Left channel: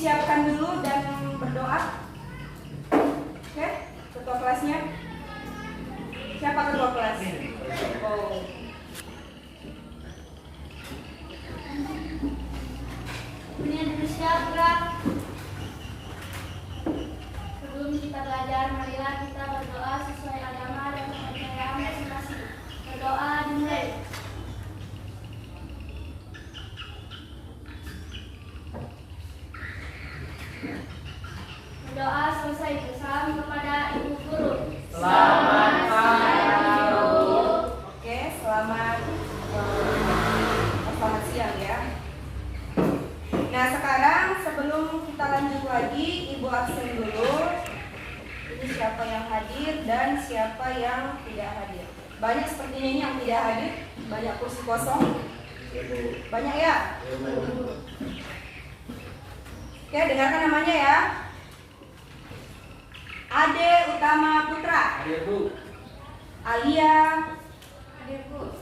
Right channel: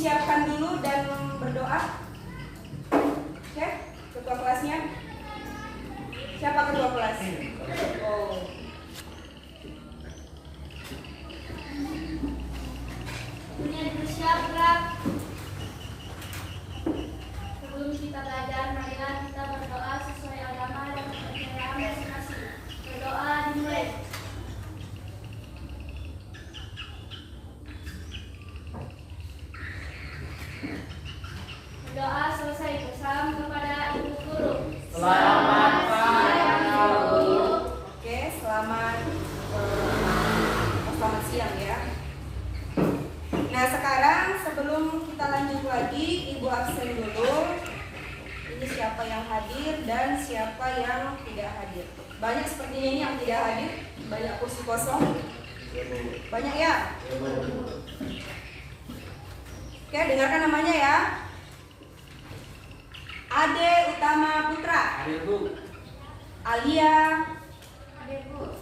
disiapkan dulu dan berdoa. Oke, ketua kelasnya. Siapa ketua kelas? Oh. Punya bersiap. Sebelum kita belajar, marilah kita berdoa sesuai agama dan kepercayaan masing-masing. Berdoa dimulai. Doa selesai. Salam kepada Ibu Guru. Selamat pagi, Ibu. Oke, selamat siang ya. Nah, sekarang sebelum kita lanjut lagi, Ibu absen dulu. Ini siapa yang hadir dan siapa yang tidak hadir. Banyak sepertinya ini yang tidak hadir. Banyak kursi kosong. Banyak ya? Oke, dengarkan namanya ya. Ade Utama Putra. Hadir, Bu. Alia. Hadir, Bu.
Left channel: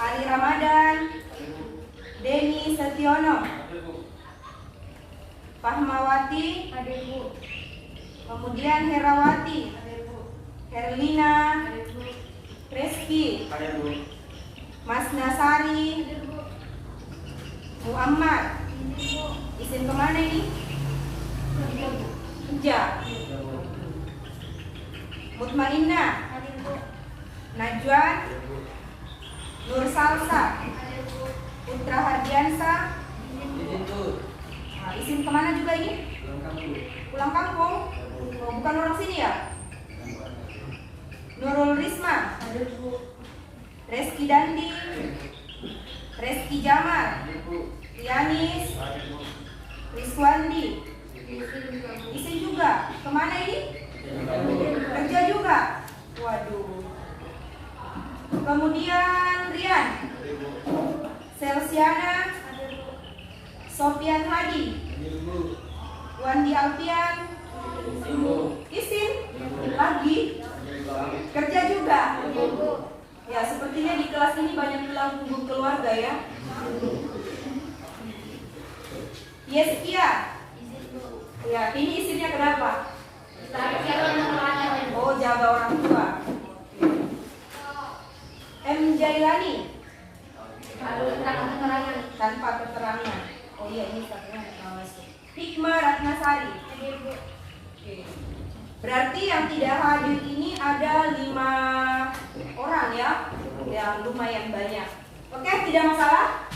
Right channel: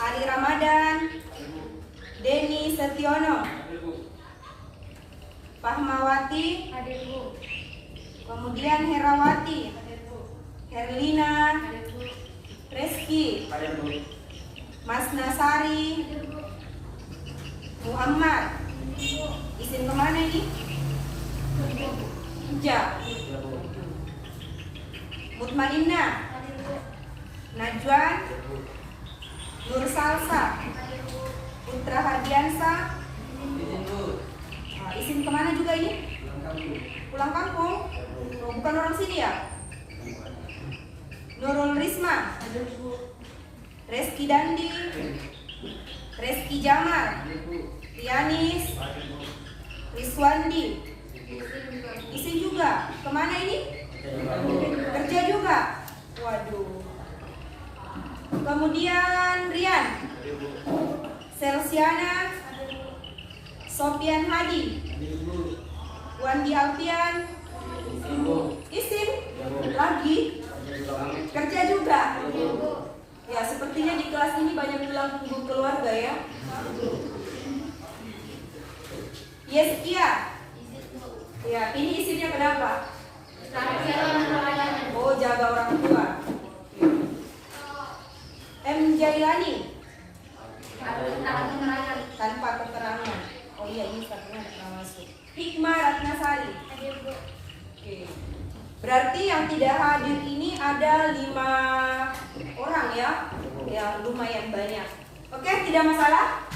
Ari Ramadan. Denny Setiono. Hadir, Bu. Fahmawati. Hadir, Bu. Kemudian Herawati. Hadir, Bu. Herlina. Hadir, Bu. Reski. Hadir, Bu. Mas Nasari. Hadir, Bu. Muhammad. Hadir, Bu. Izin kemana ini? Kerja, Bu. Kerja. Hadir, Bu. Mutmainah. Hadir, Bu. Najwan. Hadir, Bu. Nur Salsa. Hadir, Bu. Putra Hardiansa. Izin, Bu. Nah, izin kemana juga ini? Lengkap, Bu. Pulang kampung. Oh, bukan orang sini ya? Nurul Risma. Hadir, Bu. Reski Dandi. Reski Jamal. Hadir, Bu. Rianis. Hadir, Bu. Rizwandi. Izin juga, Bu. Izin juga. Kemana ini? Lengkap, Bu. Kerja juga. Waduh. Kemudian Rian. Hadir, Bu. Selsiana. Hadir, Bu. Sofian Hadi. Hadir, Bu. Wandi Alfian. Izin, Bu. Izin. Lagi. Hadir, Bu. Kerja juga. Hadir, Bu. Ya, sepertinya di kelas ini banyak tulang punggung keluarga ya. Yeskia. Izin, Bu. Ya, ini izinnya kenapa? Laki-laki yang terlayani. Oh, jaga orang tua. M. Jailani. Tanpa keterangan. Oh iya, ini satunya nggak masuk. Hikmah Ratnasari. Hadir, Bu. Oke. Berarti yang tidak hadir ini ada 5 orang ya, yang lumayan banyak. Oke, tidak masalah.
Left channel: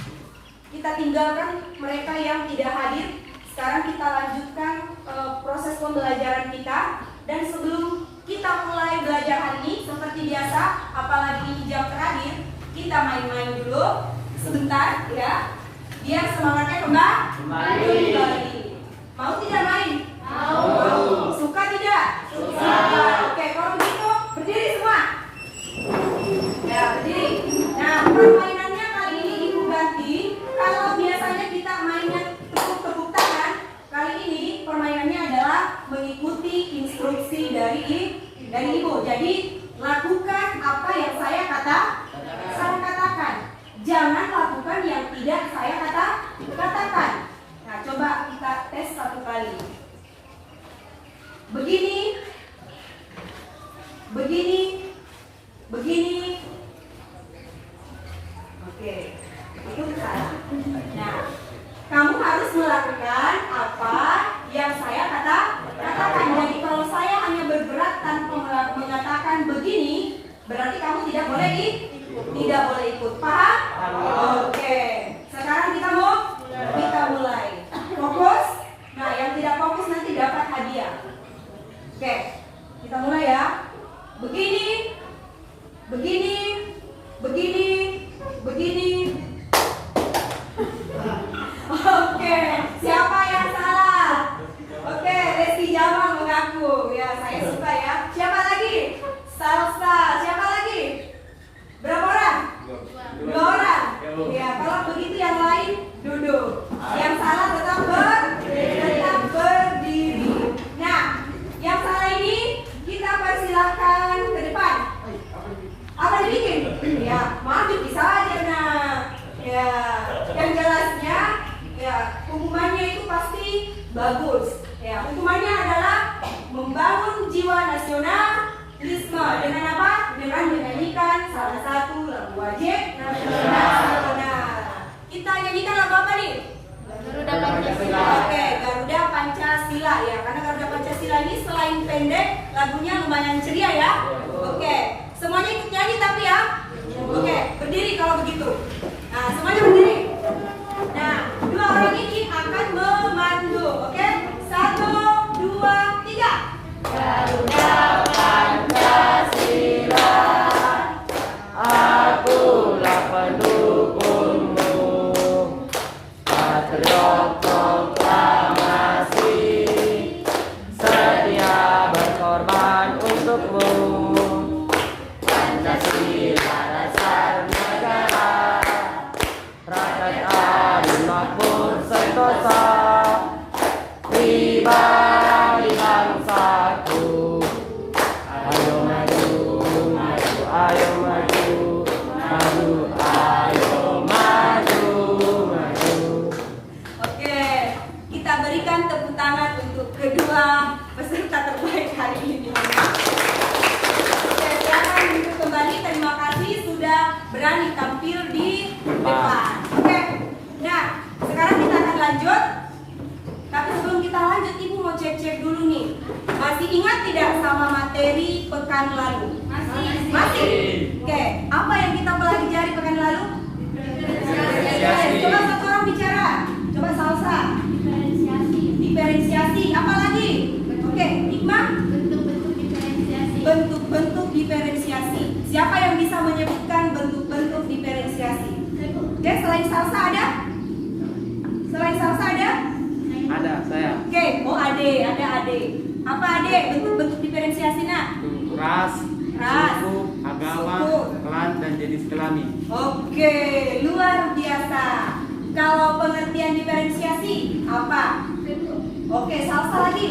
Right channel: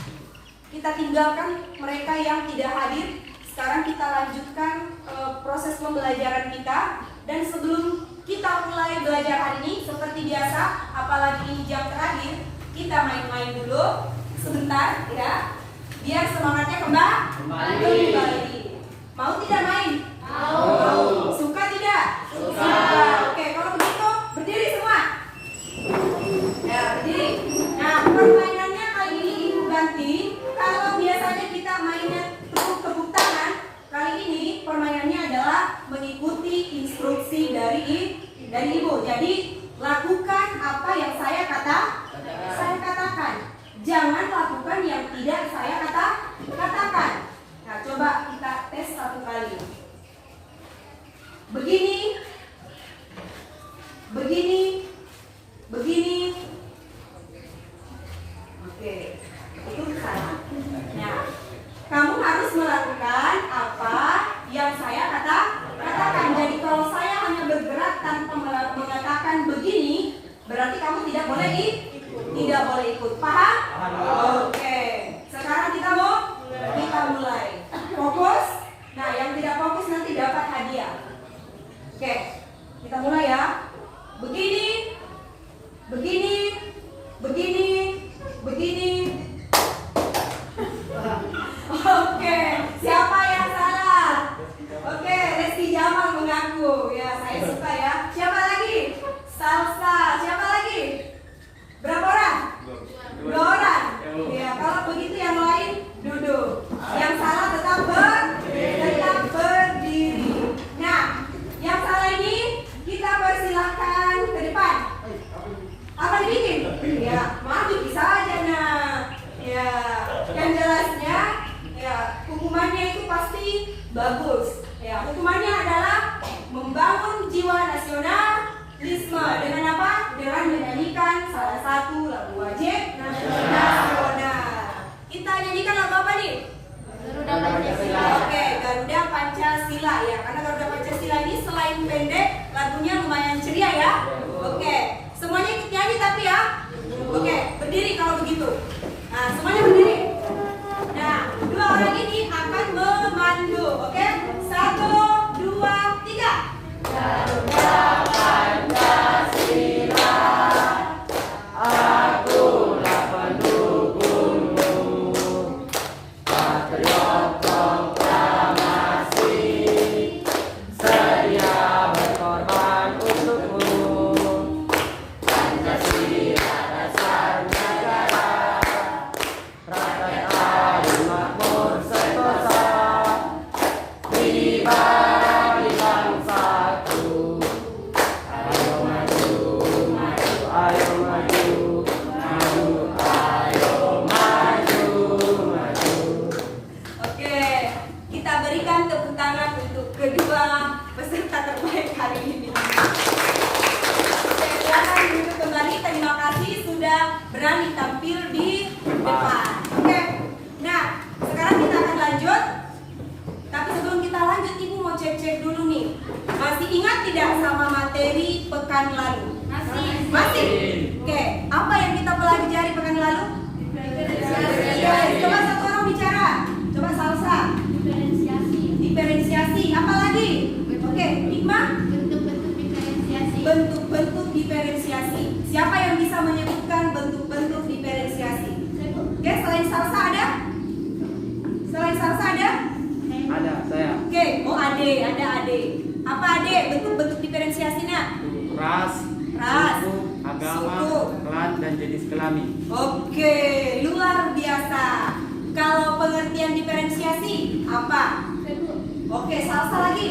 Kita tinggalkan mereka yang tidak hadir. Sekarang kita lanjutkan proses pembelajaran kita. Dan sebelum kita mulai belajar hari ini, seperti biasa, apalagi ini jam terakhir, kita main-main dulu sebentar ya, biar semangatnya kembali. Mau tidak main? Mau. Suka tidak? Suka. Oke, kalau begitu berdiri semua. Ya, berdiri. Nah, permainannya kali ini Ibu ganti. Kalau biasanya kita mainnya tepuk-tepuk tangan, kali ini permainannya adalah mengikuti instruksi dari Ibu. Jadi, lakukan apa yang saya katakan. Jangan lakukan yang tidak saya katakan. Nah, coba kita tes satu kali. Begini. Oke, itu salah. Nah, kamu harus melakukan apa yang saya katakan. Jadi kalau saya hanya bergerak tanpa mengatakan begini, berarti kamu tidak boleh ikut. Paham? Oke. Sekarang kita mulai. Fokus. Nah, yang tidak fokus nanti dapat hadiah. Oke, kita mulai ya. Begini. Oke, siapa yang salah? Oke, Reski Jamal mengaku. Ya, saya suka ya. Siapa lagi? Salsa. Siapa lagi? Berapa orang? 2 orang. Ya, kalau begitu yang lain duduk. Yang salah tetap berdiri. Nah, yang salah ini kita persilahkan ke depan. Apa ini? bagus. Ya, hukumannya adalah membangun jiwa nasionalisme dengan apa? Dengan menyanyikan salah satu lagu wajib nasional. Kita nyanyikan lagu apa nih? Garuda Pancasila. Oke, Garuda Pancasila ya. Karena Garuda Pancasila ini selain pendek, lagunya lumayan ceria ya. Oke, semuanya ikut nyanyi tapi ya. Oke, berdiri kalau begitu. Nah, semuanya berdiri. Nah, dua orang ini akan memandu. Oke, 1, 2, 3. Garuda Pancasila, Akulah pendukungmu, patriot proklamasi, sedia berkorban untukmu. Pancasila dasar negara, rakyat adil makmur sentosa, pribadi bangsaku. Ayo maju, maju, ayo maju, maju, ayo maju, maju. Oke, kita berikan tepuk tangan untuk kedua peserta terbaik hari ini. Oke, silakan duduk kembali. Terima kasih sudah berani tampil di depan. Oke, nah sekarang kita akan lanjut. Tapi sebelum kita lanjut, Ibu mau cek-cek dulu nih. Masih ingat tidak sama materi pekan lalu? Masih? Oke, apa yang kita pelajari pekan lalu? Coba satu orang bicara. Coba Salsa. diferensiasi. Diferensiasi. Apa lagi? Oke, Hikmah. Bentuk-bentuk diferensiasi. Bentuk-bentuk diferensiasi. Siapa yang bisa menyebutkan bentuk-bentuk diferensiasi? Oke, selain Salsa ada? Selain Salsa ada? Ada saya. Oke, oh ada ade. Apa ade? Bentuk-bentuk diferensiasinya? Ras, Ras, suku, agama, suku. klan dan jenis kelamin. Oke, luar biasa. Kalau pengertian diferensiasi apa? Bentuk. Oke, Salsa lagi.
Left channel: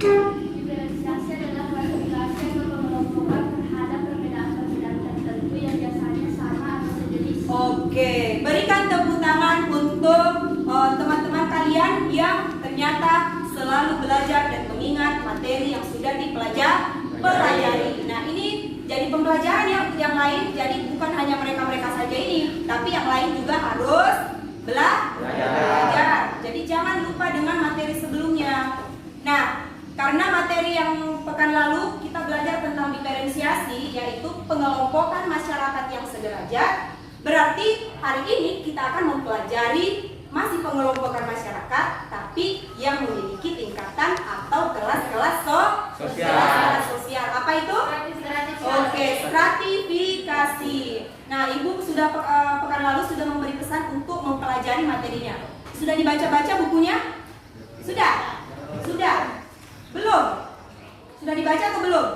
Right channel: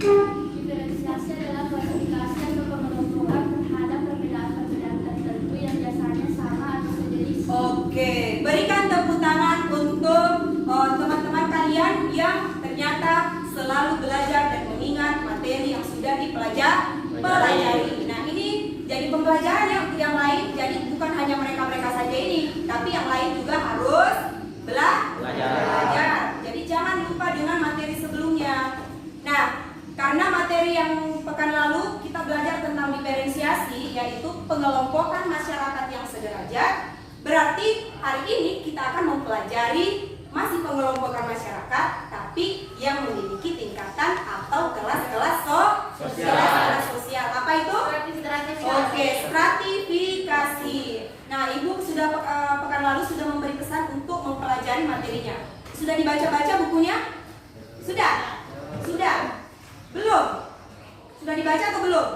Diferensiasi adalah klasifikasi atau pengelompokan terhadap perbedaan-perbedaan tertentu yang biasanya sama atau sejenis. Oke, berikan tepuk tangan untuk teman-teman kalian yang ternyata selalu belajar dan mengingat materi yang sudah dipelajari. Nah, ini jadi pembelajaran yang lain. Jadi bukan hanya mereka-mereka saja ini, tapi yang lain juga harus belajar. Jadi jangan lupa dengan materi sebelumnya. Nah, karena materi yang pekan lalu kita belajar tentang diferensiasi, yaitu pengelompokan masyarakat yang sederajat. Berarti hari ini kita akan mempelajari masih pengelompokan masyarakat, tapi yang memiliki tingkatan atau kelas-kelas sosial. Apa itu? Oke, stratifikasi. Nah, Ibu sudah pekan lalu sudah memberi pesan untuk mempelajari materinya. Sudah dibaca-baca bukunya? Sudah? Belum? Sudah dibaca atau belum?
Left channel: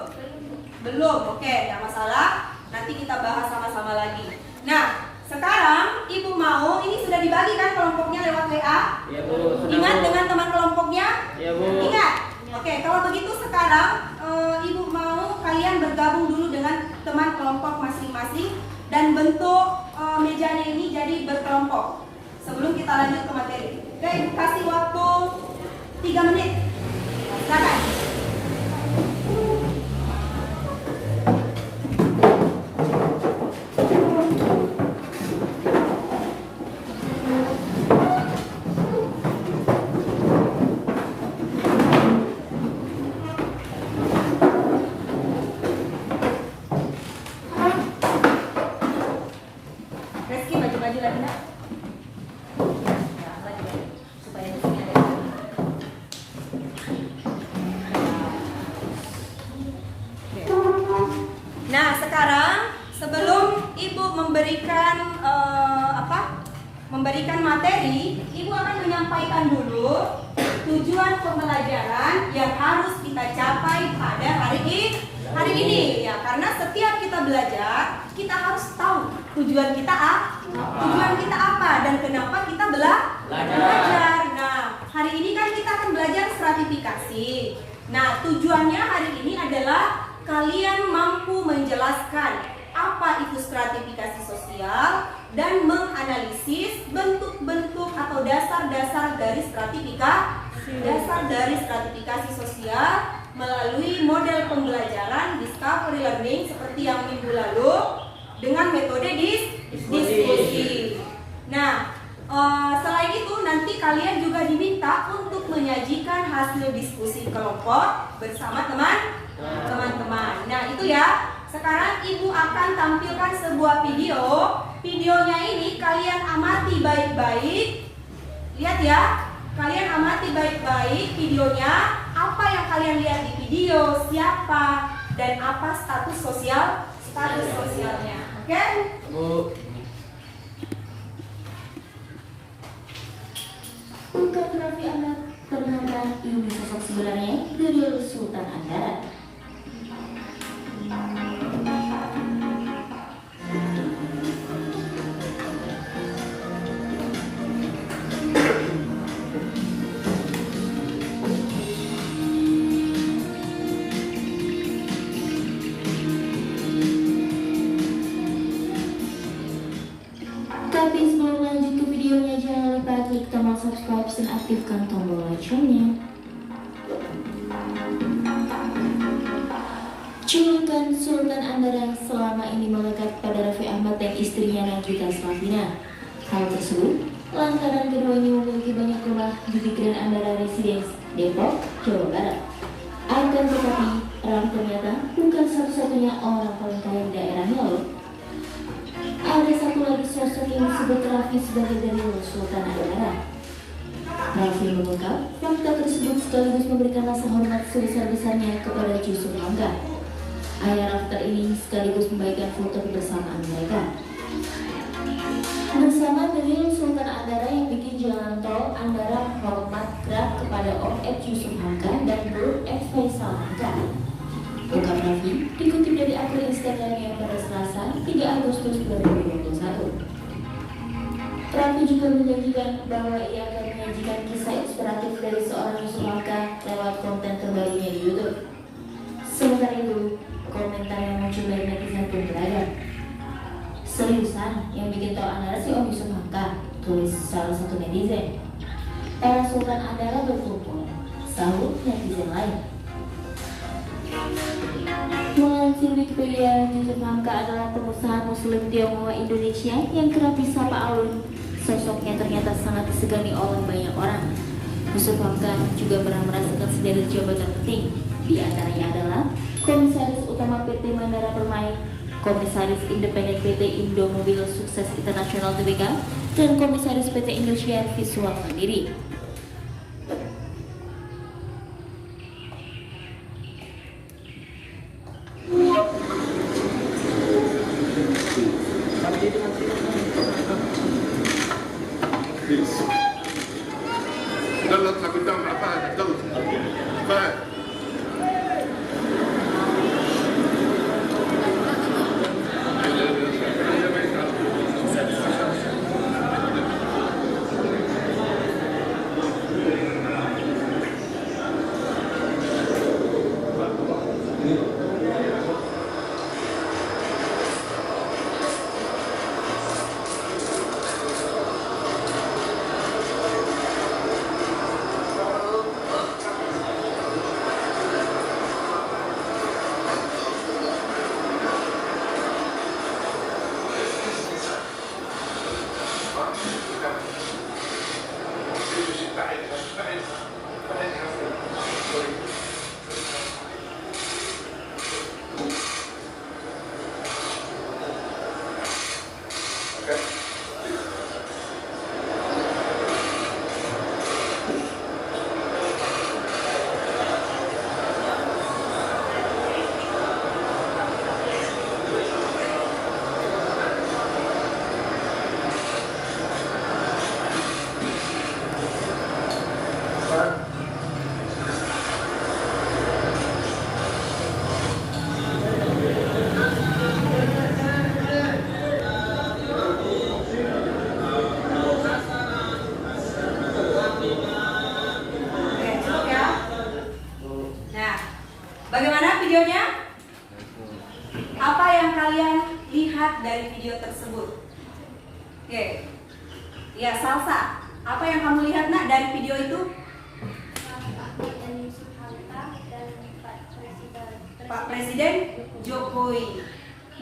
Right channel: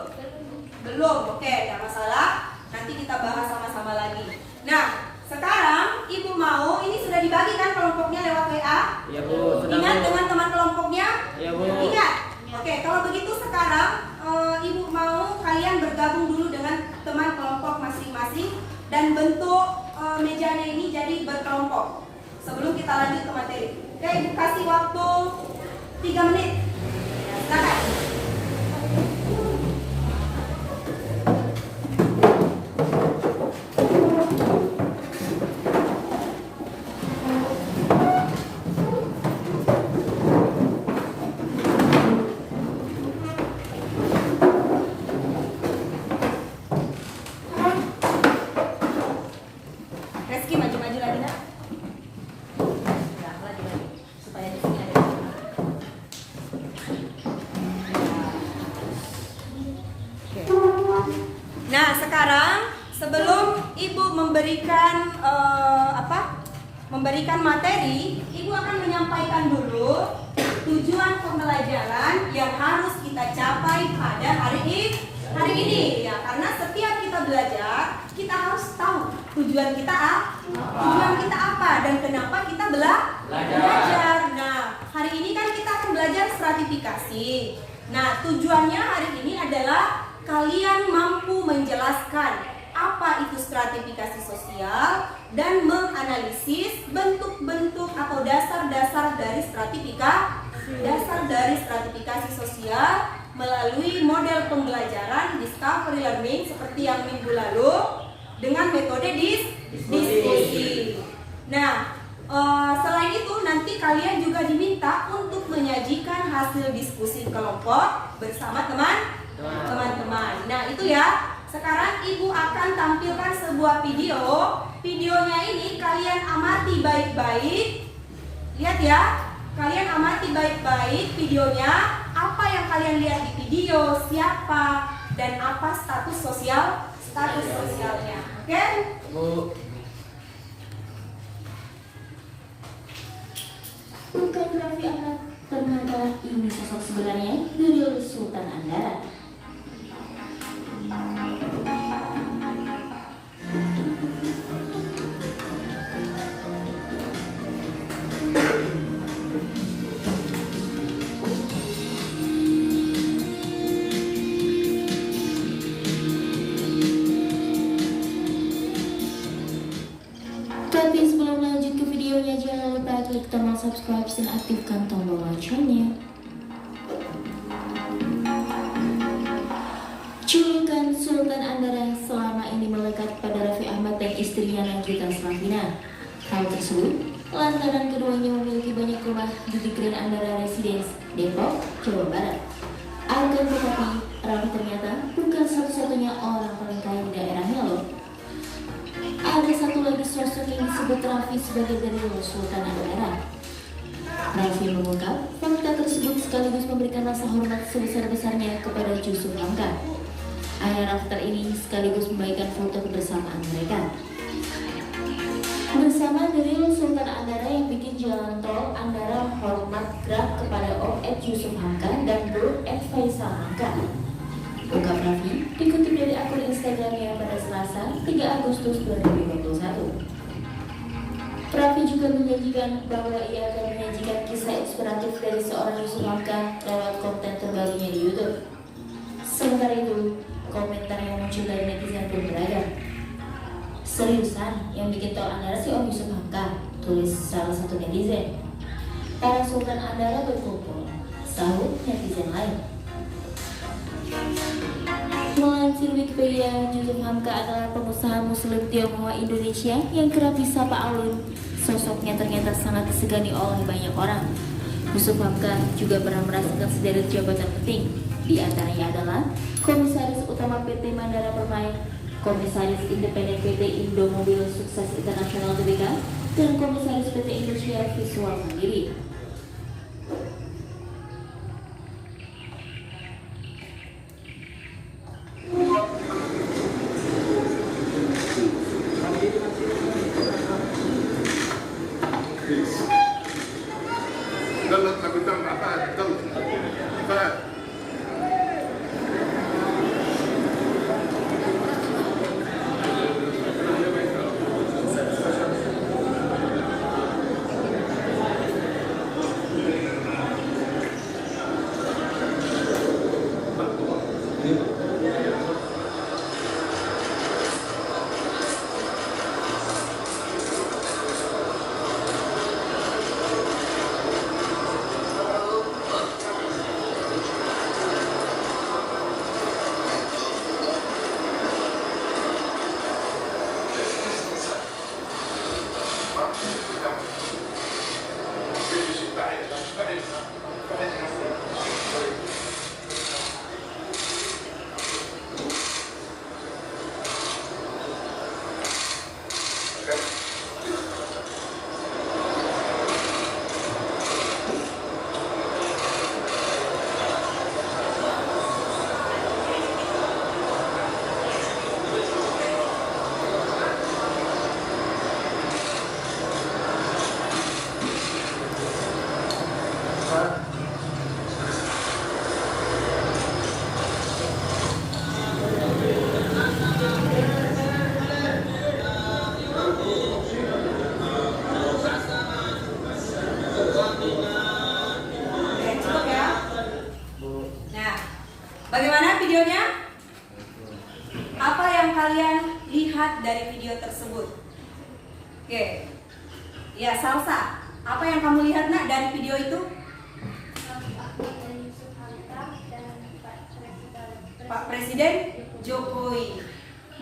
Belum. Oke, tidak masalah. Nanti kita bahas sama-sama lagi. Nah, sekarang Ibu mau, ini sudah dibagi kan kelompoknya lewat WA? Iya Bu. Ingat dengan teman kelompoknya? Iya Bu. Ingat? Oke, kalau begitu sekarang Ibu mau kalian bergabung dulu dengan teman kelompok masing-masing dan bentuk mejanya ini jadi berkelompok sebelum kita lanjut ke materi. Oke, Ibu kasih waktu 3 menit. Silakan. Reski maju-maju lagi nak. Ya, lagi supaya di sini ada. Oke. Nah, sekarang sebelum Ibu memberikan memberikan materi, Ibu akan menyampaikan dulu tujuan pembelajaran yang harus kita capai pada hari ini ya, karena setiap kita belajar kita harus tahu tujuan kita apa dan kenapa kita belajar. Nah, hari ini kan kita akan belajar stratifikasi. Nah, tujuannya hari ini adalah kalian mampu menjelaskan apa itu stratifikasi sosial dan menganalisis bentuk-bentuk atau dasar-dasar dari stratifikasi. dasar dari stratifikasi sosial melalui model pembelajaran discovery learning seperti yang minggu lalu dengan metode diskusi. Nah, selain itu nanti kalian juga diminta untuk menyajikan hasil diskusi kelompok bersama teman-teman. Nah, itu ya. Sekarang Ibu akan tampilkan sebuah video. Videonya ini kalian amati baik-baik. Lihat ya. Kalian amati baik-baik videonya. Apa yang kalian lihat di video, siapa dan apa status sosialnya. Oke? Bu. Bukan Raffi Ahmad, ternyata ini sosok sebenarnya Nurul Sultan Andara. Tapi sebelum lanjut ke videonya, jangan lupa klik tombol subscribe dan aktifkan tombol loncengnya. Julukan Sultan Andara selama ini melekat pada Raffi Ahmad dan istrinya Nagita Slavina. Hal tersebut lantaran keduanya memiliki banyak rumah di Grand Andara Residence, Depok, Jawa Barat. Akan tetapi, Raffi ternyata bukan satu-satunya orang paling kaya di daerahnya loh. Ada satu lagi sosok yang disebut Raffi sebagai Nurul Sultan Andara. Raffi mengungkap fakta tersebut sekaligus memberikan rasa hormat sebesar-besarnya kepada Yusuf Hamka. Ayah Rafter ini sekaligus membagikan foto kebersamaan mereka. Bersama Nurul Sultan Andara yang bikin jalan tol Andara hormat gerak kepada Om Ed Yusuf Hamka dan Bro Ed Faisal Hamka. Ungkap Raffi dikutip dari akun Instagramnya pada Selasa 3 Agustus 2021. Raffi juga menjanjikan bahwa ia akan menyajikan kisah inspiratif dari seorang Yusuf Hamka lewat konten terbarunya di YouTube. Sementara itu, komentar yang muncul dari netizen pun beragam. Seriusan yang bikin tol Andara si Om Yusuf Hamka, tulis salah satu netizen. Para Sultan Andara berkumpul, sahut netizen lain. Melansir Wikipedia, Yusuf Hamka adalah pengusaha Muslim Tionghoa Indonesia yang kerap disapa Alun. Sosoknya ternyata sangat disegani oleh banyak orang. Yusuf Hamka juga pernah merasakan sederet jabatan penting. Di antaranya adalah Komisaris Utama PT Mandara Permai, Komisaris Independen PT Indo Mobil Sukses Internasional Tbk, dan Komisaris PT Indonesia Visual Mandiri. دولة كابتن محتاج دولة فهد Bagaimana videonya? Apa yang kalian lihat dari video tersebut? Oke. Ya, Salsa. Apa yang kamu lihat nak dari video itu? Pak Presiden Jokowi.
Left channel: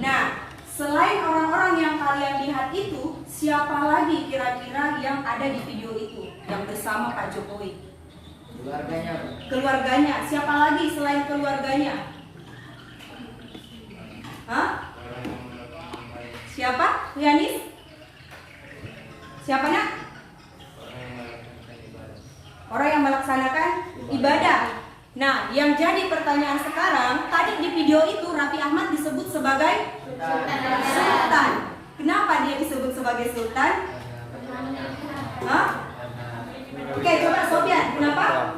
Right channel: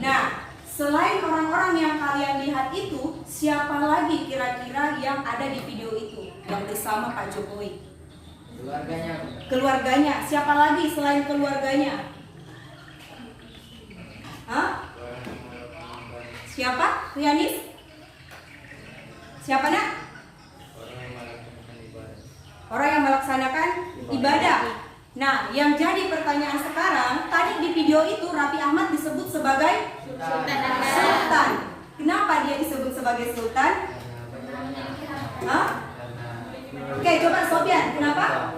Nah, selain orang-orang yang kalian lihat itu, siapa lagi kira-kira yang ada di video itu yang bersama Pak Jokowi? Keluarganya. Siapa lagi selain keluarganya? Hah? Siapa? Yanis? Siapa nak? Orang yang melaksanakan ibadah. Nah, yang jadi pertanyaan sekarang, tadi di video itu Raffi Ahmad disebut sebagai sultan. Kenapa dia disebut sebagai sultan? Hah? Oke, coba Sofyan, kenapa?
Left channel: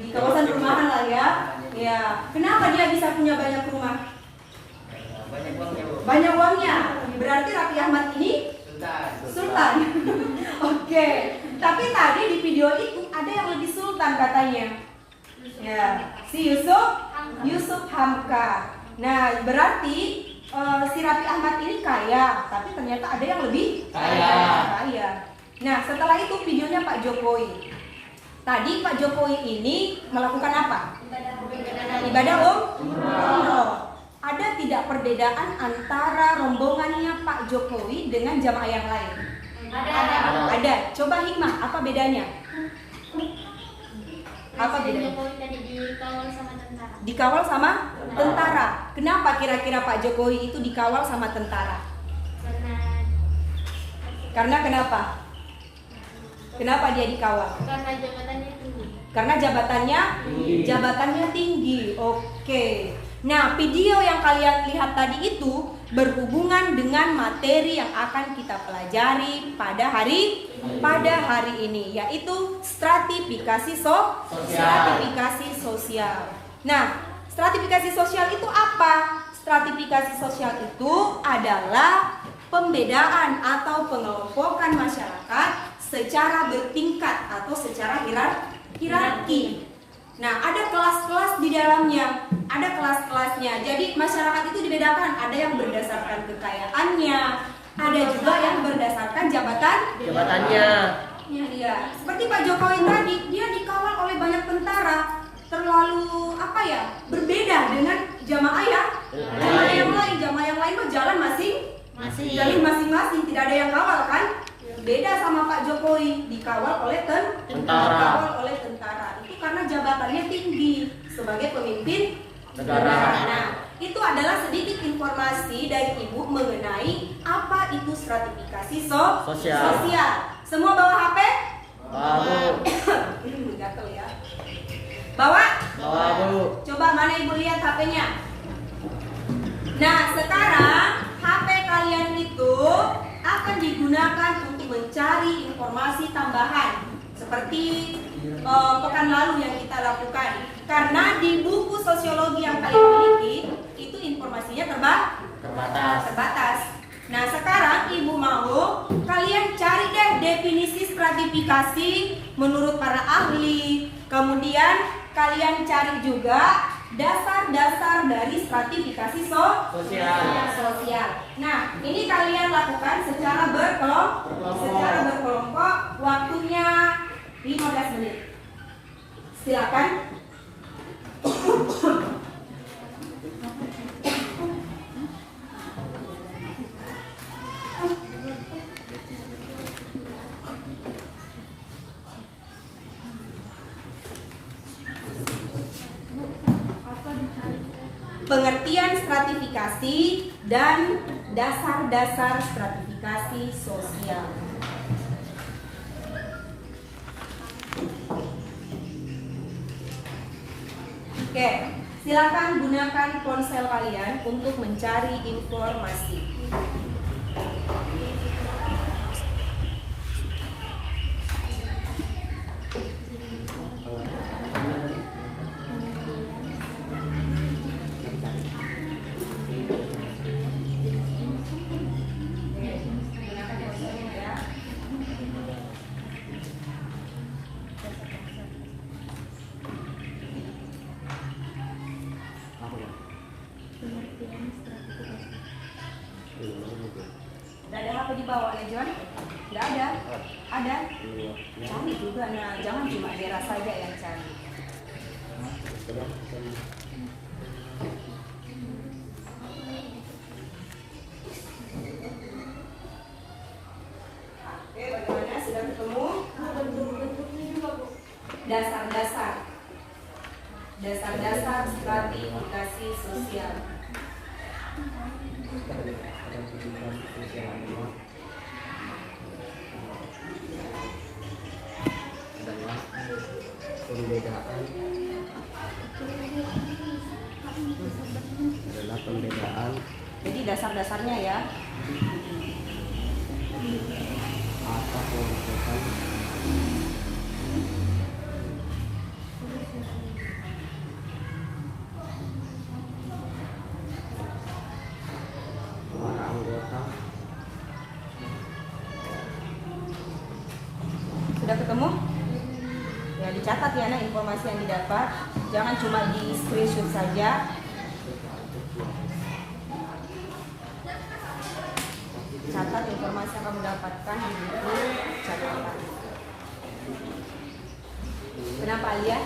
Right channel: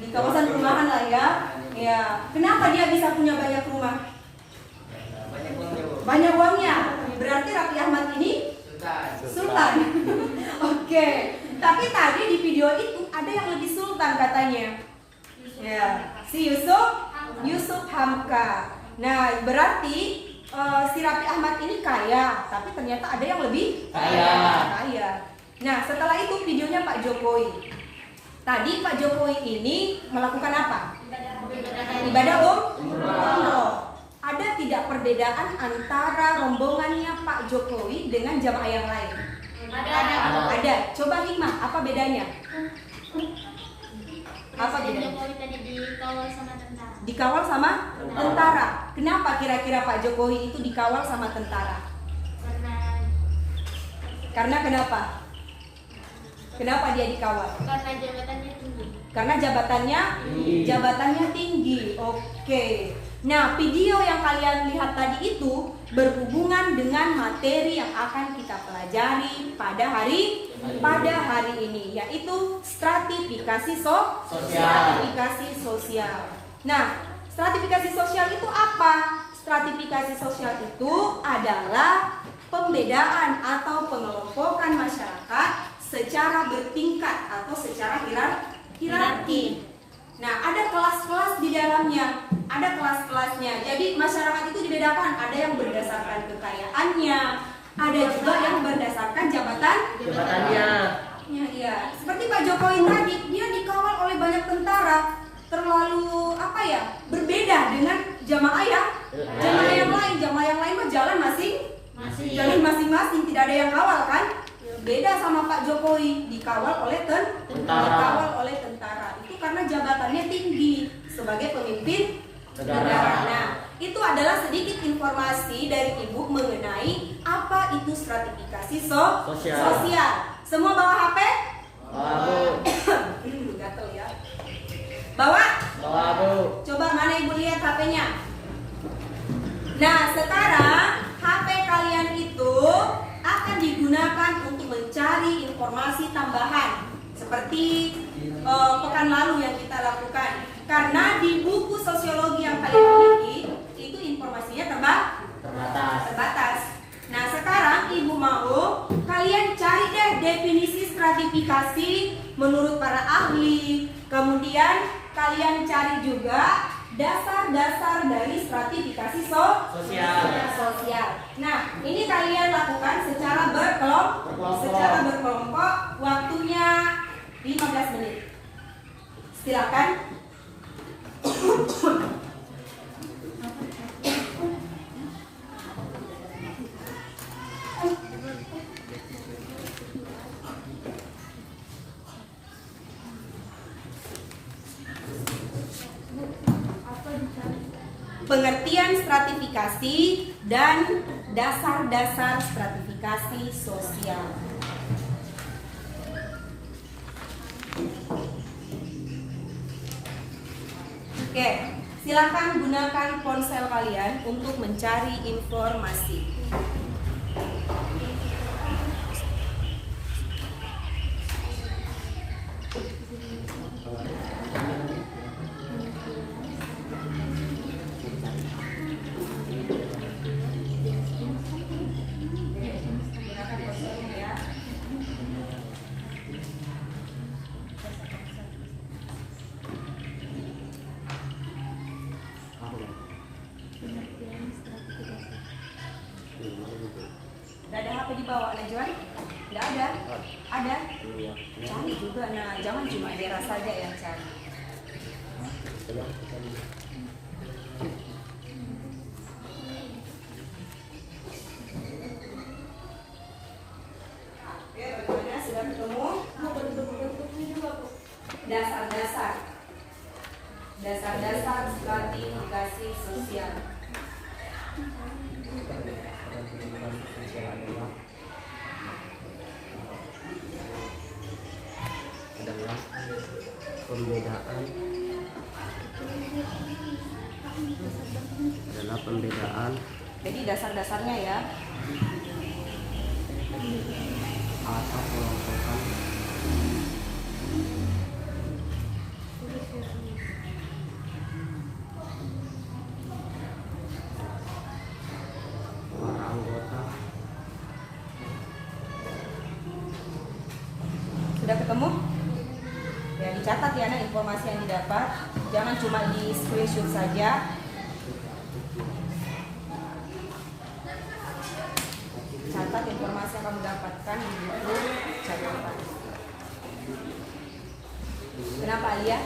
Di kawasan perumahan lah ya. Ya, kenapa dia bisa punya banyak rumah? Banyak uangnya. Berarti Raffi Ahmad ini sultan. Oke. Tapi tadi di video itu ada yang lebih sultan katanya. Ya, si Yusuf Hamka. Nah, berarti si Raffi Ahmad ini kaya, tapi ternyata ada yang lebih kaya. Nah, setelah itu videonya Pak Jokowi. Tadi Pak Jokowi ini melakukan apa? Ibadah umroh. Ada tidak perbedaan antara rombongannya Pak Jokowi dengan jamaah yang lain? Ada. Coba Hikmah, apa bedanya? Apa bedanya? Jokowi tadi dikawal sama tentara. Dikawal sama tentara. Kenapa kira-kira Pak Jokowi itu dikawal sama tentara? Karena kenapa? Kenapa dia dikawal? Karena jabatannya tinggi. Karena jabatannya tinggi. Oke. Nah, video yang kalian lihat tadi itu berhubungan dengan materi yang akan kita pelajari pada hari ini, yaitu stratifikasi sosial. Nah, stratifikasi sosial itu apa? Stratifikasi sosial itu adalah pembedaan atau pengelompokan masyarakat secara bertingkat atau secara hierarki. Nah, ada kelas-kelas di dalamnya, ada kelas-kelasnya. Jadi masyarakat itu dibedakan, ada yang berdasarkan kekayaannya, ada juga yang berdasarkan jabatannya. Ya, seperti Pak Jokowi tadi, dia dikawal oleh banyak tentara. Terlalu berbeda dengan jamaah yang lain. Jamaah yang lain mah jalan masing-masing, tidak ada yang kawal kan? Beda sama Pak Jokowi, dikawal oleh tentara. Itu karena jabatannya tinggi sebagai pemimpin negara. Nah, itu adalah sedikit informasi dari Ibu mengenai apa itu stratifikasi sosial. Semua bawa HP? Gatel ya. Bawa, Bu. Coba mana Ibu lihat HP-nya. Nah, sekarang HP kalian itu akan digunakan untuk mencari informasi tambahan seperti pekan lalu yang kita lakukan. Karena di buku sosiologi yang kalian miliki itu informasinya terbatas. Nah, sekarang Ibu mau kalian cari deh definisi stratifikasi menurut para ahli. Kemudian kalian cari juga dasar-dasar dari stratifikasi sosial. Nah, ini kalian lakukan secara berkelompok, waktunya 15 menit. Silakan. Pengertian stratifikasi dan dasar-dasar stratifikasi sosial. Oke, silakan gunakan ponsel kalian untuk mencari informasi. Tidak ada HP dibawa, John? Tidak ada? Ada? Cari juga, nah jangan cuma Dera saja yang cari. Oke, bagaimana? Sudah ketemu? Dasar-dasar stratifikasi sosial. adalah pembedaan Jadi dasar-dasarnya ya. atau kelompokan para anggota Sudah ketemu? Ya, dicatat ya nah informasi yang didapat. Jangan cuma di screenshot saja. Catat informasi yang kamu dapatkan di buku catatan. Kenapa Alia?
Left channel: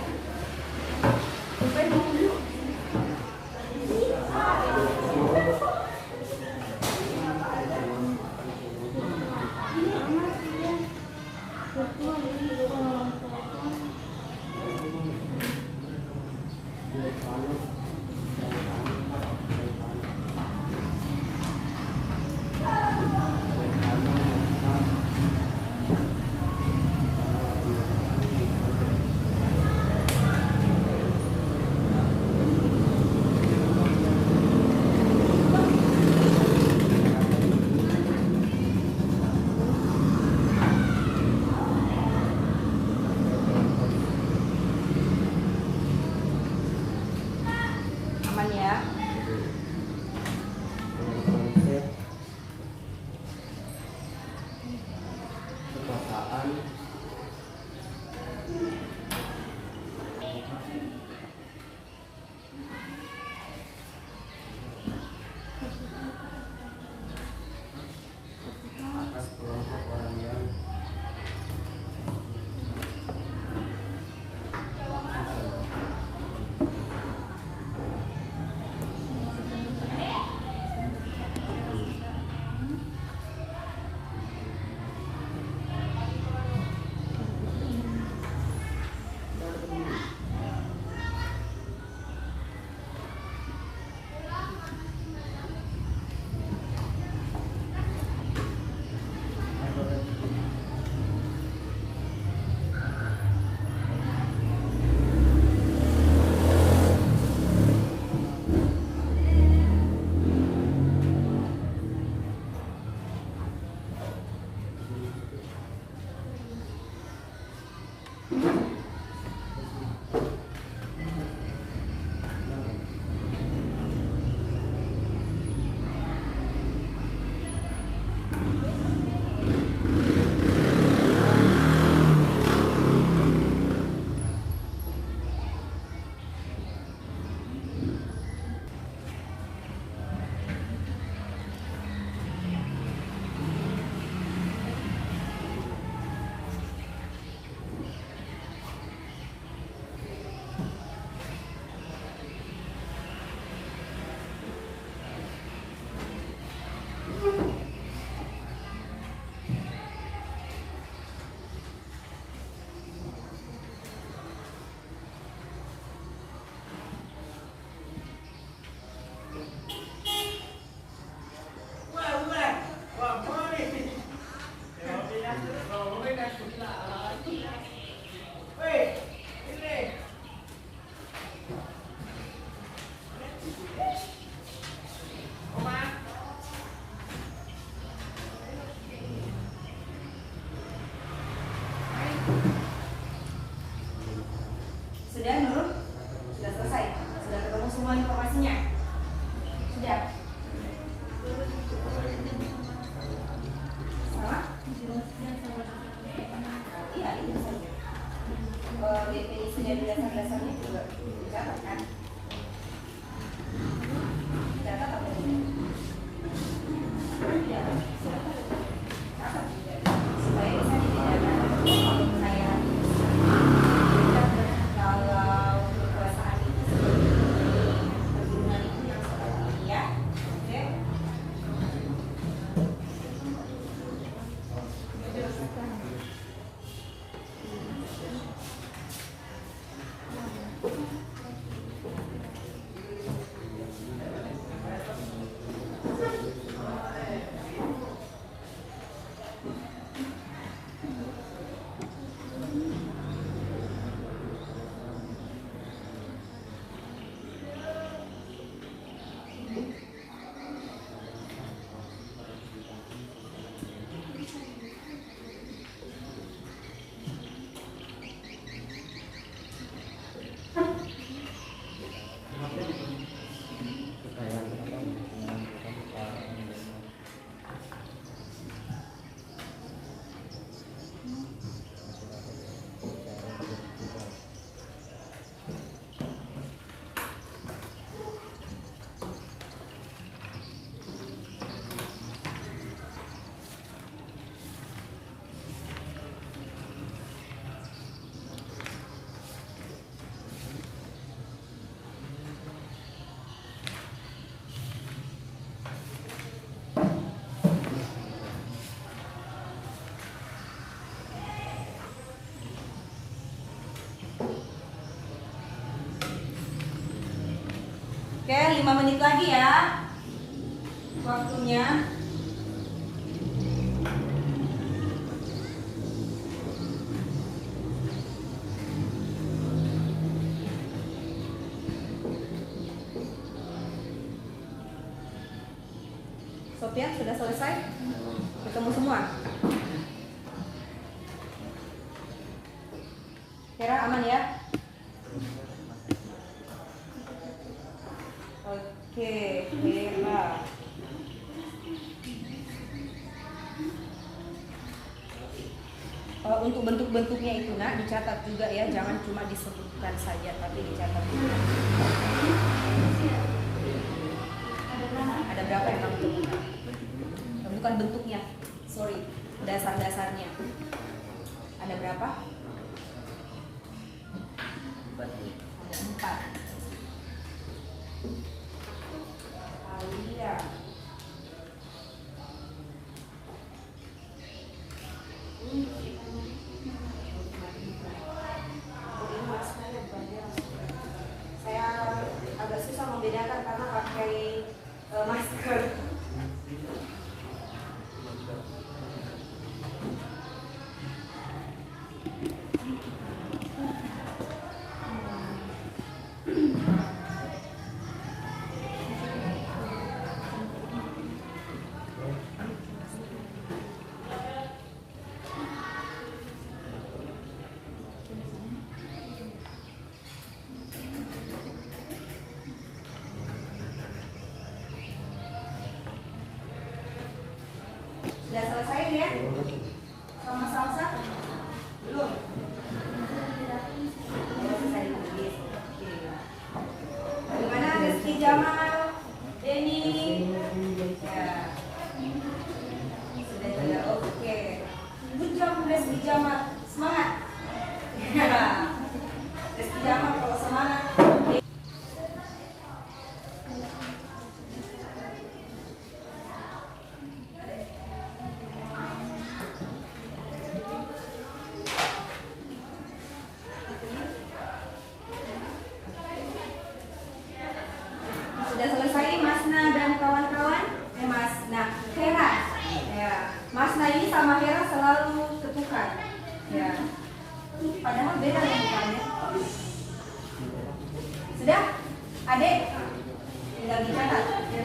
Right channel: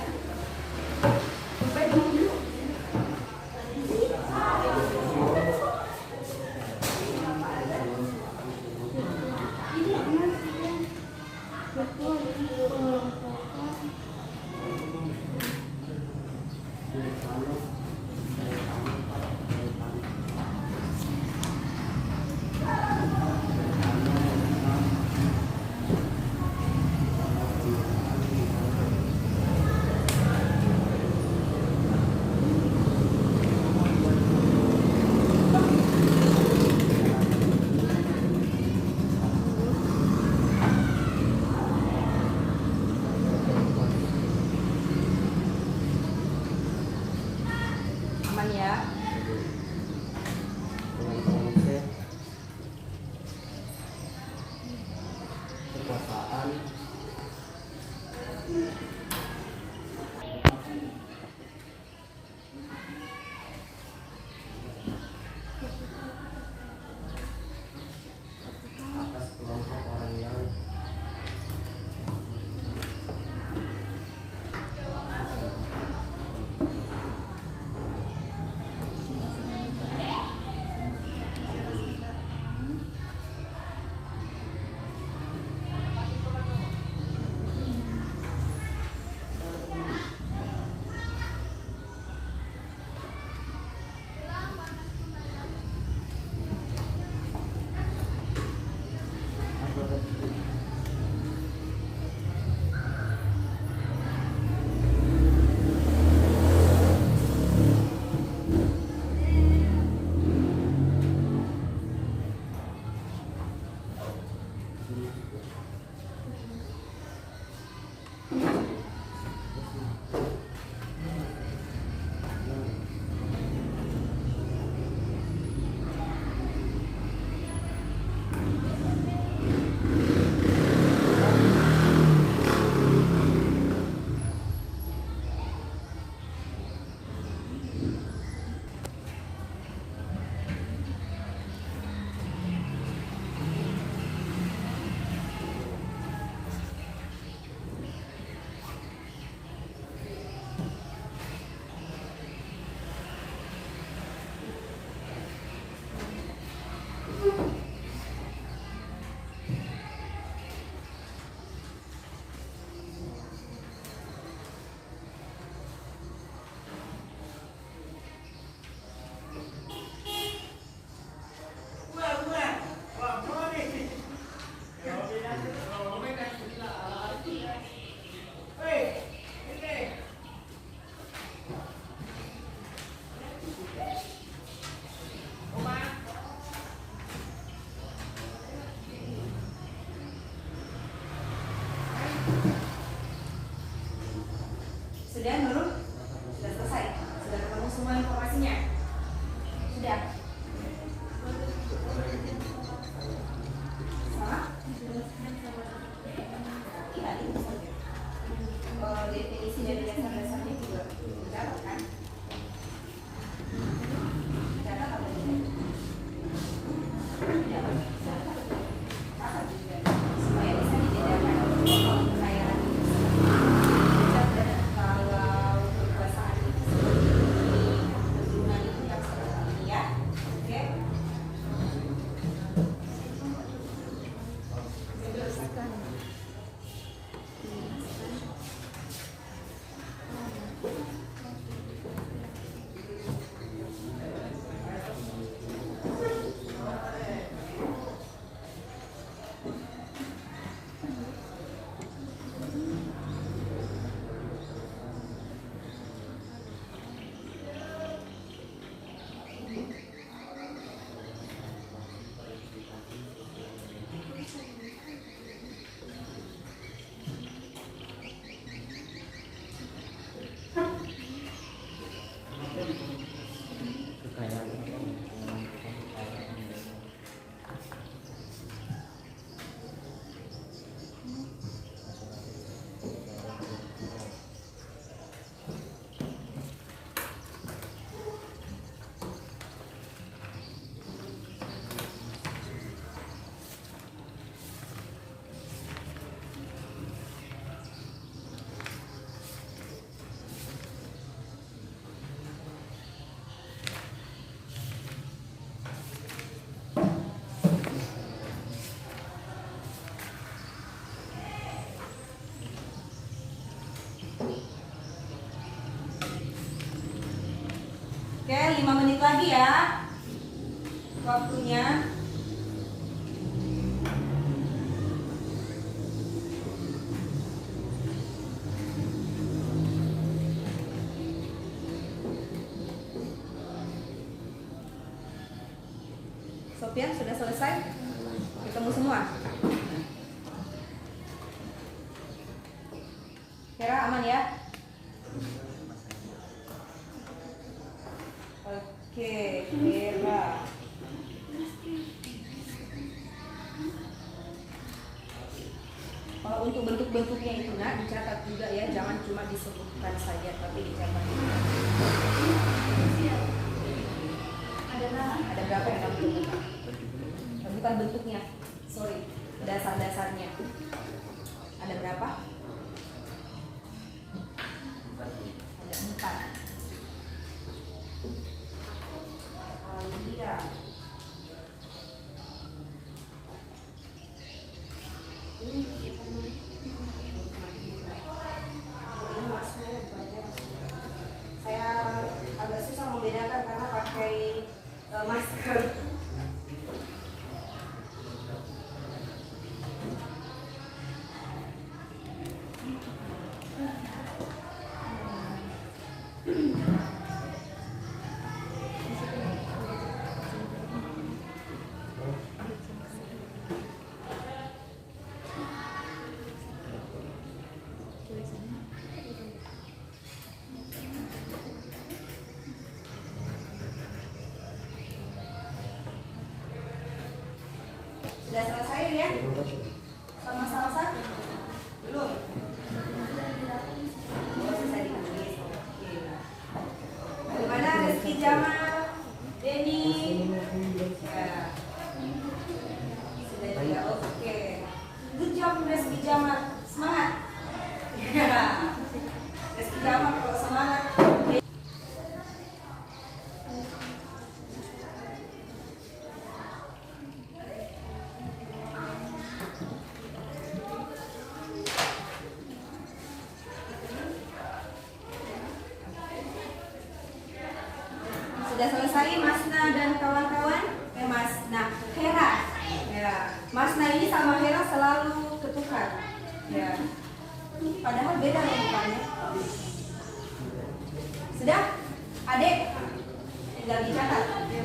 Aman ya? dengan konsep perkataan atas kelompok orang yang Sudah Nurul? Sudah selesai? Sudah ketemu semua informasinya? Sudah? Sama? Iya, itu saja. Definisi dari dasar-dasarnya juga dicatat kan? Catat apa ini? Supaya bisa dibedakan kalau kekayaan itu. Kalau Oke, 5 menit lagi ya waktunya. Sofian sudah selesai? Ketemu semua? Vera aman ya? Oke, Vera. Untuk bentuk-bentuknya itu nak dicatat juga ya, jangan cuma disebutkan saja tapi dicatat juga. Ada berapa yang kamu temukan? Bukan bentuknya, sorry, dasar-dasarnya. Ada berapa? Ada 4. Iya. Saya agak susah membedakan karena pakai masker. Sudah selesai ya? Sama salsa? Belum? Oh, selesai ditulis. Oke. Bagaimana Rizky Jamal? Denny? Ya. Sudah juga. Oke. Good job Rizky Jamal. Semangat. Rizky Jamal kalau semangat. Sudah selesai Masna dan kawan-kawan? Masna, Hera. Ya, Masna ini sama Hera selalu ketukar. Ya, padahal beda rupanya. Sudah? Adik? Tinggal dicatat. Oke.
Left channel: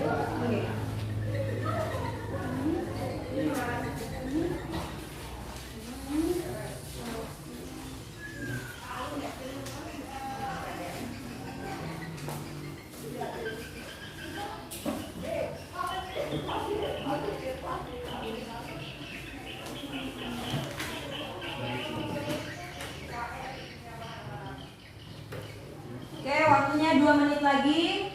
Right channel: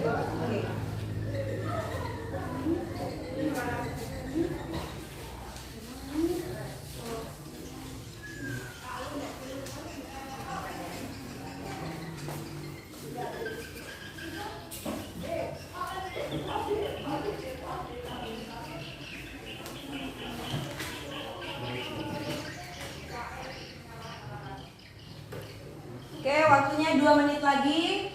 Oke, waktunya 2 menit lagi.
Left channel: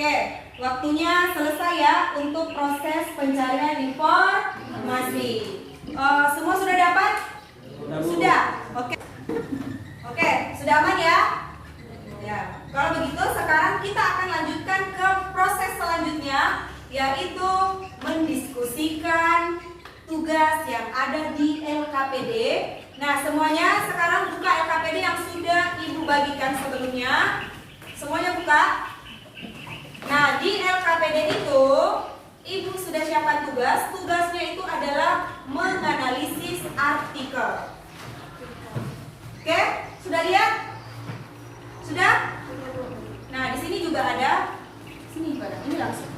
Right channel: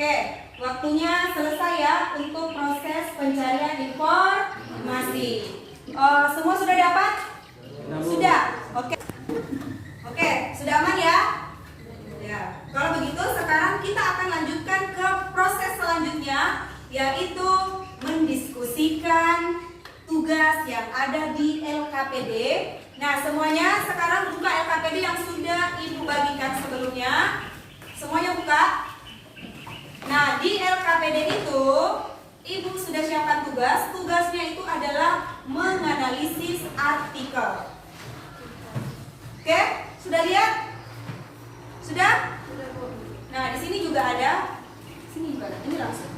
Oke, waktunya selesai ya untuk proses pencarian informasi. Semua sudah dapat? Sudah. Oke. Oke, sudah aman ya? Ya, kalau begitu sekarang kita akan lanjutkan ke proses selanjutnya, yaitu mendiskusikan tugas yang ada di LKPD. Nah, semuanya sekarang buka LKPD yang sudah Ibu bagikan sebelumnya. Semuanya buka. Nah, di LKPD itu Ibu sudah siapkan tugas. Tugasnya itu adalah menganalisis artikel. Oke, sudah lihat? Sudah? Nah, di sini juga ada. Sini juga ada. Ini langsung.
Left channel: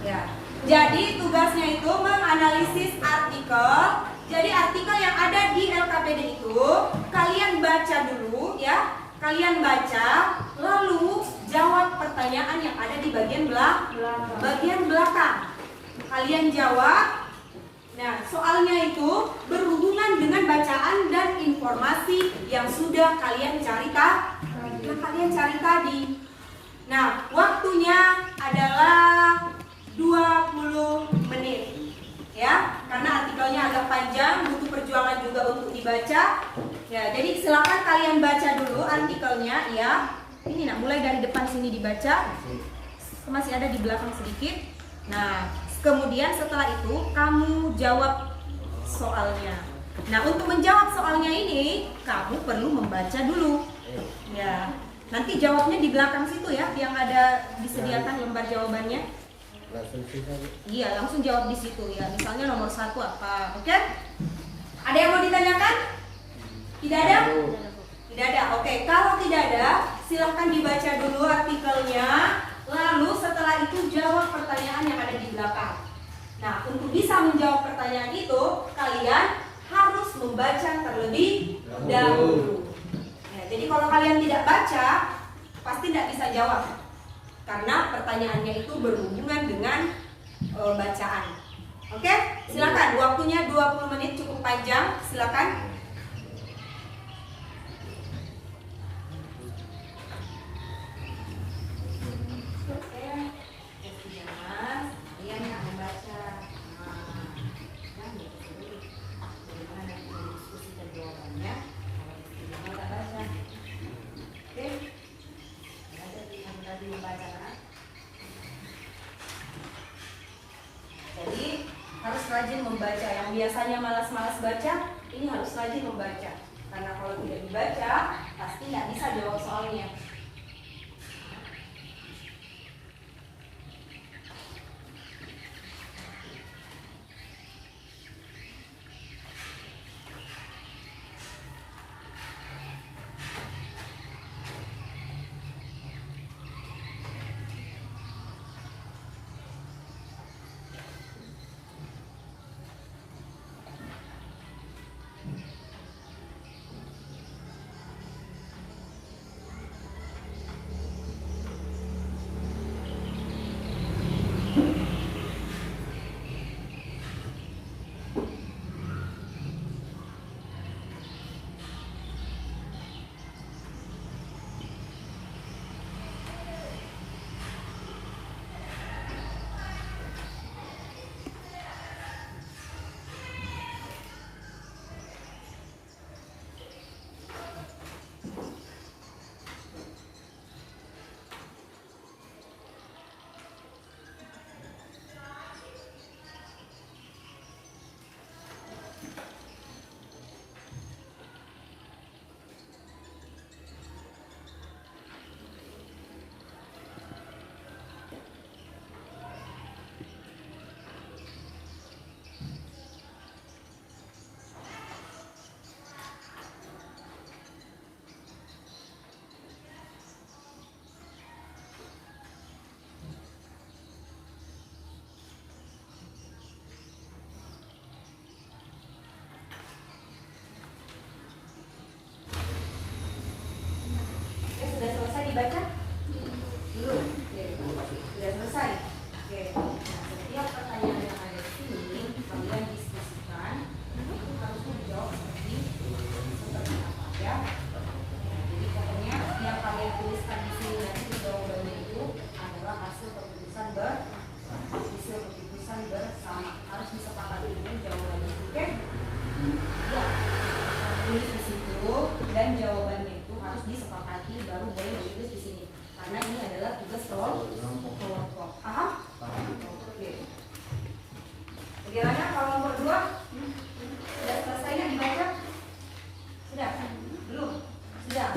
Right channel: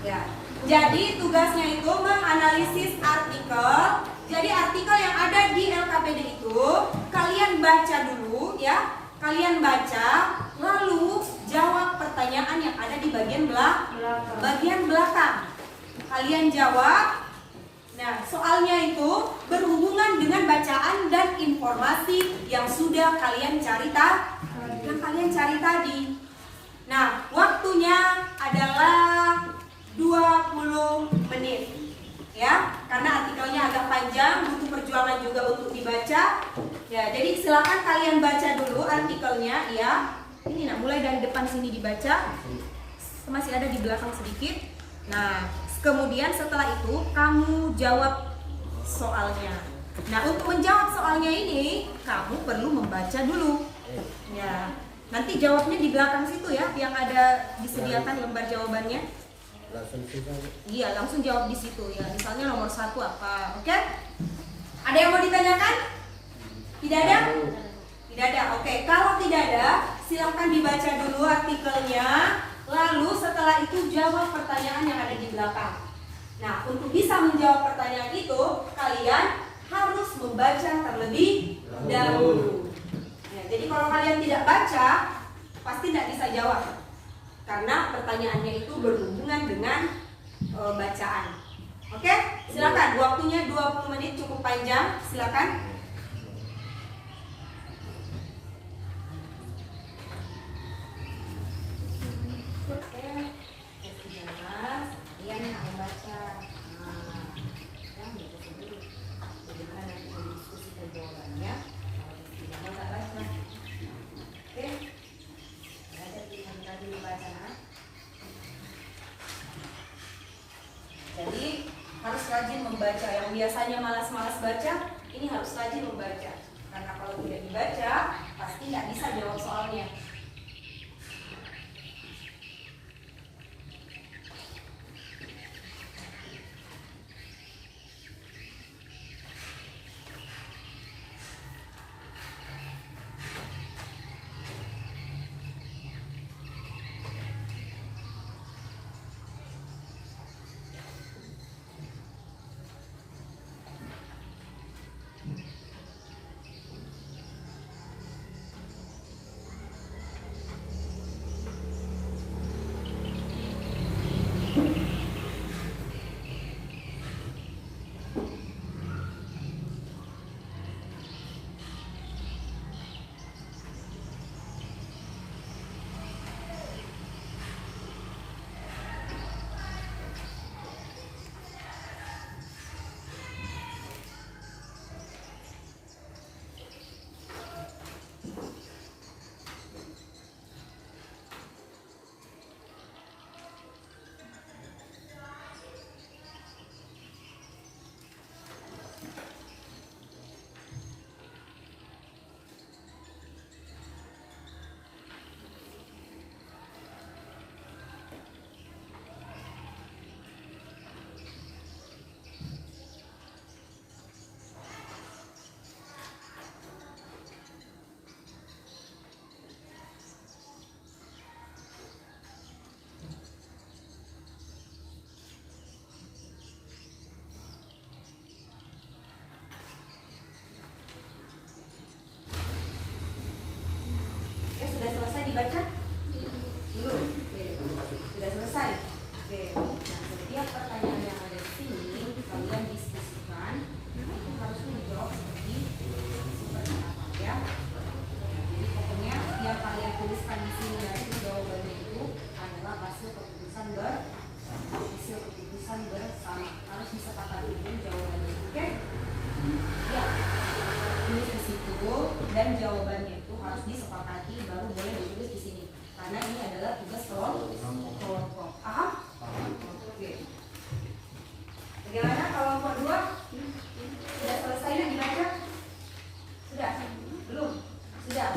Ya. Jadi tugasnya itu menganalisis artikel. Jadi artikel yang ada di LKPD itu kalian baca dulu ya. Kalian baca, lalu jawab pertanyaan yang ada di bagian belakang. Kalian jawab. Nah, soalnya itu berhubungan dengan bacaan dan informasi yang sudah kalian cari tadi. Nah, waktunya adalah 20 menit. Ya, karena artikelnya agak panjang, butuh perjuangan juga untuk dibaca. Ya, jadi silakan kalian baca dulu artikelnya ya. Ini nak mulai dari depan sini dibaca. Masih ada di belakang sedikit. Nah, kemudian setelah itu kamu jawab soalnya. Nah, untuk menjawab soalnya ini kamu perlu membaca dulu. Ya, nanti jawabnya di belakang situ ya, yang ada disediakan lembar jawabannya. Langsung sisa. Iya, langsung jawab di situ ya. Misalnya nomor 1 apa, oke? Ada yang mau ditanyakan? Tidak ada? Tidak ada. Oke, kalau tidak ada, silakan dibaca dulu artikelnya. Lalu setelah itu jawab pertanyaan yang ada di belakang. Nah, untuk bisa menjawab pertanyaan itu, kalian harus membaca terlebih dahulu. Ya, jadi kalau kalian tidak baca, pasti tidak bisa jawab. Karena pertanyaannya itu berhubungan dengan bacaan. Oke, silakan. Waktunya 20 menit, cukup panjang. Silakan. Jadi harus rajin membaca. Yang biasanya malas-malas baca, ini harus rajin membaca. Karena kalau tidak dibaca, pasti nggak bisa jawab soalnya. Dibaca? Belum. Oke. Sudah selesai. Oke. Nah, setiap pertanyaan yang ada di sini kalian diskusikan. Itu harusnya dijawab seperti apa ya? Jadi pokoknya yang kalian tuliskan di sini nanti jawabannya itu adalah hasil keputusan bersama. Harus disepakati dengan jawabannya. Oke? Ya. Tulis di situ dan jawabannya harus disepakati baru boleh ditulis di sini. Karena ini adalah tugas kelompok. Paham? Oke. Bagaimana kalau kelompok 2? Sudah selesai nggak dibaca? Sudah? Belum? Sudah?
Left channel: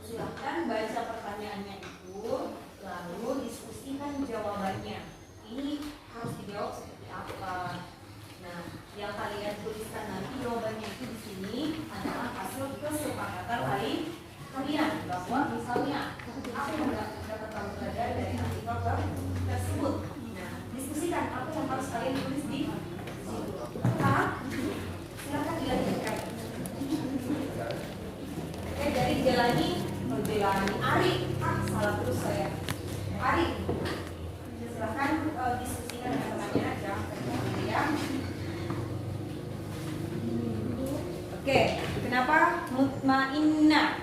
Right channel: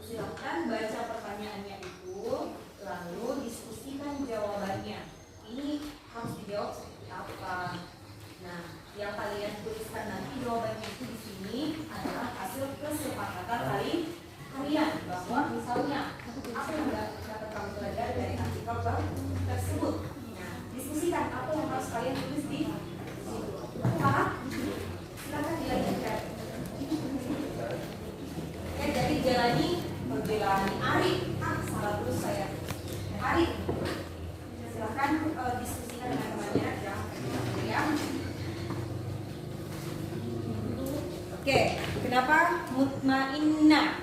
Silahkan baca pertanyaannya itu, lalu diskusikan jawabannya. Ini harus dijawab seperti apa? Nah, yang kalian tuliskan nanti jawabannya itu di sini adalah hasil kesepakatan kalian, bahwa misalnya apa yang dapat kamu pelajari dari artikel tersebut. Nah, diskusikan apa yang harus kalian tulis di situ. Paham? Silakan dilanjutkan. Oke, dari Jalani Ari. Salah terus saya. Ari. Silakan diskusikan dengan temannya, jangan ya. Oke, kenapa mutmainnah?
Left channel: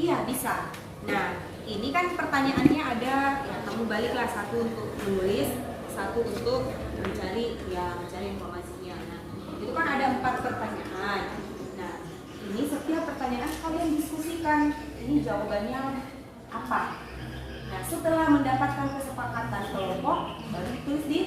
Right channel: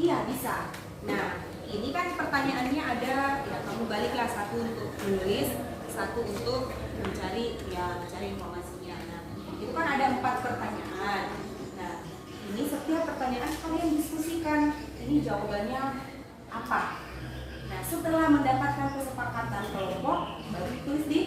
Iya, bisa. Nah, ini kan pertanyaannya ada, ya kamu baliklah, satu untuk menulis, satu untuk mencari informasinya. Nah, itu kan ada 4 pertanyaan. Nah, ini setiap pertanyaan kalian diskusikan, ini jawabannya apa. Nah, setelah mendapatkan kesepakatan kelompok, baru ditulis di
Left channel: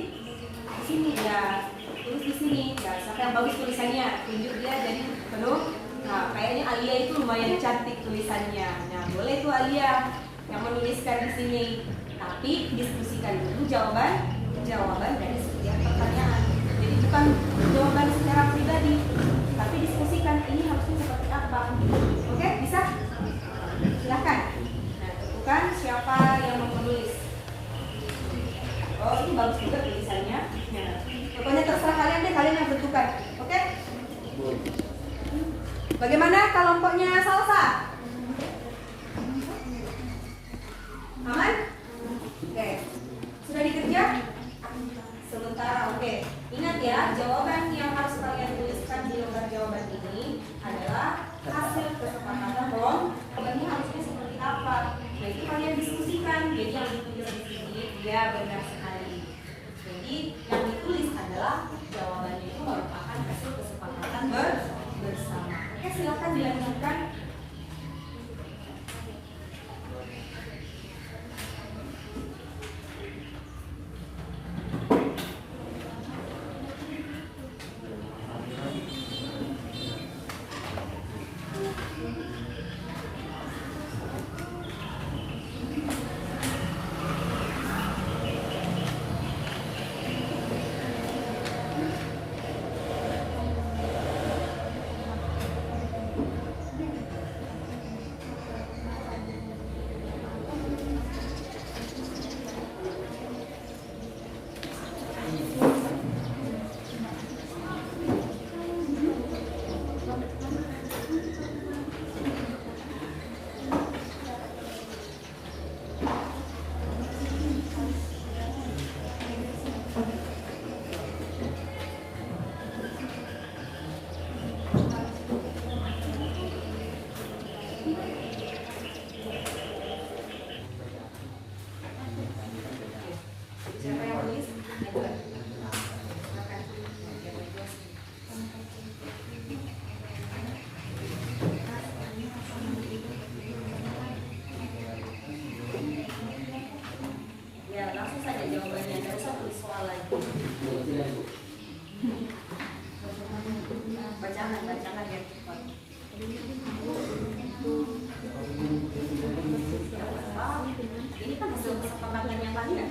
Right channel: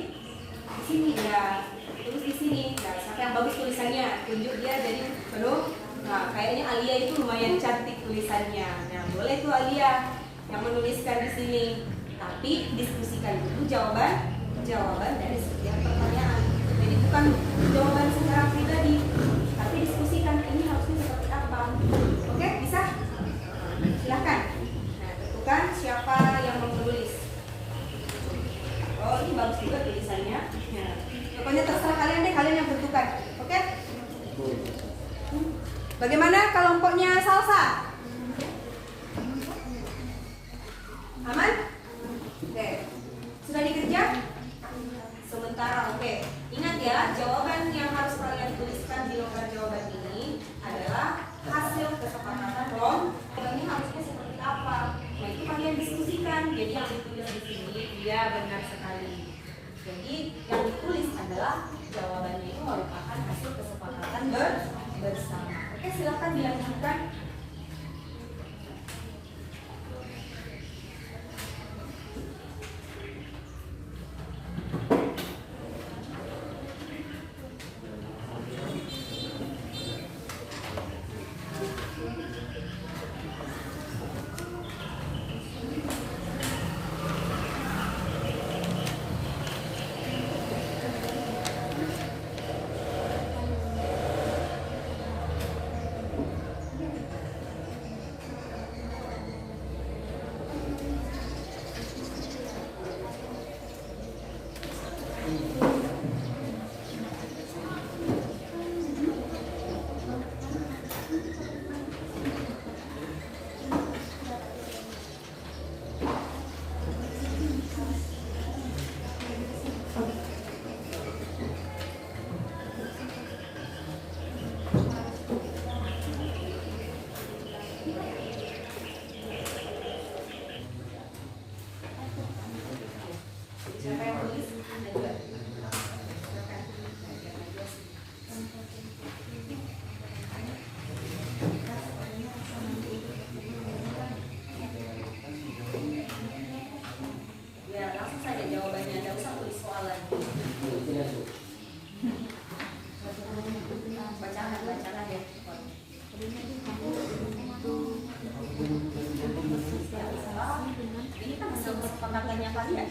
sini ya. Tulis di sini. Nah, siapa yang bagus tulisannya, tunjuk dia jadi penuh. Nah, kayaknya Alia itu lumayan cantik tulisannya. Nah, boleh tuh Alia yang menuliskan di sini. Tapi diskusikan dulu jawaban dari setiap pertanyaan. Jadi bukan jawaban secara pribadi, tapi diskusikan ini harusnya seperti apa. Oke, bisa? Silakan. Nah, tentukan siapa yang mau menulis. Oh, ini bagus juga tulisannya. Nah, pokoknya terserah kalian deh, kalian yang tentukan. Oke? Bagaimana kelompoknya Salsa? Aman? Oke. Sudah dikerja? Sementara, oke. Ingat ya, jawaban yang harus kalian tuliskan di lembar jawaban ini adalah hasil kesepakatan jawabannya harusnya seperti apa. Nah, itu kalian diskusikan. Jadi yang ditulis di sini, ya benar sekali. Jadi yang ditulis adalah jawabannya itu merupakan hasil kesepakatan bersama. Oke, silakan dilanjutkan. Siapa yang tulis? Silakan. Ya, langsung saja jawabannya, tidak usah tulis soal lagi. Bacaan aja. Ini kan hasil kesepakatannya kalian.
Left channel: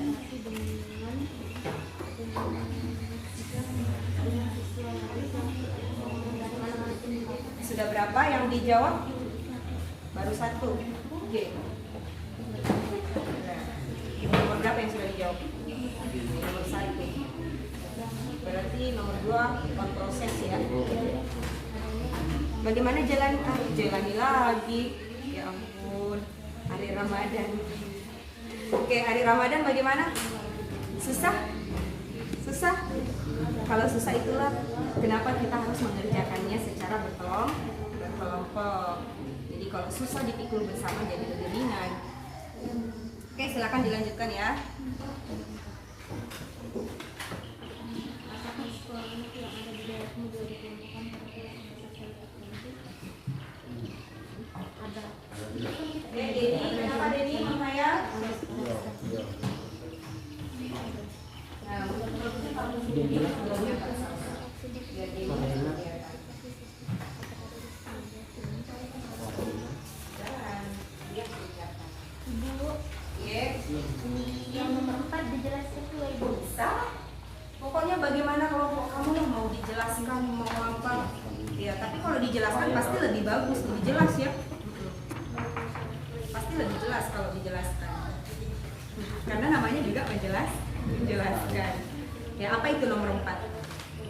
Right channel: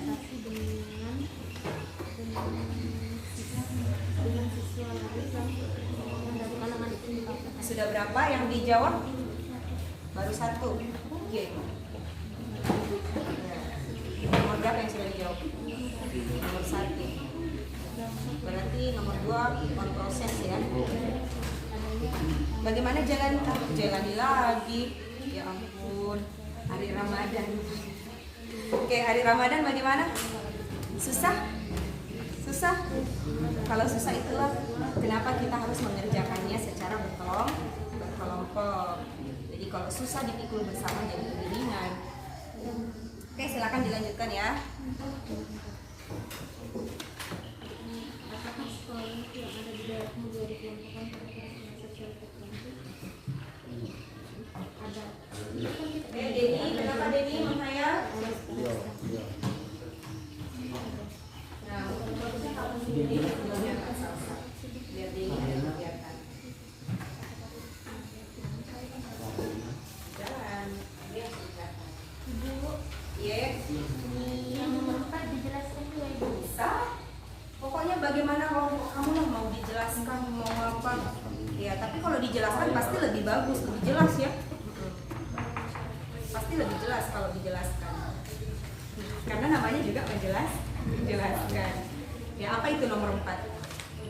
Sudah berapa yang dijawab? Baru 1. Oke. Nomor berapa yang sudah dijawab? Nomor 1. Berarti nomor 2 on proses ya. Bagaimana jalani lagi? Ya ampun, hari Ramadan. Oke, hari Ramadan bagaimana? Susah? Susah? Kalau susah itulah kenapa kita harus mengerjakannya secara berkelompok. Jadi kalau susah dipikul bersama jadi lebih ringan. Oke, silakan dilanjutkan ya. Ada Denny, kenapa Denny menghayal? Nah, bagusnya kalau di sini biar Denny kelihatan. Jalan, dia kelihatan. Yes. Yang nomor 4 dijelaskan dulu Ibu. Bisa. Pokoknya bagaimana kelompok kamu lah, mau dijelaskan mau apa. Ya, tapi kalau dijelaskan pasti lebih bagus, lebih jelas ya. Pasti lebih jelas kalau dijelaskan. Karena namanya juga menjelaskan. Ya, apa itu nomor 4?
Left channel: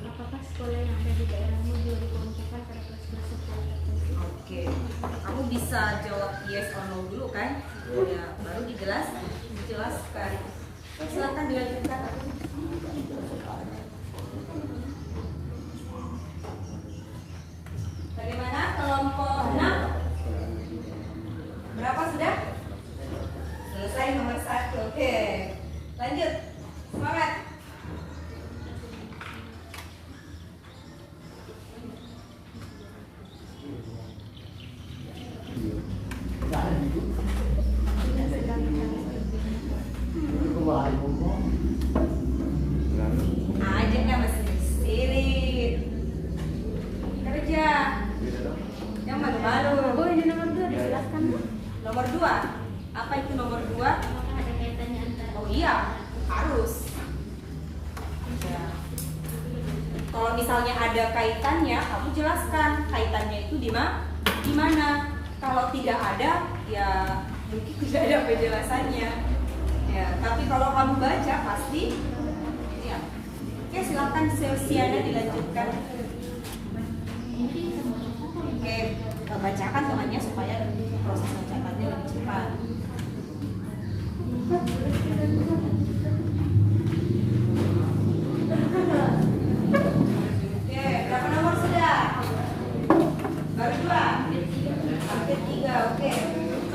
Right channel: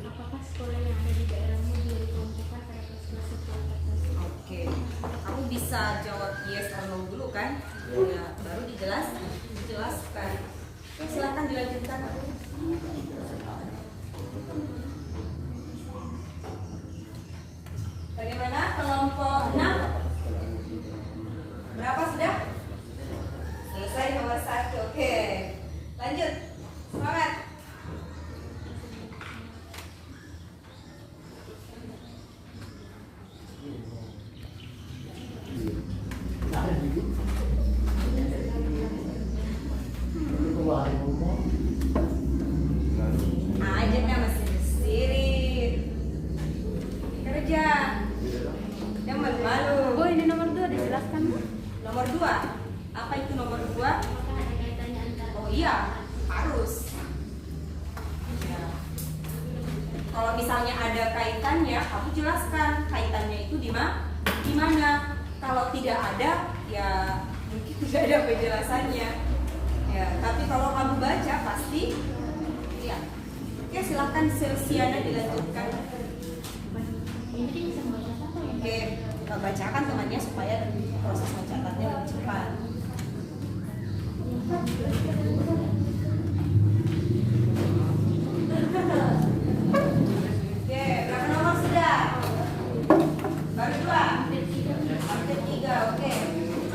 Apakah sekolah yang ada di daerahmu juga dikelompokkan pada kelas-kelas sekolah tertentu? Oke. Kamu bisa jawab yes or no dulu kan? Ya, baru dijelaskan. Silakan dilanjutkan. Bagaimana kelompok 6? Berapa sudah? Selesai nomor 1. Oke. Lanjut. Semangat. Ajaknya masih sirit. Kerja. Yang malu-malu. Oh, ini nomor 2 dijelaskan. Nomor 2. Apa itu nomor 2? Apakah ada kaitannya antara? Oh iya, harus. Ya. Kalau misalnya ada kaitannya, kamu jelaskan kaitannya itu di mana. Kalau tidak ada, ya mungkin tidak ada penjelasannya. Ya, tapi kalau kamu baca pasti. Ya. Oke, silakan Silsiana dilanjutkan. Oke, bacakan temannya supaya proses mencatatnya lebih cepat. Oke, berapa nomor sudah? Baru 2. Hampir 3. Oke.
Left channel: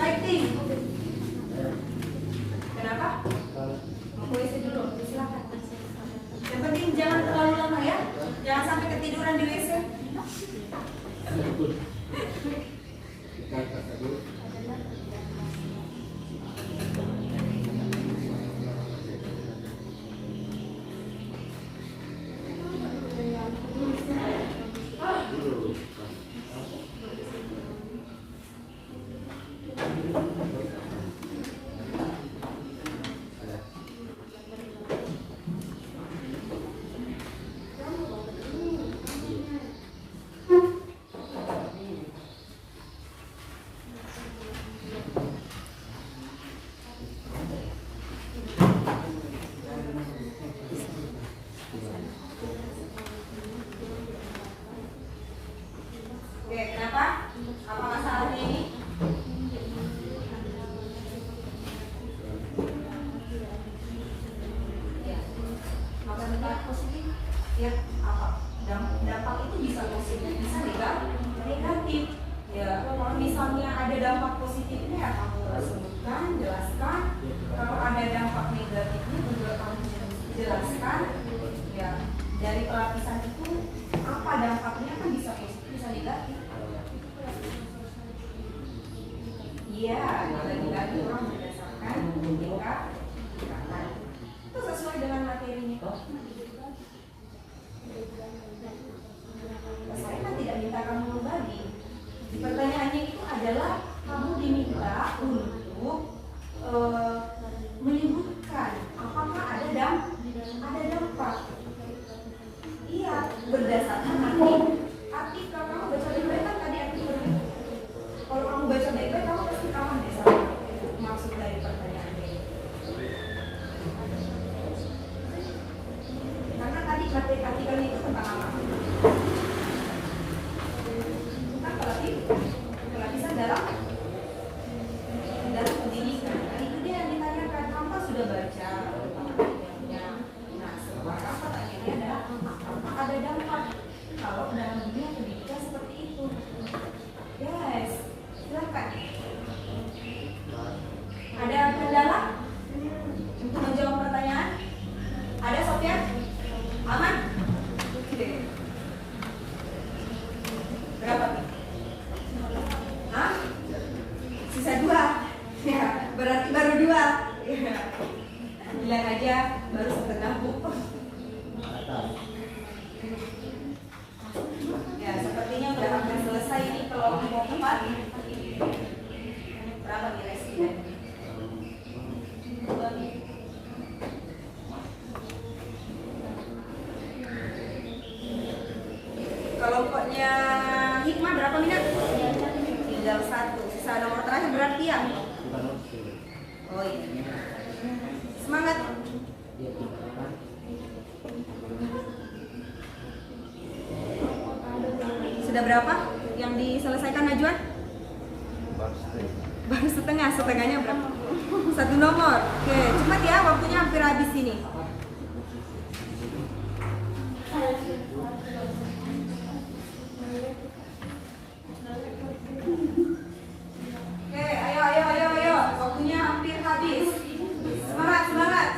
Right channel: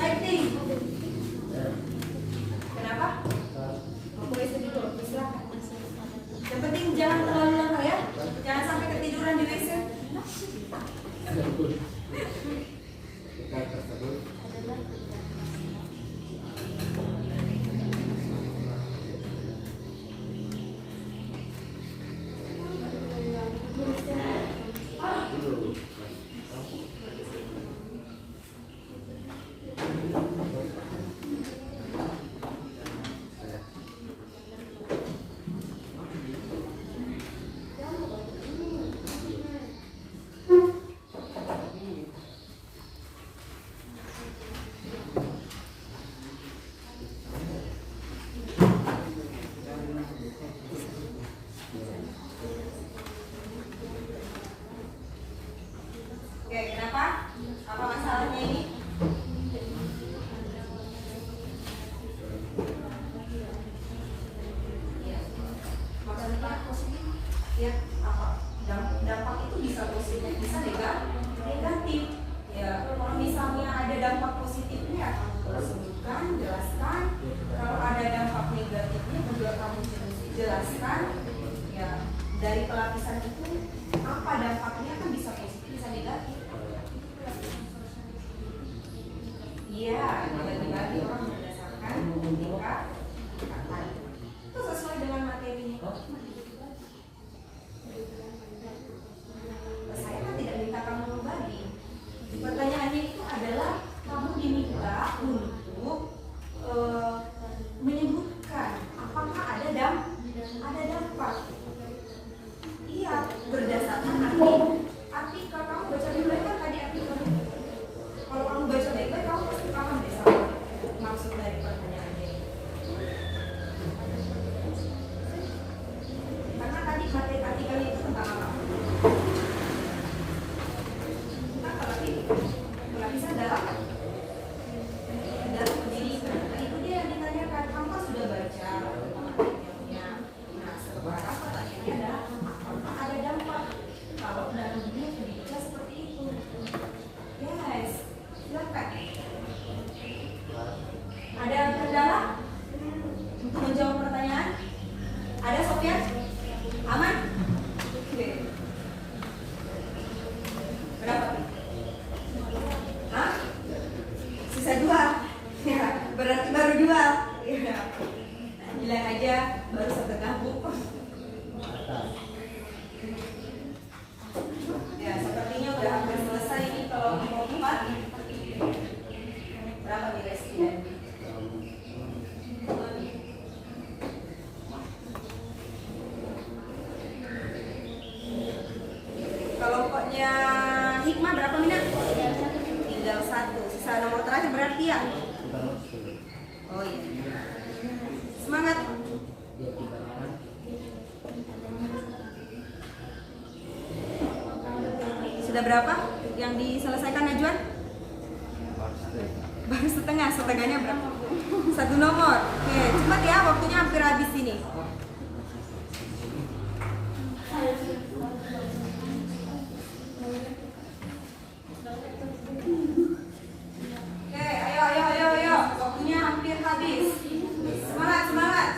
Fighting. Kenapa? Mau WC dulu, silakan. Yang penting jangan terlalu lama ya. Jangan sampai ketiduran di WC. Oke, kenapa? Apa masalahnya ini? Ya, maksudnya positif. Ya, apa? Dampak itu bisa positif, bisa negatif. Ya, kalau misalnya ada dampak positifnya, ya kamu sebutkan, jelaskan. Kalau ada dampak negatifnya, juga kamu jelaskan. Ya, dari pelapisan itu apa dampaknya kan bisa positif, bisa negatif. Iya, lagi-lagi orang berdasarkan tingkatan. Itu sesuai dengan materinya. Saya kan tidak minta kamu membagi. Pertanyaannya itu adalah kamu diminta untuk menyebutkan apakah ada dampak. Iya, berdasarkan arti kalau kamu baca baik-baik kan tadi artikelnya. Kalau kamu baca baik-baik kamu pasti paham deh sama maksud dari pertanyaan dia. Karena tadi materi artikelnya itu tentang apa? Tentang pelapisan dalam pendidikan. Itu dia yang ditanyakan, kamu kan sudah baca materialnya. Nah, sekarang pertanyaannya adalah apakah ada dampak kalau dalam dunia pendidikan seperti itu? Yes, silakan. Ada kendala untuk menjawab pertanyaan? Ada, Sofyan? Aman? Oke. Berapa? Hah? Berapa nih residen? Kelompoknya Hikmah berapa minat? Tinggal 1. Sisa nomor terakhir berarti ya? Oh iya. Semangat. Sudah berapa yang diselesaikan Najwa? Baru setengah. Setengahnya berapa? 1 nomor. Oke, cepat ya, waktunya hampir habis ini. Oke, ayo. Waktunya hampir habis. Semangat.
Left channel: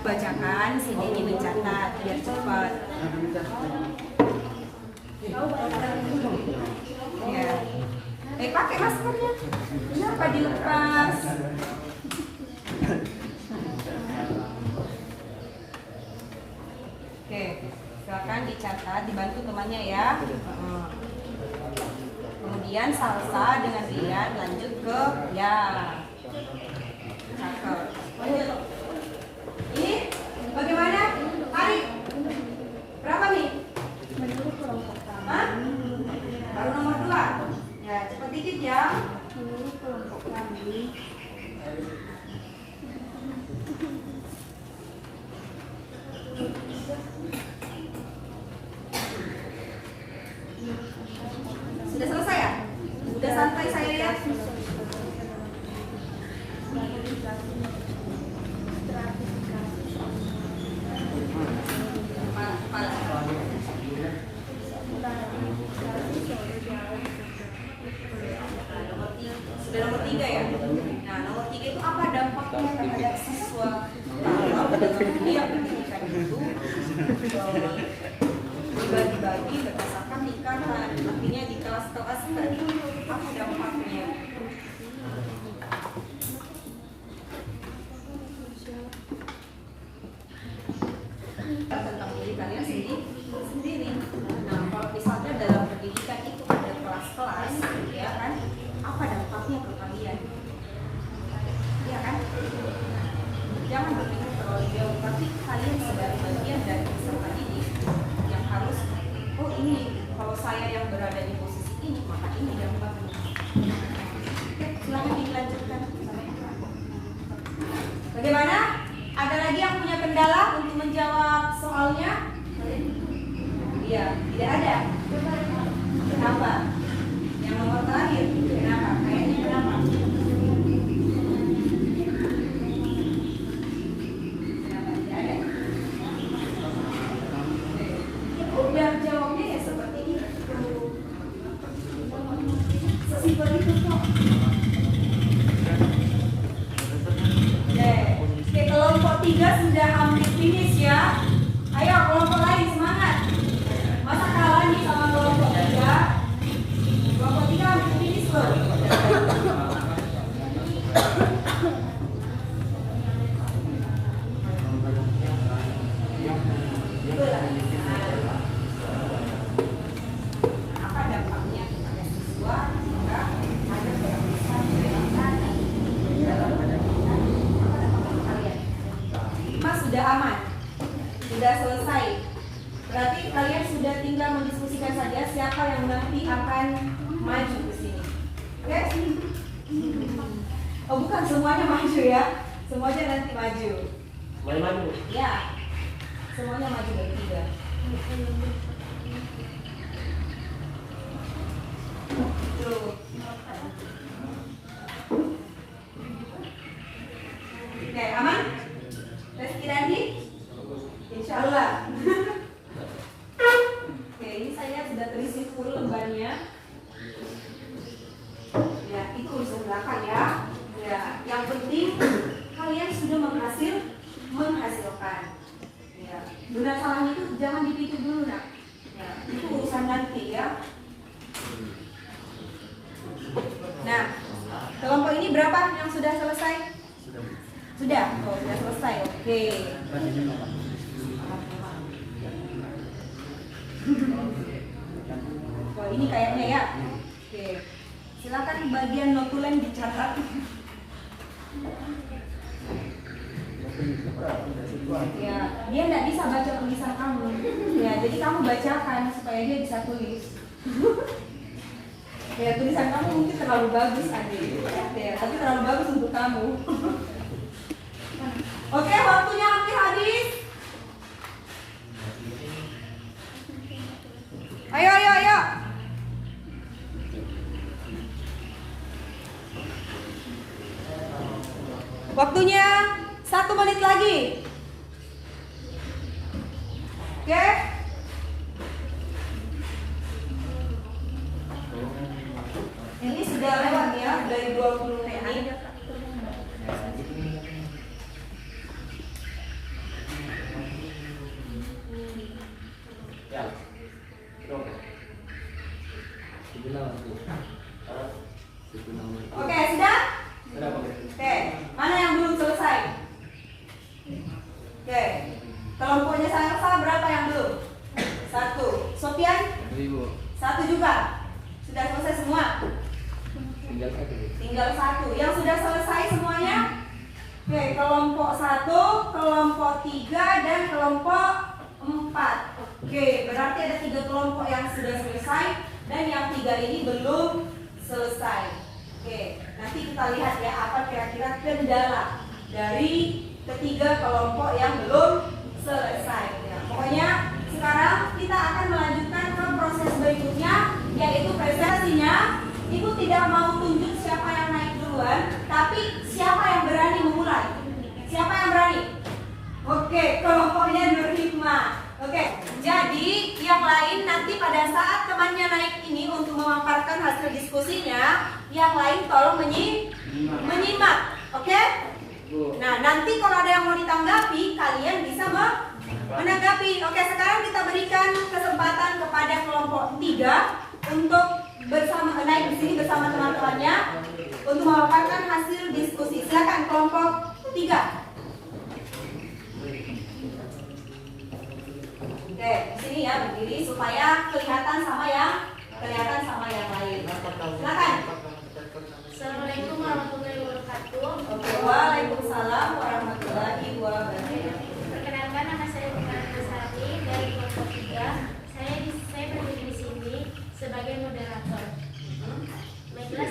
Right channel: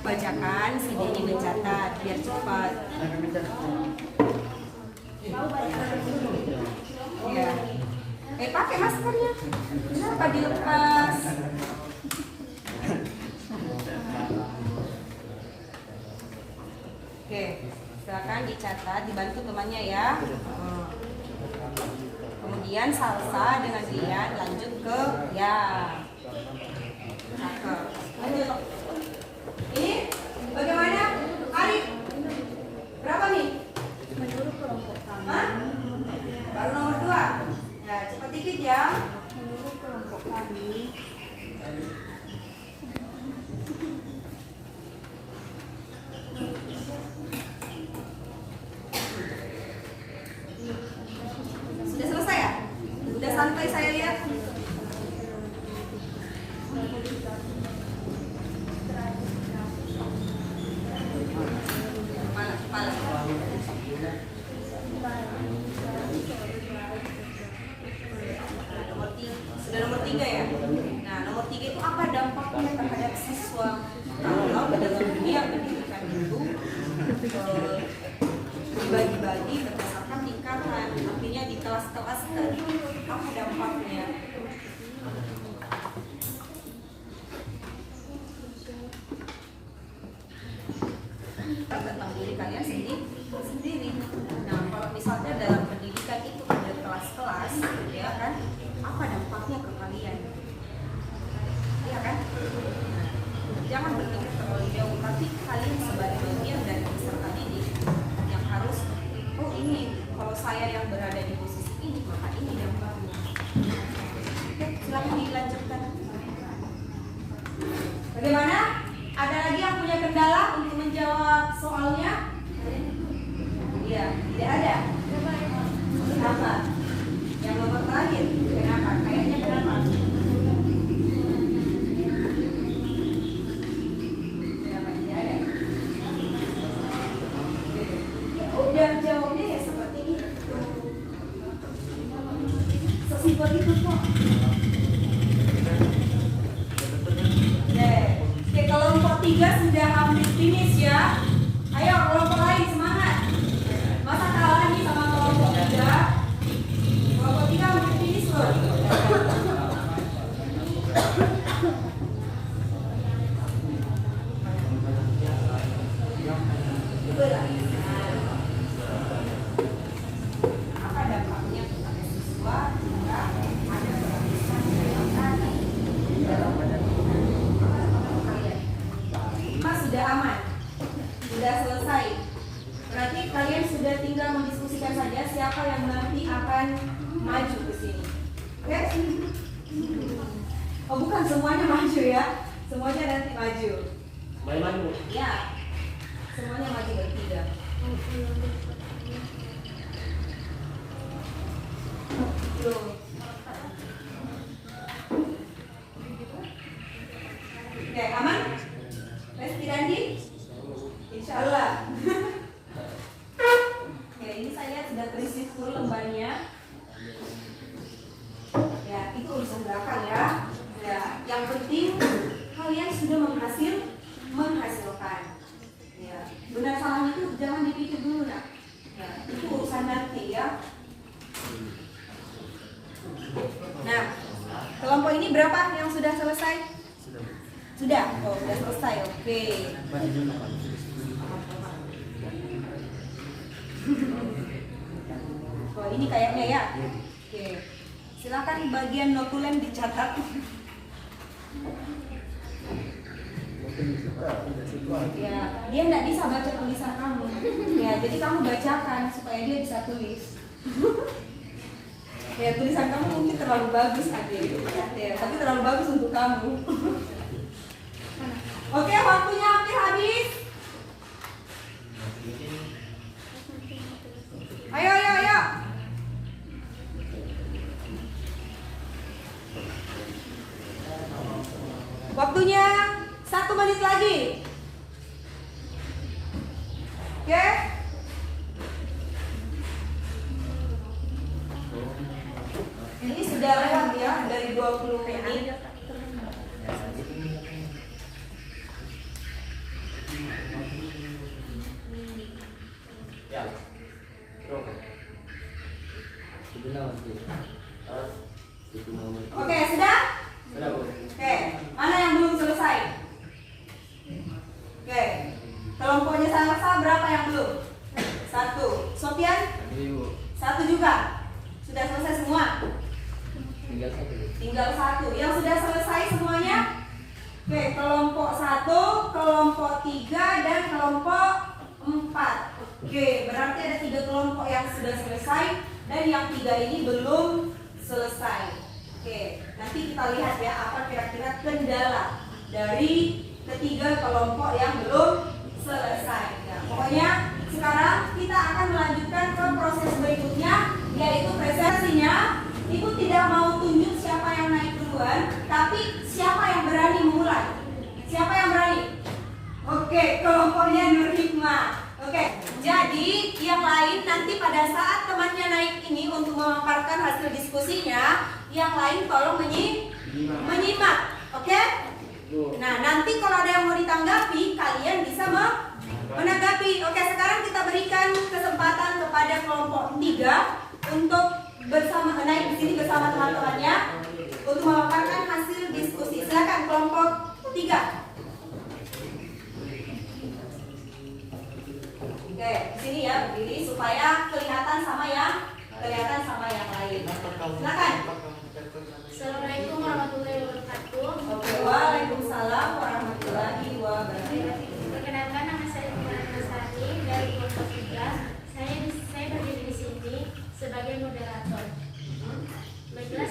Bacakan, sini ini mencatat biar cepat. Ya. Pakai maskernya. Kenapa dilepas? Oke, silakan dicatat, dibantu temannya ya. Kemudian salsa dengan Rian lanjut ke ya. Cakep. Lanjut. Ini bagaimana? Arif. Berapa nih? Menurut kelompok kami. Hah? Baru nomor 2. Ya, cepat dikit ya. Menurut kelompok kami. Sudah selesai ya? Sudah santai saya lihat. Sudah nomor 3 ya? Nah, nomor 3 itu apa dampaknya terhadap siswa kalau dalam dunia pendidikan itu dibagi-bagi berdasarkan tingkatan, artinya di kelas-kelas tadi apa dampaknya? Tentang diri kalian sendiri. Nah, kalau misalnya dalam pendidikan itu ada kelas-kelas, ya kan? Apa dampaknya ke kalian? Iya kan? Nah, jangan berpikir terlalu jauh, tapi kalian sebagai bagian dari peserta didik yang harus, oh ini kalau saya yang berada di posisi ini maka ini dampaknya. Oke, silakan dilanjutkan. Bagaimana? Ada lagi yang punya kendala untuk menjawab soalnya? Iya, tidak ada. Kenapa? Yang nomor terakhir, kenapa? Kayaknya kenapa? Kenapa tidak ada? Udah jawabnya ya seperti itu. Sesimpel itu kok. Oke, kelompok 3 sudah hampir finish ya. Ayo kelompok lain semangat. Masa kalah nih sama kelompok 3? Kelompok 3 hampir finish loh. Apa dampaknya kepada siswa jika ada perpisahan pendidikan dalam kalian? Mas sudah aman, sudah selesai. Berarti kalian sudah tinggal mendiskusikan saja siapa yang nanti akan maju ke sini. Oke? Oh bukan semuanya maju ya, semuanya nanti maju. Maju. Ya, semuanya maju bertiga. Tuh. Oke, aman? Tes Kirandi? Insya Allah. Oke, ini saya lihat sudah terisi full lembarnya. Ya, itu urusan belakang ya. Ya, yang penting kalian sudah menghasilkan. Ya, benar salahnya itu jangan dipikir dulu nak. Ya, itu urusan nanti ya. Nah, kelompok ini berapa yang sudah selesai? Sudah. Oh, sudah selesai. Oke. Oh, ini kayaknya ya. Oke. Silakan bagian notulen dicatat. Ya, dia nggak bisa baca tulisan kamu. Ya, jadi kamu bacakan supaya dia bisa tulis. Ya, tulisan kamu mungkin terlalu bagus adik. Ya, tapi terlalu bagus untuk kamu. Oke, waktunya hampir habis. Ayo, ayo, ayo. Waktunya 1 menit lagi. Oke? Ini sudah lewat ya, dari 20 menit. Oke, sudah? Oke, mana yang belum selesai? Oke, kelompoknya Sarsa berapa yang belum? 1. Sofian? 1 juga. Sudah selesai semua? Tinggal 1. Yang sudah selesai semuanya? Oke, kelompok 1, kelompok 3, dan kelompok 4. Oke, berarti ada 3 kelompok yang sudah selesai dan yang 3 ini belum selesai. Oke, nanti kita lihat ya apa kira-kira kendala dari ketiga kelompok yang belum selesai. Ya, pokoknya sekarang kita akan melanjutkan ke proses berikutnya, yaitu presentasinya. Ibu tidak mau tunjuk siapa yang naik duluan, tapi siapa yang berani memulai? Siapa yang berani? Oke, kelompoknya Nur Hikmah. Oke, jadi yang lain nanti pada saat temannya naik ini untuk memaparkan hasil diskusinya, yang lain tolong menyimak. Oke? Nah, nanti kalau ada yang mau ditanggapi, kalian bisa menanggapi. Oke, sekarang kita berikan kesempatan kepada kelompok 3 untuk bersama naik di sini bersama teman-temannya untuk memaparkan hasil diskusi. Silakan kelompok 3. Oke, di sini ya berdiri supaya kelihatan sama yang lain. Silakan. Assalamualaikum warahmatullahi wabarakatuh. Oke, waalaikumsalam warahmatullahi wabarakatuh. Perkenalkan, nama saya Bukara Nasari dari kelompok 3. Saya berdiri di sini sebagai moderator. Baiklah,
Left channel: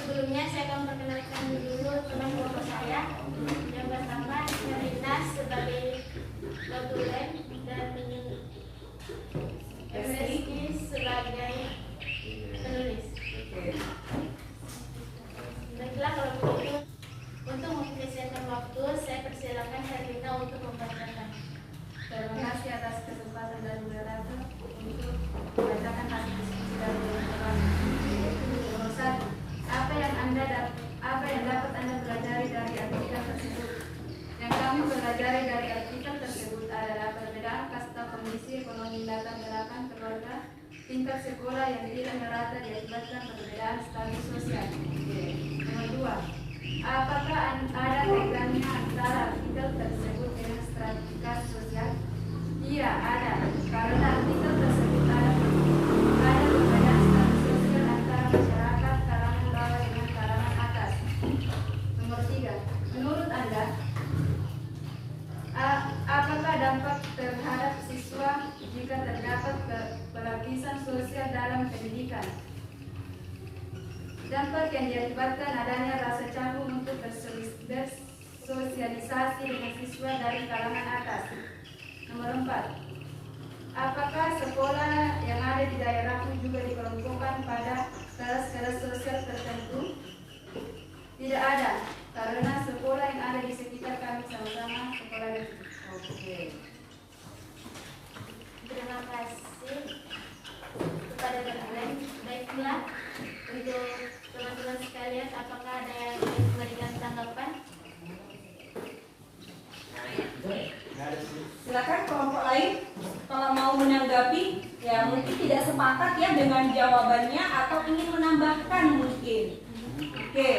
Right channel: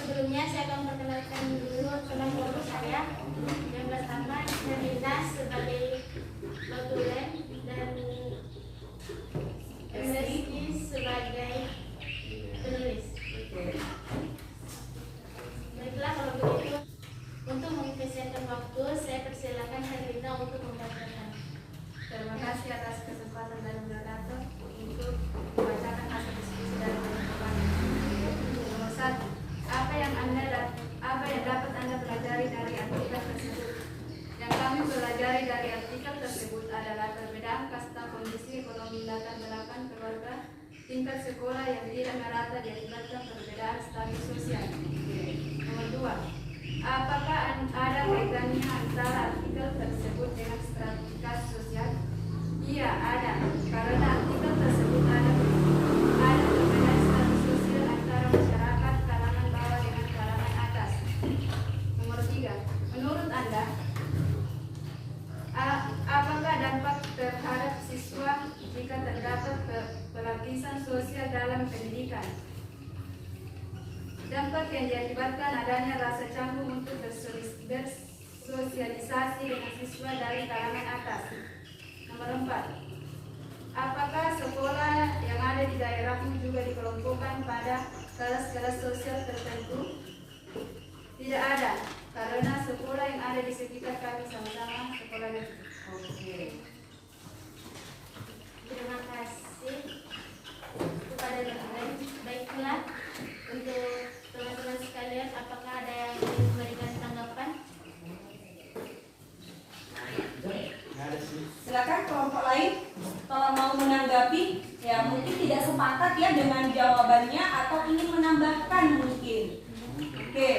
sebelumnya saya akan memperkenalkan dulu teman kelompok saya. Yang pertama, Herlina sebagai notulen dan Rizky sebagai penulis. Baiklah, kalau begitu untuk mempersiapkan waktu, saya persilakan Herlina untuk membacakan. Terima kasih atas kesempatan dari moderator untuk membacakan hasil diskusi dari teman-teman. Nomor 1, apa yang dapat Anda pelajari dari artikel tersebut? Yang kami pelajari dari artikel tersebut adalah perbedaan kasta, kondisi ekonomi, latar belakang keluarga, tingkat sekolah yang tidak merata diakibatkan perbedaan status sosial. Nomor 2, apakah ada kaitannya antara artikel tersebut dengan stratifikasi sosial? Iya, ada. Karena artikel tersebut ada perbedaan status sosial antara masyarakat kalangan bawah dengan kalangan atas. Nomor 3, menurut Anda, apakah dampak terhadap siswa jika terdapat pelapisan sosial dalam pendidikan? Dampak yang diakibatkan adanya rasa canggung untuk bersosialisasi dengan siswa dari kalangan atas. Nomor 4, apakah sekolah yang ada di daerahmu juga dikelompokkan pada kelas-kelas sosial tertentu? Tidak ada, karena sekolah yang ada di sekitar kami sama-sama sekolah negeri. Oke. Terima kasih kepada teman-teman. Baiklah, untuk teman-teman sekalian, apakah ada yang ingin memberikan tanggapan? Silakan kelompok lain kalau mau menanggapi, ya mungkin tidak sepakat ya dengan jawabannya atau ingin menambahkan mungkin. Oke.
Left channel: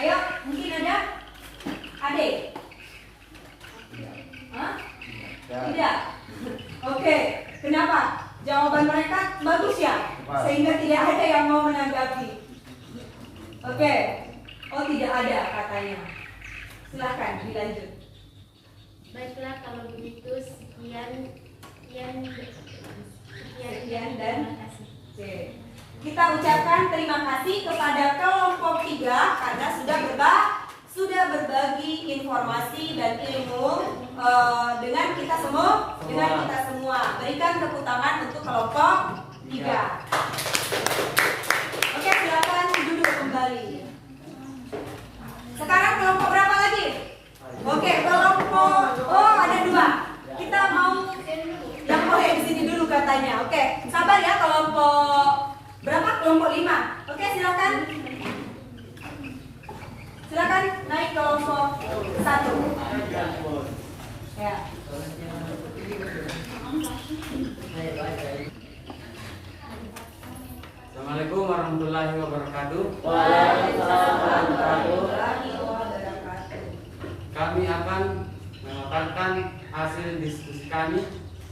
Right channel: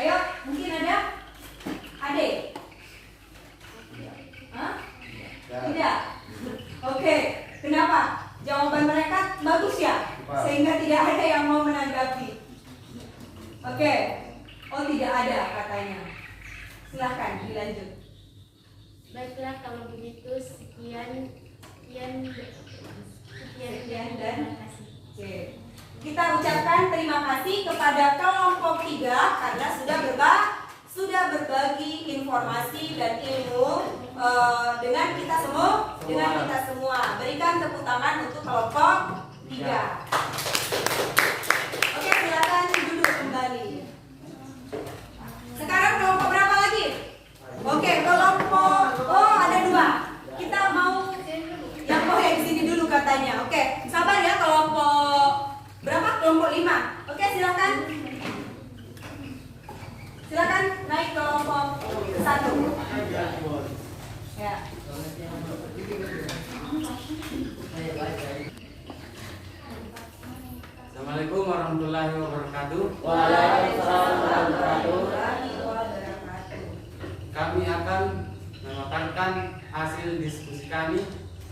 Ayo, mungkin ada? Adik? Hah? Tidak. Oke. Kenapa? Jawaban mereka bagus ya? Sehingga tidak ada yang mau menanggapi. Oke. Oh, tidak ada katanya. Silahkan dilanjut. Baiklah kalau begitu sekian Sekian dan terima kasih. Oke. Kita ucapkan terima kasih kepada kelompok 3 karena sudah berbagi informasi dan ilmu dengan kita semua. Berikan tepuk tangan untuk kelompok 3. Oke, silakan duduk kembali. Sekarang kelompok berapa lagi? Oke, kelompok ada 2. Kita mau yang di sini dulu katanya. Oke, sabar ya kelompok berapa? Kelompok 5. Oke, silakan. Silakan naik kelompok 1. Ya. Assalamualaikum warahmatullahi wabarakatuh. Kami akan memaparkan hasil diskusi kami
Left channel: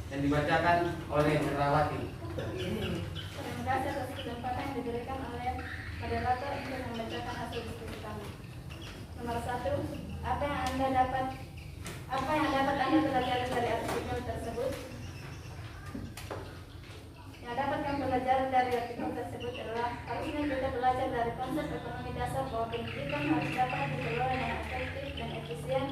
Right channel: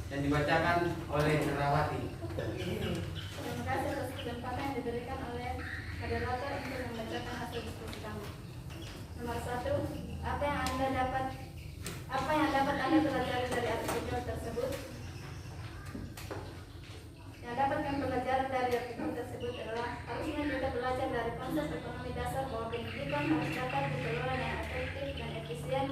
yang dibacakan oleh Herawati. Terima kasih atas kesempatan yang diberikan oleh moderator untuk membacakan hasil diskusi kami. Nomor 1, apa yang dapat Anda pelajari dari artikel tersebut? Yang dapat kami pelajari dari artikel tersebut adalah harusnya kita belajar dari konsep ekonomi dasar bahwa pendidikan harus dapat dikelola dengan efektif dan efisien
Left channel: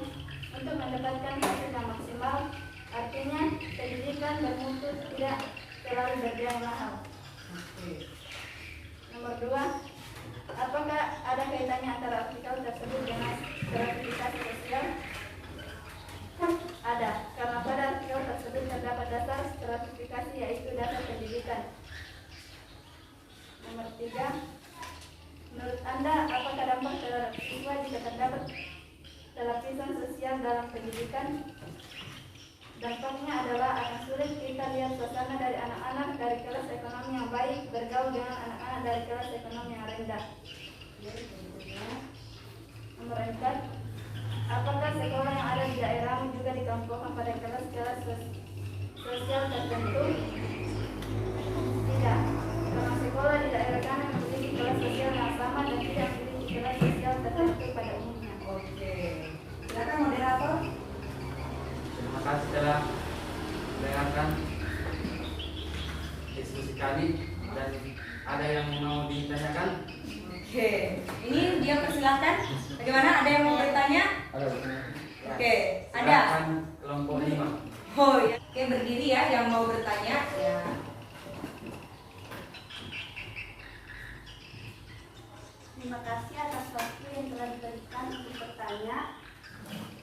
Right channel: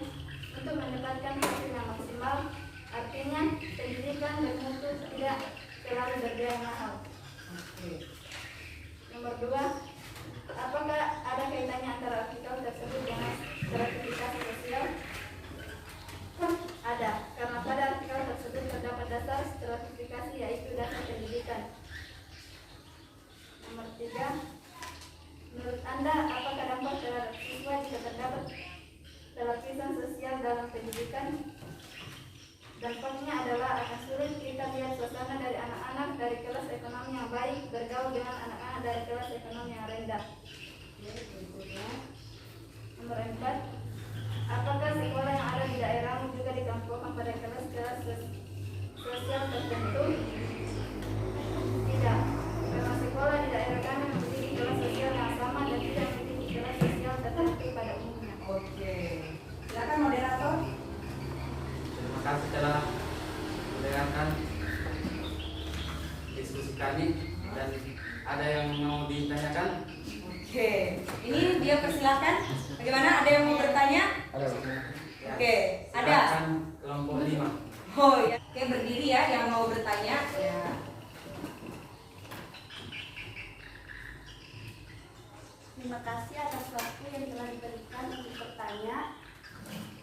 untuk mendapatkan hasil yang maksimal. Artinya, pendidikan bermutu tidak selalu berbiaya mahal. Nomor 2, apakah ada kaitannya antara artikel tersebut dengan stratifikasi sosial? Ada, karena pada artikel tersebut terdapat dasar stratifikasi yaitu dasar pendidikan. Nomor 3, menurut Anda, apakah dampak terhadap siswa jika terdapat lapisan sosial dalam pendidikan? Dampaknya adalah akan sulit kita lihat suasana dari anak-anak dari kelas ekonomi yang baik bergaul dengan anak-anak dari kelas ekonomi yang rendah. Nomor 4, apakah sekolah yang ada di daerahmu juga dikelompokkan pada kelas-kelas sosial tertentu? Tidak, karena sekolah di daerah kami memiliki kelas sosial yang sama dan tidak memiliki kelas sosial tertentu pada umumnya. Oke. Silakan moderator. Terima kasih telah mendengarkan diskusi kami dan ada yang mau ditanyakan? Oke. Ini dia persilahkan. Bagaimana? Ada yang mau bertanya? Oke. Ada. Silakan kelompok 5. Oh ya. Oke, berdiri ya yang mau bertanya. Ya. Terima kasih atas waktu yang telah diberikan untuk bertanya.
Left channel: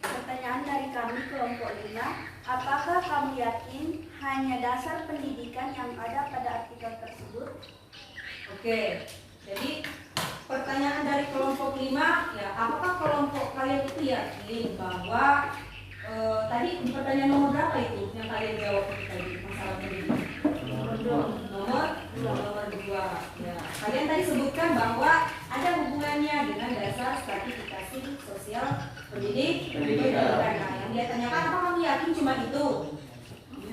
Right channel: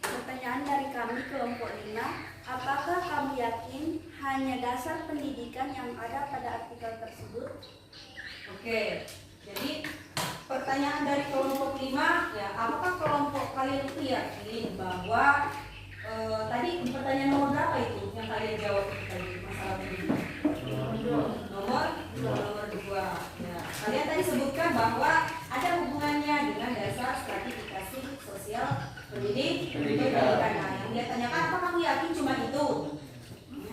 Pertanyaan dari kami kelompok 5, apakah kamu yakin hanya dasar pendidikan yang ada pada artikel tersebut? Oke. Jadi pertanyaan dari kelompok 5 ya, apakah kelompok kalian itu yakin bahwa tadi pertanyaan nomor berapa itu yang kalian jawab tadi masalah pendidikan? Nomor 2. Ya. Kalian tadi sebutkan bahwa ada hubungannya dengan dasar stratifikasi sosial pendidikan. Nah, yang dia tanyakan, apa kamu yakin cuma itu?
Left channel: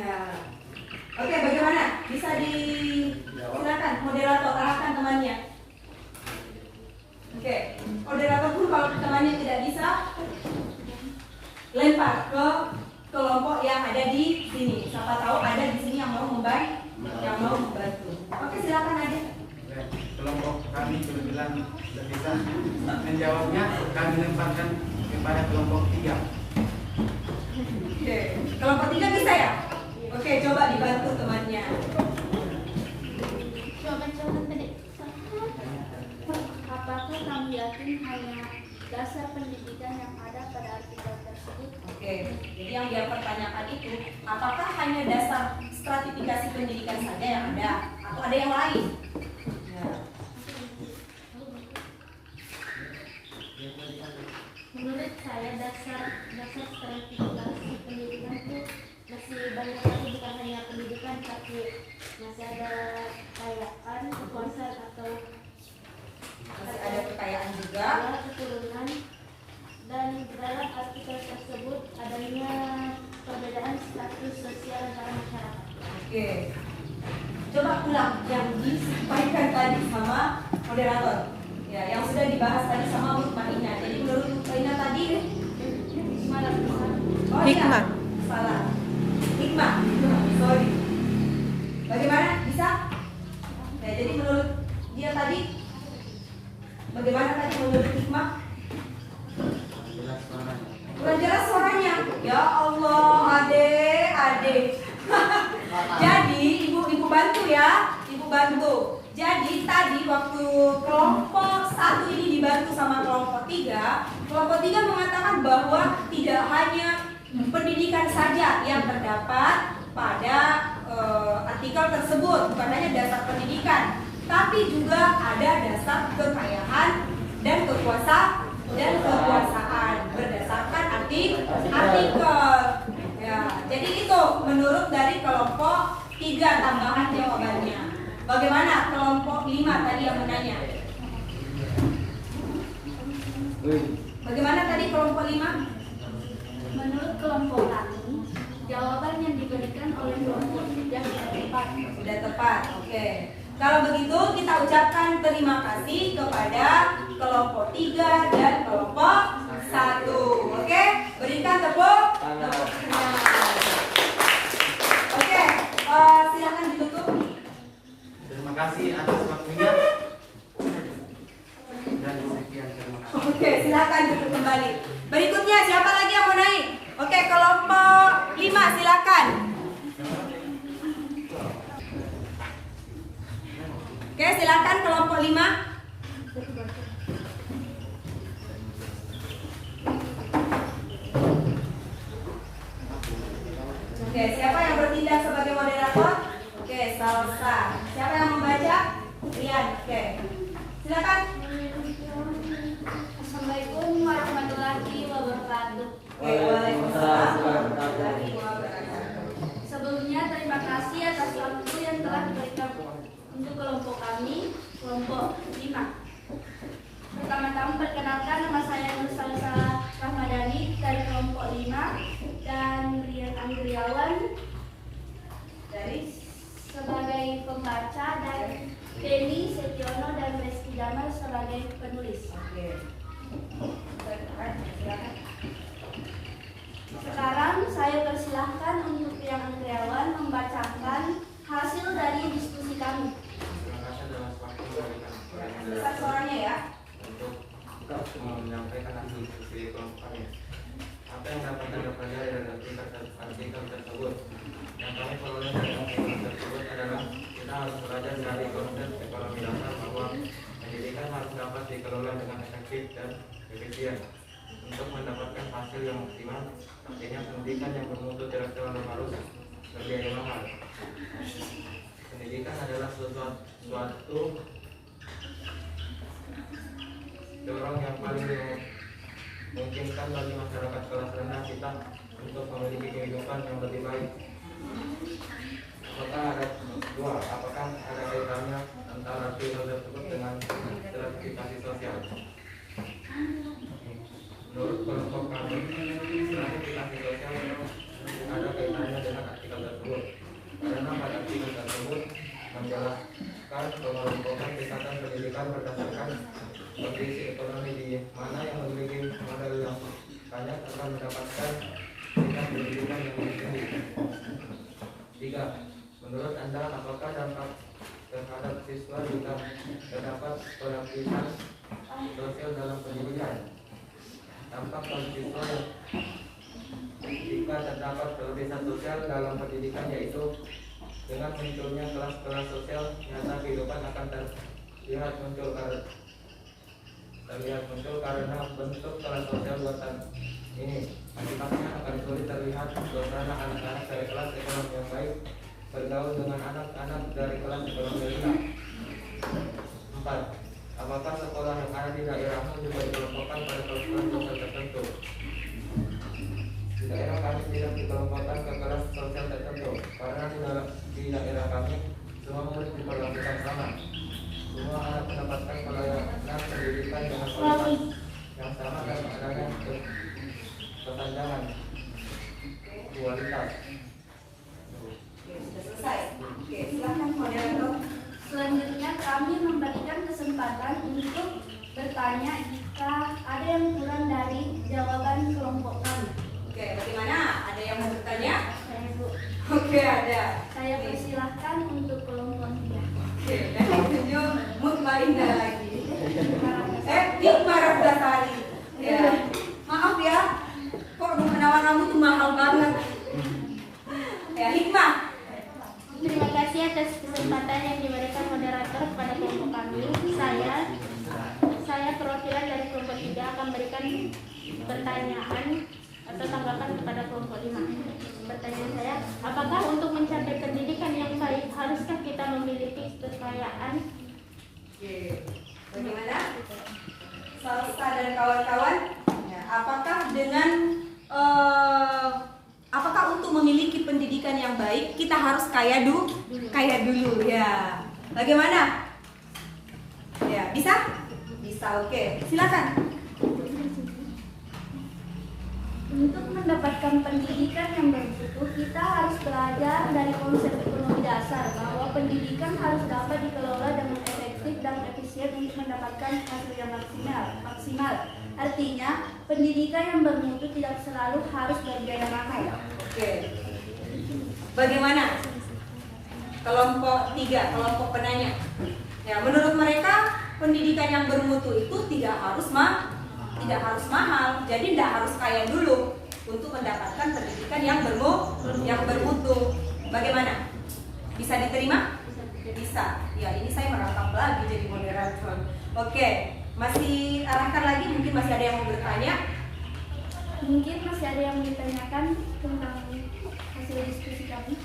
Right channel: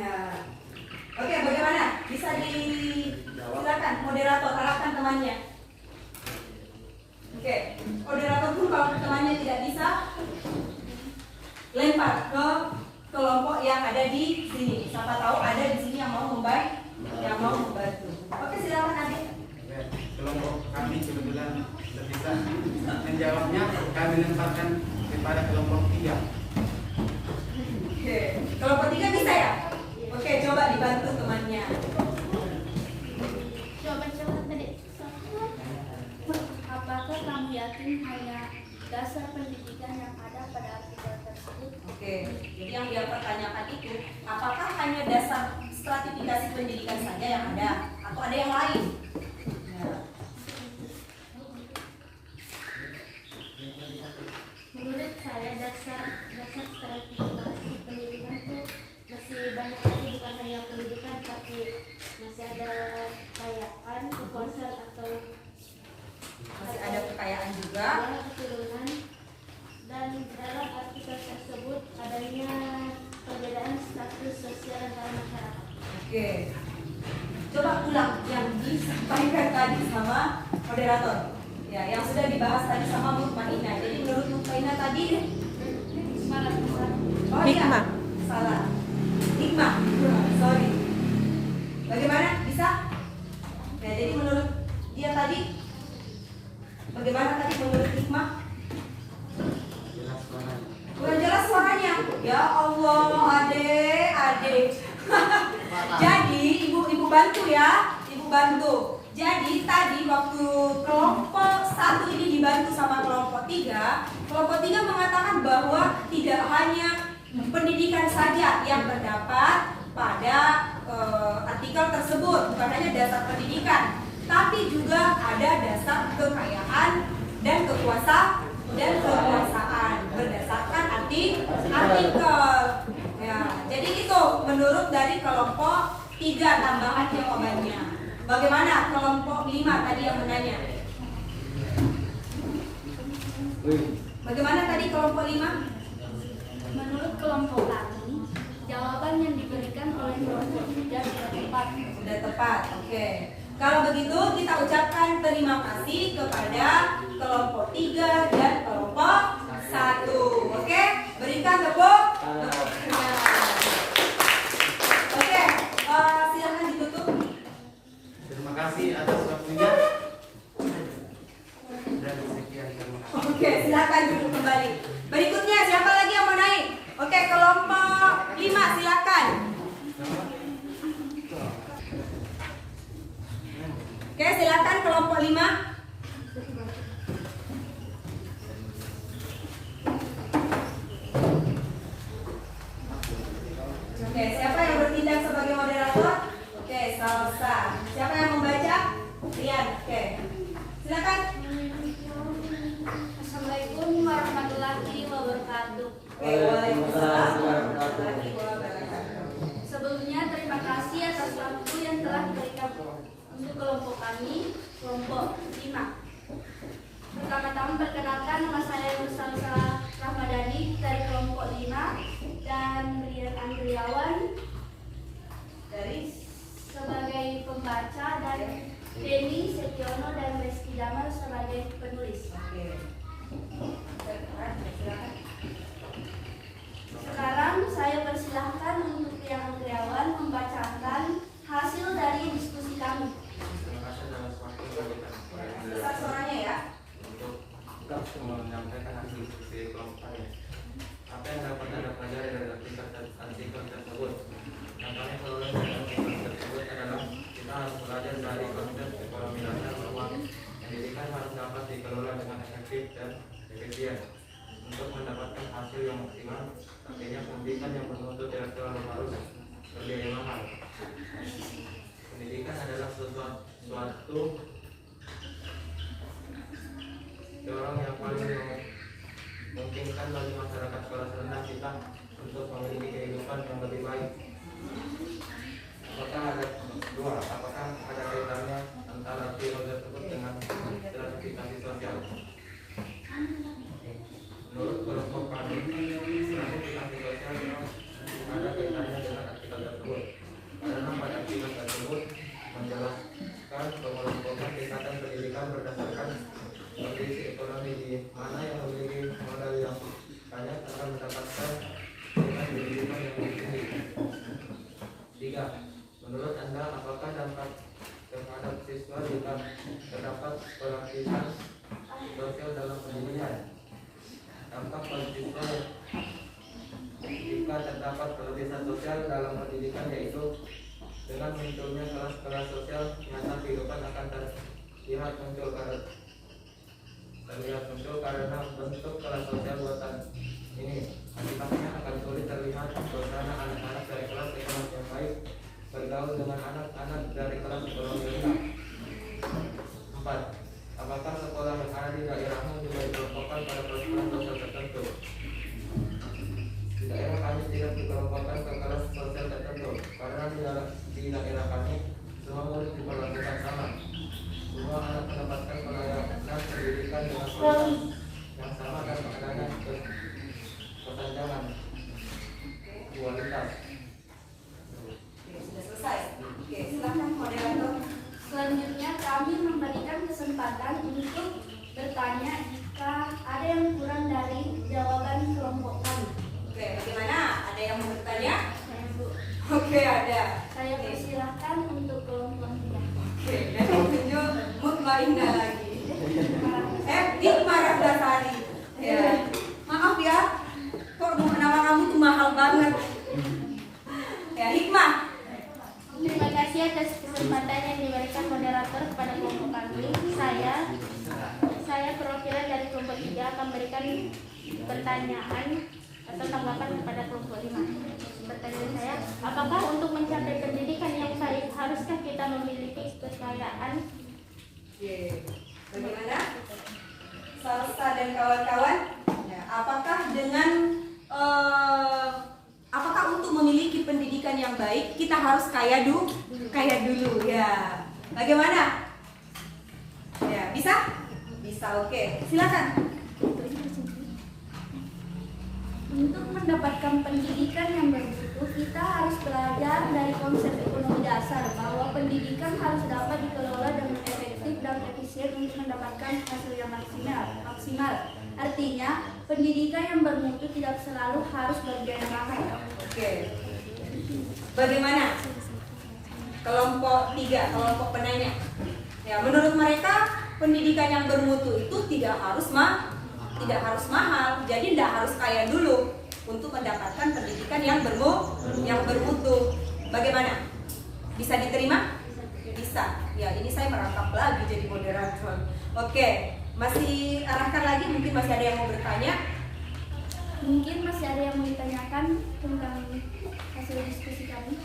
Nah, oke, bagaimana? Bisa silakan moderator arahkan temannya. Oke, moderator pun kalau temannya tidak bisa, lempar ke kelompok yang ada di sini. Siapa tahu ada di sini yang mau membantu. Oke, silakan Adik. Kelompok kami kebetulan bisa menjawabnya, kami lemparkan kepada kelompok 3. Oke, kelompok 3 bisa ya? Oke, coba dibantu temannya. Apakah kamu yakin hanya dasar pendidikan yang ada pada artikel tersebut? Oke, jadi yang dia pertanyakan itu, apakah hanya dasar stratifikasi pendidikan saja yang ada, atau ada yang lain? Ya. Menurut saya dasar stratifikasi pendidikan itu masih banyak lagi, bukan hanya pendidikan tapi masih ada kekayaan, kekuasaan atau Masih ada kekayaan juga. keturunan, dan dalam artikel tersebut adanya perbedaan status sosial antara masyarakat. Oke, coba ulang yang moderator. Ya, yang sudah dibahas tadi sama Bu Ina. Jadi menurut Bu Ina tadi oh, Hikmah. Ya, salah. Hikmah. Sorry. Bagaimana? Bisa? Ya, jadi menurut dia tadi bagaimana tadi menurut hikmah? Jelas suaranya. Kurang jelas suaranya. Ya Allah, adek. Jadi ibu bantu ya, ibu bantu. Jadi tadi waktu kelompok 1 ini dibantu sama kelompok 3, kelompok 3 mengatakan bahwa tidak hanya pendidikan saja yang terdapat pada artikel tersebut, bukan hanya dasar pendidikan, tapi juga ada dasar kekayaan dan kekuasaan berdasarkan artikel. Ya, jadi itu menurut dari kelompok 3 tambahan jawabannya. Bagaimana kelompok 5 tadi yang menanya? Bagaimana tadi kelompok 5? Menurut kelompok kami, jawaban yang diberikan oleh kelompok 3 sudah tepat. Sudah tepat, oke. Kalau begitu kita ucapkan terima kasih kepada kelompok 3 dan kelompok 1. Oke, berikan tepuk tangan. Oke, silakan ditutup. Terima kasih atas waktunya. Dan sekian, terima kasih. Oke, silakan duduk kembali. Berikutnya siapa lagi yang mau naik? Oke, kelompok 5 silakan. Oke, silakan kelompok 5. Oke, siapa yang bertindak sebagai moderator? Oke, Salsa. Siapa yang membaca? Rian. Oke. Silakan. Assalamualaikum warahmatullahi wabarakatuh. Oke, waalaikumsalam warahmatullahi wabarakatuh. Sebelumnya terima kasih atas waktu yang telah diberikan untuk kelompok kami, kelompok 5. Pertama-tama perkenalkan, nama saya Nur Salsa Rahmadani dari kelompok 5 dan Rian Andriawan Dari sebagai pembaca dan Denny Setiono dan Reski Jamal sebagai penulis. Oke. Silakan. Sekarang saya persilahkan untuk Rian Andriawan membacakan hasil dari diskusi kami. Terima kasih atas waktu memberikan kepada Besar moderator suaranya ya. untuk menyampaikan hasil diskusi kelompok kami. Apa yang dapat Anda pelajari dari artikel tersebut? Yang kami peroleh dari artikel tersebut adalah kita harus belajar dari konsep ekonomi dasar bahwa pendidikan harus dapat dikelola dengan efektif dan efisien untuk mendapatkan hasil yang maksimal. Artinya pendidikan yang bermutu tidak terlalu harus berbiaya mahal. Pendidikan adalah suatu dorong yang paling memungkinkan bagi masyarakat kelas rendah kita untuk memiliki kehidupan yang lebih baik. Apakah ada kaitannya antara artikel tersebut dengan stratifikasi sosial? Menurut kelompok kami, stratifikasi sosial ada kaitannya dengan artikel tersebut. Karena pada artikel tersebut menjelaskan pengelompokan tingkatan pendidikan berdasarkan kondisi ekonomi di mana yang memiliki modal yang banyak akan mendapatkan tingkat pendidikan yang lebih tinggi. 3. Menurut Anda, apakah dampak terhadap siswa jika terdapat pelatihan sosial dalam pendidikan? Dampak bagi siswa jika terdapat pelatihan sosial dalam pendidikan yaitu dengan munculnya kelas-kelas sosial nyata kehidupan akan terlihat muncul karena bentuk kelas sosial buatan ini. Akibatnya akan sulit terlihat suasana anak-anak dari kelas ekonomi yang baik bergaul dengan anak-anak dari kelas ekonomi rendah. 4. Apakah sekolah yang ada di daerahmu juga dikelompokkan pada kelas-kelas sosial tertentu? Di daerah kami tidak dikelompokkan ke kelas sosial tertentu karena di daerah kami semua murid diperlakukan sama. Semua anak mendapatkan pelayanan pendidikan dengan kualitas yang sama dan adanya kesenjangan kualitas. Oke, sudah selesai. Oke, silakan moderator. Selanjutnya kami memberikan kesempatan bertanya jika ada yang kurang dari jawaban kelompok kami. Oke, bagaimana? Ada yang mau bertanya? Saya Bu, Oke, ada. saya persilahkan untuk kelompok 3. Oke, dan tunjuk Mutmainah lagi. Hikmah Rabbasari. Ya. Maaf ya, kok nama kamu tuh mahal banget. Ya, Hikmah. Terima kasih atas kesempatan yang diberikan moderator kepada kelompok kami. Saya perwakilan dari kelompok 3 akan memberikan pertanyaan atau tanggapan kepada kelompok 5. Pertanyaan saya, apakah untuk mencapai pendidikan yang baik haruskah kita memiliki kekayaan? Oke, bagaimana? Salsa dan kawan-kawan, ya, apakah untuk memiliki pendidikan yang baik kita harus kaya dulu ya? Bagaimana? Ya, bisa? Bisa, oke. Silakan. Untuk mendapatkan pendidikan yang bermutu, kita harus belajar dari konsep ekonomi dasar bahwa pendidikan harus dapat dikelola dengan efektif dan efisien untuk mendapatkan hasil yang maksimal. Artinya, pendidikan yang bermutu tidak selalu harus berbiaya mahal. Oke. Bagaimana? Kelompok 3, kelompok penanya. Ya, menurut mereka pendidikan yang bermutu itu tidak harus mahal, jadi tidak harus kaya dulu untuk mendapatkan pendidikan yang bermutu. Bagaimana? Bisa diterima? Bisa. Ya, ini saya merangkap lagi jadi moderator. Oke, masih arahkan lagi, mungkin masih ada yang mau bertanya. Mungkin masih ada yang ditanyakan tentang hasil diskusi kami.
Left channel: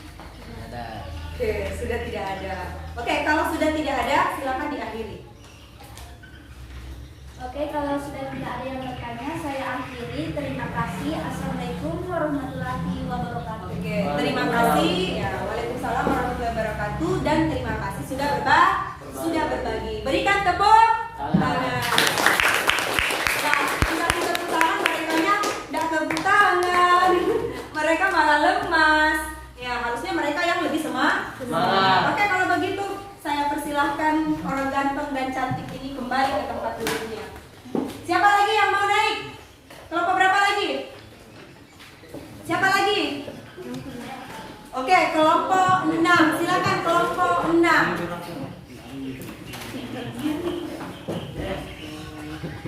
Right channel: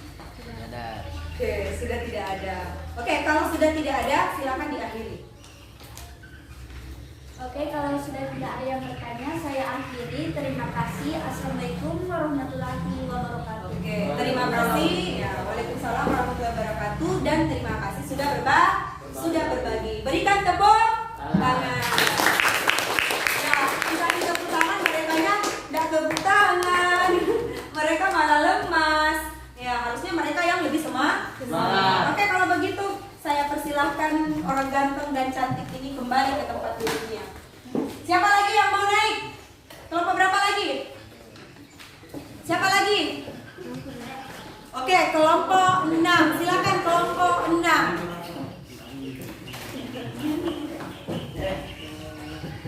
Oke, sudah tidak ada. Oke, kalau sudah tidak ada, silakan diakhiri. Oke, kalau sudah tidak ada yang bertanya, saya akhiri. Terima kasih. Assalamualaikum warahmatullahi wabarakatuh. Oke, terima kasih. Ya, waalaikumsalam warahmatullahi wabarakatuh. Dan terima kasih sudah berbagi. Berikan tepuk tangan. Ya, tidak tepuk tangan, mereka tidak tepuk tangan. Mereka malah lemas. Ya, harusnya mereka yang lebih semangat. Oke, kalau begitu saya persilahkan orang ganteng dan cantik ini kembali ke tempat duduknya. Siapa lagi yang mau naik? Kelompok berapa lagi? Siapa lagi? Oke, kelompok 6. Silakan kelompok 6.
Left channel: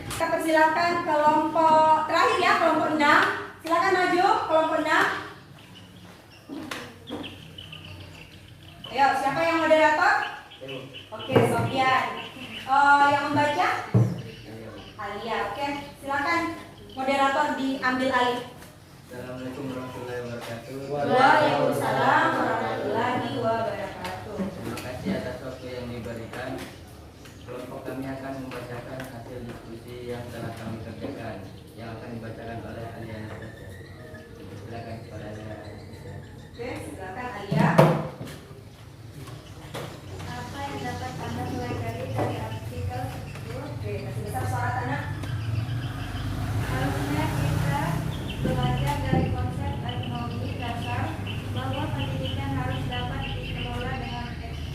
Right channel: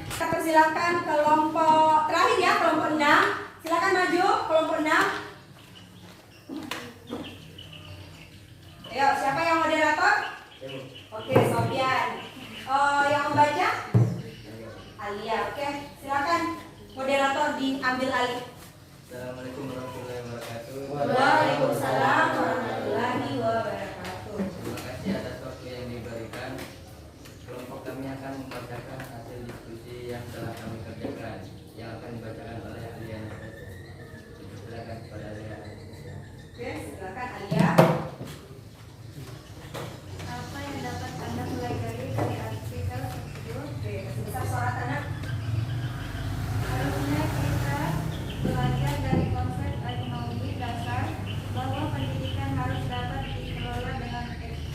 Kita persilakan kelompok terakhir ya, kelompok 6. Silakan maju, kelompok 6. Ayo, siapa yang moderator? Oke, Sofian. Yang membaca? Alia. Oke, silakan moderator diambil alih. Assalamualaikum warahmatullahi wabarakatuh. Waalaikumsalam warahmatullahi wabarakatuh. Terima kasih atas waktu yang diberikan. Kelompok kami akan membacakan hasil diskusi yang telah kami kerjakan, yang akan dibacakan oleh Alia Anastasia. Silakan kepada Alia Anastasia. Oke, silakan Alia. Apa yang dapat Anda pelajari dari artikel tersebut? Oke, kasih besar suara tanah. Harusnya kita belajar dari konsep ekonomi dasar bahwa pendidikan harus dapat dikelola dengan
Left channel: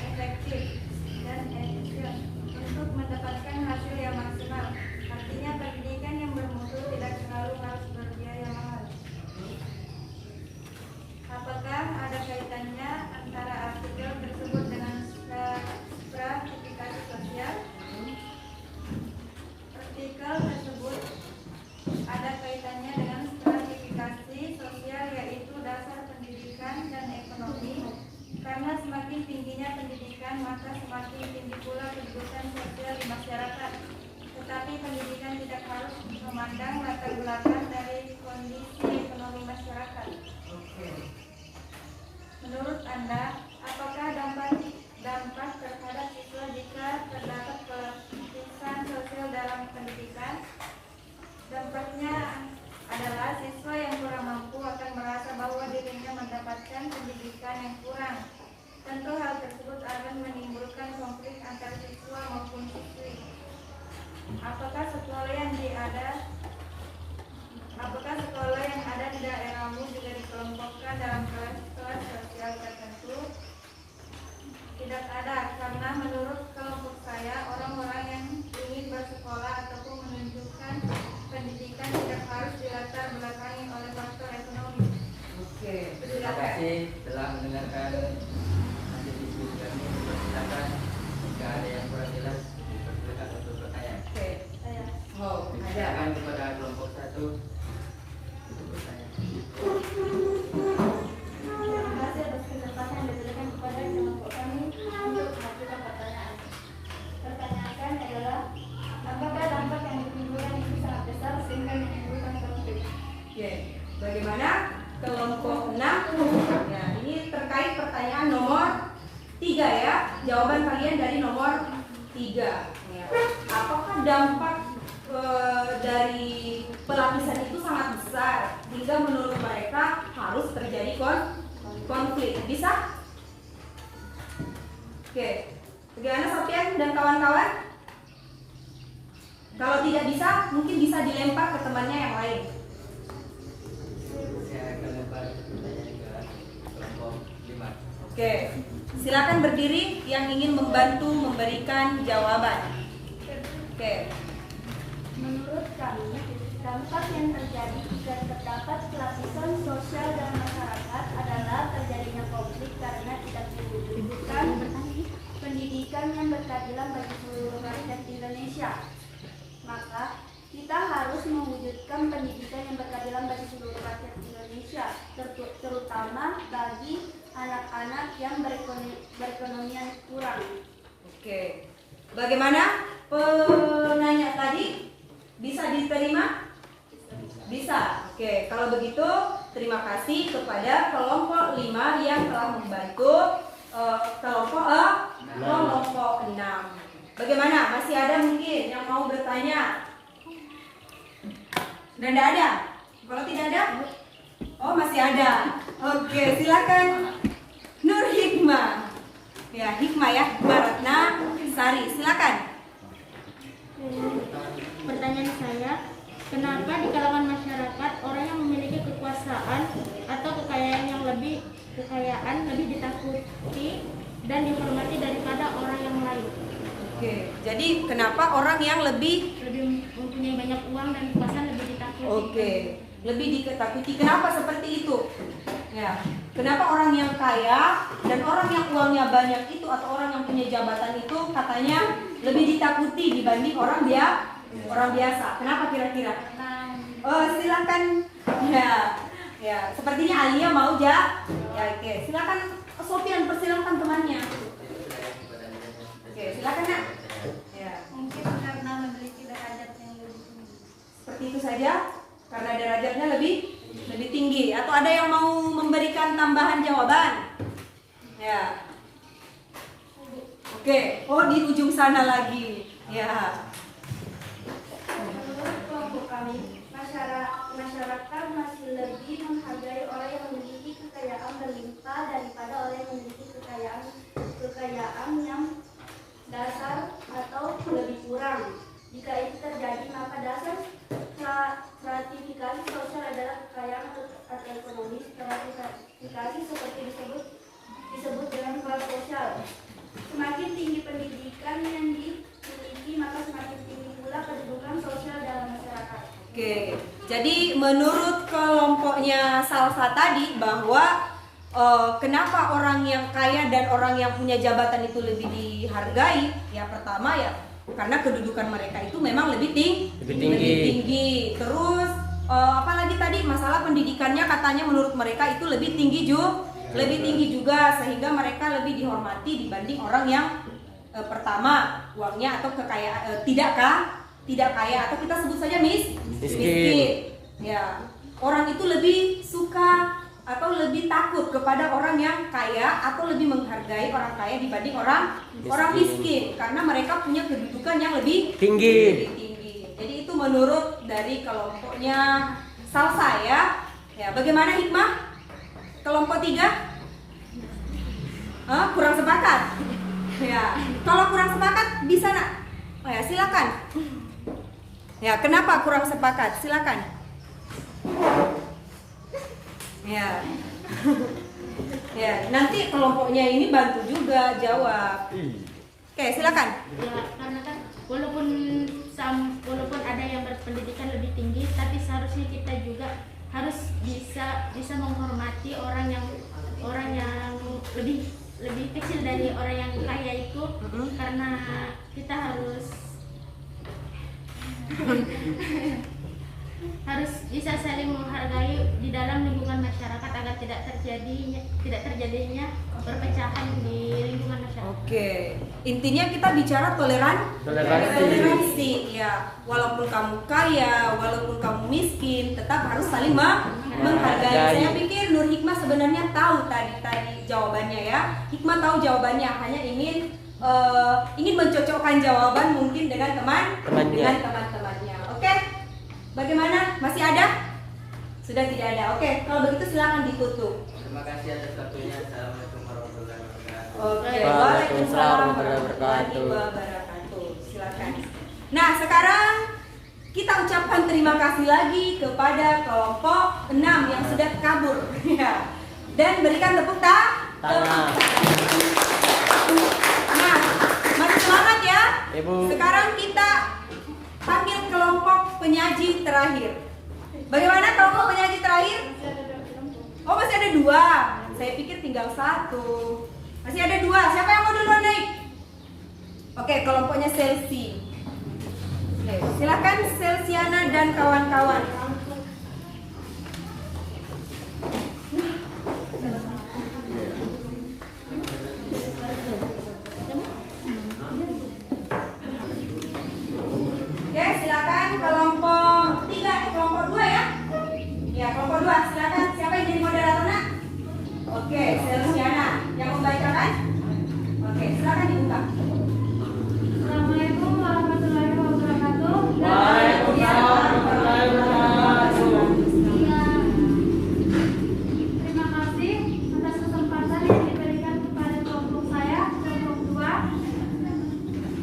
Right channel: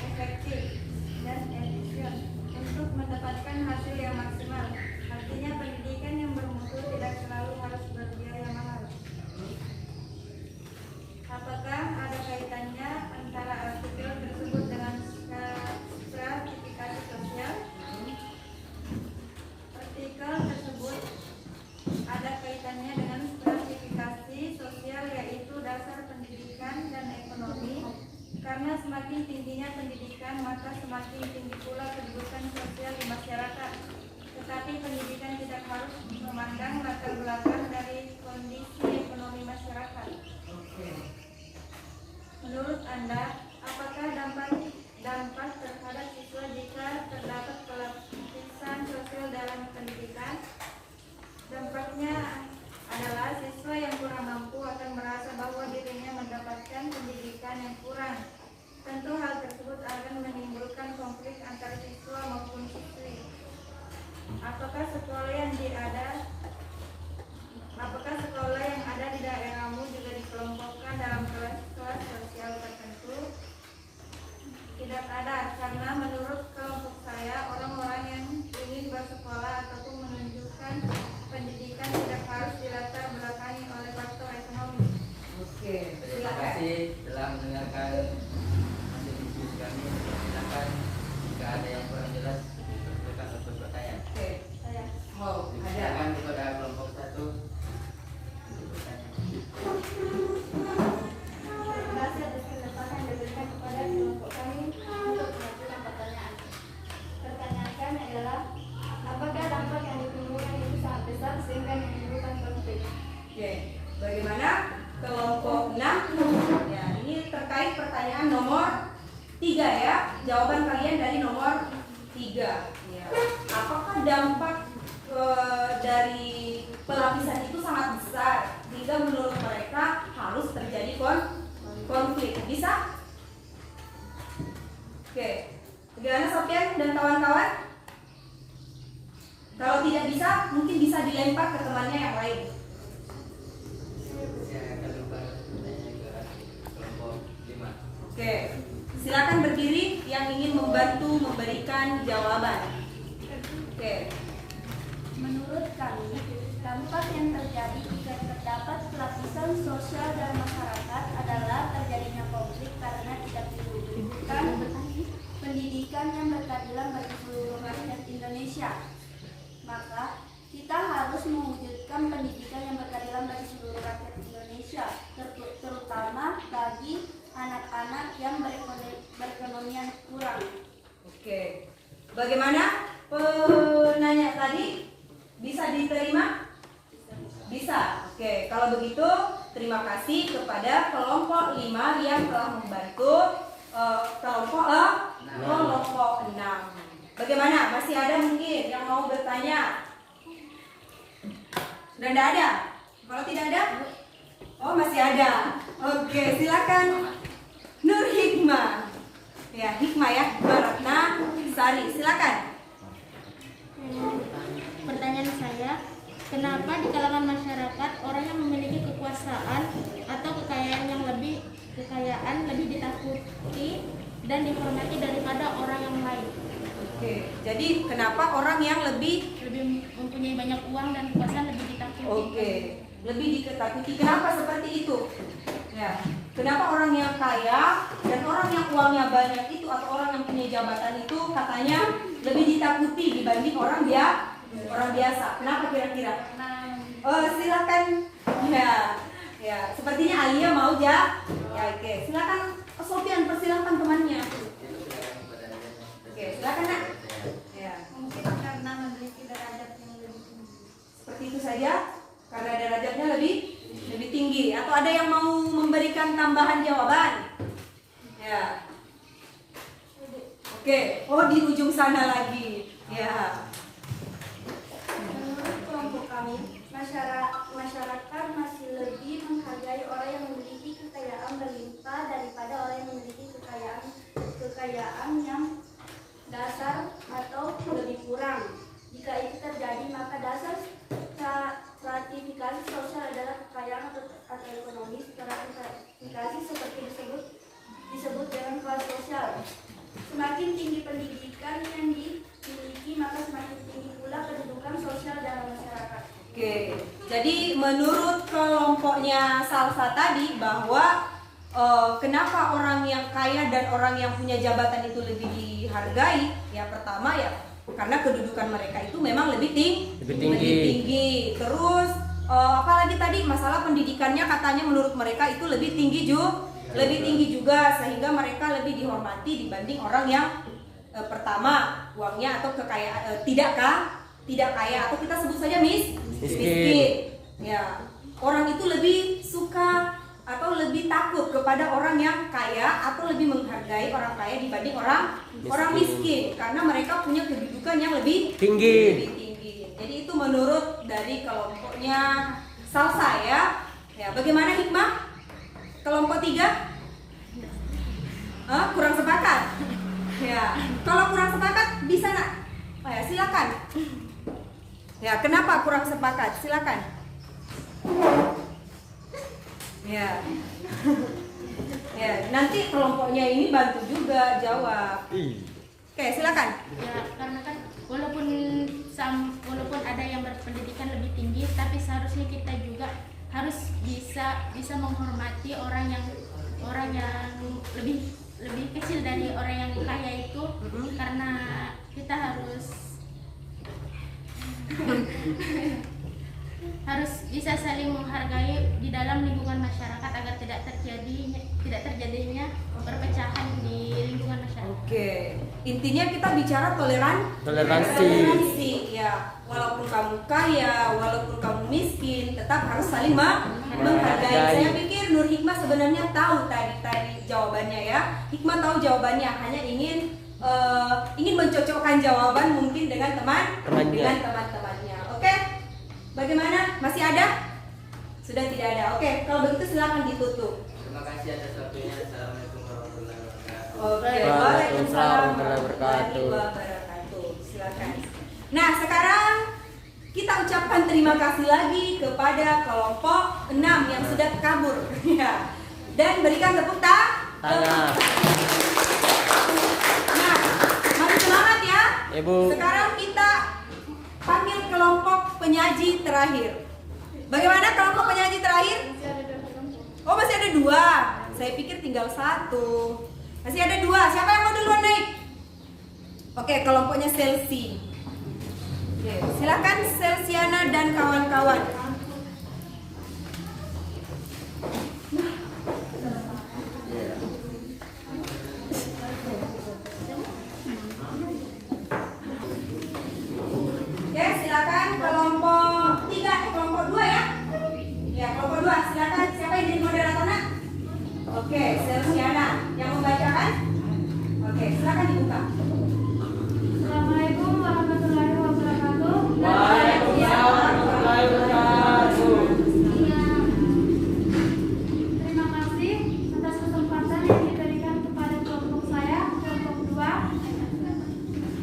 efektif dan efisien untuk mendapatkan hasil yang maksimal. Artinya pendidikan yang bermutu tidak selalu harus berbiaya mahal. Apakah ada kaitannya antara artikel tersebut dengan stratifikasi sosial? Artikel tersebut ada kaitannya dengan stratifikasi sosial, yaitu dasar pendidikan dan ekonomi. Karena semakin tingginya pendidikan, maka semakin tinggi pula kedudukan sosial di masyarakat. Tetapi pendidikan tidak harus memandang latar belakang dari kondisi ekonomi masyarakat. Menurut Anda, apakah dampak terhadap siswa jika terdapat pelatihan sosial dalam pendidikan? Dampaknya adalah siswa yang kurang mampu akan merasa bahwa dirinya mendapatkan pendidikan yang kurang. Tentu hal tersebut akan menimbulkan konflik antar siswa maupun siswi. Apakah sekolah yang ada di daerahmu juga dikelompokkan dalam kelas-kelas sosial tertentu? Tidak ada, karena menurut kelompok saya, orang-orang yang ingin bersekolah ataupun dampak dari pelapisan itu sangat besar hingga menurut mereka harus terjadi konflik. Bisa? Oke. Bagaimana Sofian dan kawan-kawan? Kalau tidak bisa, mungkin bisa dilempar ke temannya yang lain. Saya akan lempar pertanyaan ke kelompok 5. Oke. Silakan berdiri yang ingin membantu memberikan jawaban. Oke. Menurut kami, dampak yang terjadi jika terdapat pelapisan sosial dalam masyarakat adalah terjadinya konflik karena tidak diwujudkan pendidikan yang berkeadilan bagi seluruh rakyat Indonesia. Maka, kita harus mewujudkan pendidikan yang berkeadilan bagi seluruh rakyat Indonesia, terutama bagi anak-anak yang berekonomian kurang. Oke. Bagaimana penanya tadi? Bisa diterima? Bisa. Oke, kalau begitu terima kasih kepada kelompok 5 yang telah membantu kelompok 6. Bagaimana? Masih ada mungkin yang mau bertanya? Sudah tidak ada? Kalau tidak ada? Oh, masih ada. Oke, silakan Nur Hikmah. Ya, Hikmah ya, Ratna Sari. Silakan. Pertanyaan saya, kenapa di kalangan masyarakat orang yang memiliki kekuasaan atau kekayaan lebih ditakuti dan dihormati daripada orang yang lain? Oke, jadi kenapa orang yang lebih mempunyai banyak uang dan kekuasaan lebih ditakuti? Oke, lebih ditakuti. Kenapa seperti itu? Ya, kenapa orang yang kaya dan orang yang uangnya banyak itu atau orang yang punya jabatan itu katanya lebih ditakuti dibanding orang biasa? Kenapa kira-kira? Oh, silakan. Ya, sepertinya Alia mau ya. Oke, silakan Sofian, persilakan temannya. Oke, silakan ya. Ya. Mungkin karena memiliki derajat yang lebih tinggi. Seperti itu saja, karena derajatnya lebih tinggi. Atau ada yang mau memberikan tambahan jawaban? Ya. Oke, oh di ujung sana lagi. Ya. Menurut kelompok kami, masyarakat masih lebih menghargai orang yang memiliki kekayaan berlimpah daripada orang yang memiliki kekayaan yang dasar atau lebih kurang. Jika itu terjadi, maka dasar stratifikasi sosial adalah kekayaan atau ekonomi. Stratifikasi seperti disebut dengan kelas sosial. Semakin tinggi pendidikan yang dimiliki, maka semakin tinggi pula kedudukan sosial dalam masyarakat. Oke, jadi menurut kelompoknya Salsa tadi bahwa kenapa orang yang kaya dan orang yang punya jabatan itu lebih dihargai? Ya pertama ya karena kedudukan mereka itu memang lebih tinggi. Terus apalagi tadi masalah pendidikannya katanya menurut mereka itu lebih tinggi juga sehingga mereka lebih dihormati dibanding orang yang pertama uangnya atau kekayaan tidak kaya atau kita sebut saja miskin. Ya, orang itu lebih suka atau lebih takut kepada orang yang kaya atau lebih menghargai orang kaya dibanding orang miskin karena mereka punya kedudukan yang lebih tinggi. Jadi itu menurut dari kelompoknya Salsa ya. Ya, bagaimana Hikmah? Kelompok 3? Kurang sepakat. Ya, kalau kurang sepakat bisa nak? Oh ya, silakan. Ya, kenapa kurang sepakat? Silakan. Ya. Ya, nanti kelompoknya ini bantu juga jawab. Oke, silakan. Ya, karena kan walaupun ada yang berpendidikan lebih tinggi, tapi seharusnya kita juga harus bisa menghormati orang yang lebih kecil dari orang yang kaya itu, karena kita harus bisa saling menghargai di dalam lingkungan masyarakat agar tidak terjadinya perpecahan di lingkungan masyarakat. Oke, intinya kita bicara toleransi ya. Walaupun kamu kaya, walaupun kamu miskin, tetap harus saling menghargai. Saya pikir Nur Hikmah sebenarnya tahu tadi jawabannya ya. Hikmah tahu jawabannya, hanya ingin ini mencocokkan jawaban mungkin dengan Temannya. teman-temannya. Oke? Bagaimana? Masih ada? Sudah tidak ada. Oke, kalau begitu silakan ditutup. Terima kasih atas waktunya. Assalamualaikum warahmatullahi wabarakatuh. Oke, Waalaikumsalam warahmatullahi wabarakatuh. Silakan. Nah, sekarang kita ucapkan terima kasih lagi kepada kelompok 6 yang sudah kabur. Ya. Dan berikan tepuk tangan. Nah, mari semangat ya. Ibu. Sekarang kita panggil kelompok penyaji terakhir. Bagaimana kelompok penyaji terakhir? Masih ada 2 kelompok. Oh, masih ada 2. Saya pikir tinggal 1. Masih ada 2. Siapa yang mau duluan naik? Oke, kelompoknya Selsi. Oke, silakan Selsiana dan kawan-kawan. Ya, silakan kelompok 3, kelompok 2 ya. Ya, kelompok 2, silakan. Siapa yang jadi moderator, Nak? Oke, Selsiana yang membacakan. Oke, silakan dibuka. Assalamualaikum warahmatullahi wabarakatuh. Waalaikumsalam warahmatullahi wabarakatuh. Terima kasih atas kesempatan yang diberikan kepada kelompok saya, kelompok 2.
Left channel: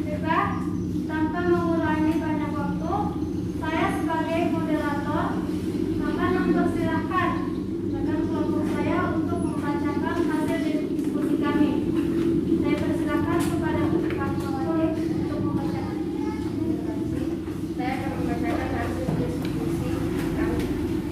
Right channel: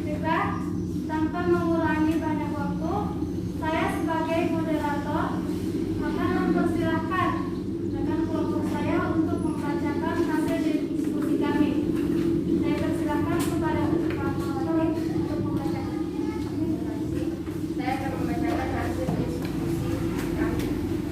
Juga tanpa mengurangi banyak waktu, saya sebagai moderator akan mempersilahkan rekan kelompok saya untuk membacakan hasil diskusi kami. Saya persilahkan kepada Pak Mawati untuk membacakan. Saya akan membacakan hasil diskusi kami.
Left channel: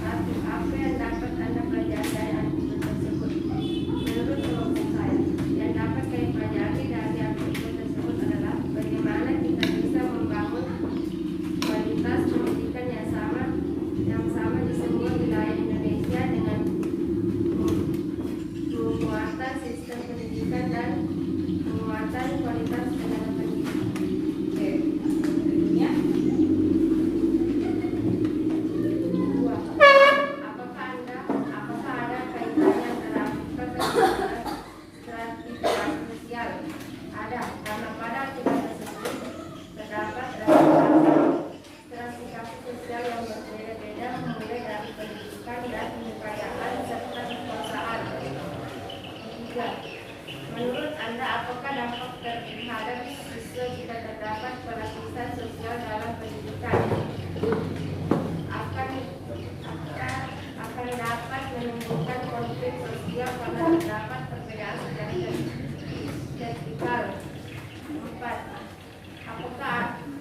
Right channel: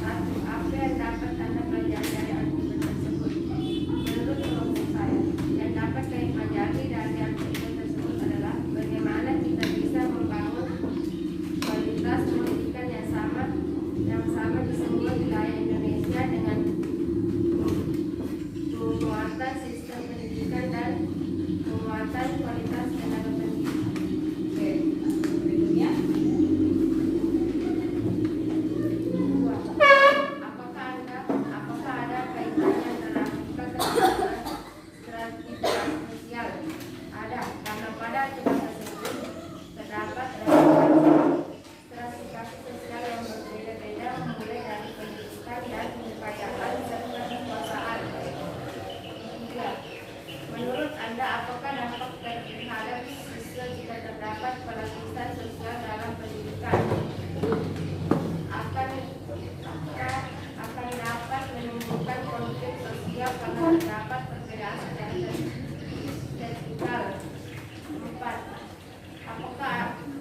1. Apa yang dapat Anda pelajari dari artikel tersebut? Menurut kelompok saya, yang dapat saya pelajari dari artikel tersebut adalah bagaimana kita bisa membangun kualitas pendidikan yang sama di semua wilayah Indonesia dengan penguatan sistem pendidikan dan penguatan kualitas tenaga pendidik. Oke, berikutnya. 2. Apakah ada kaitannya antara artikel tersebut dengan stratifikasi sosial? Ada, karena pada artikel tersebut terdapat stratifikasi sosial yang berbeda-beda mulai dari pendidikan dan kekayaan serta kekuasaan. 3. Menurut Anda, apakah dampak terhadap siswa jika terdapat pelapisan sosial dalam pendidikan? Akan dapat menimbulkan konflik sosial karena terdapat perbedaan secara vertikal. 4.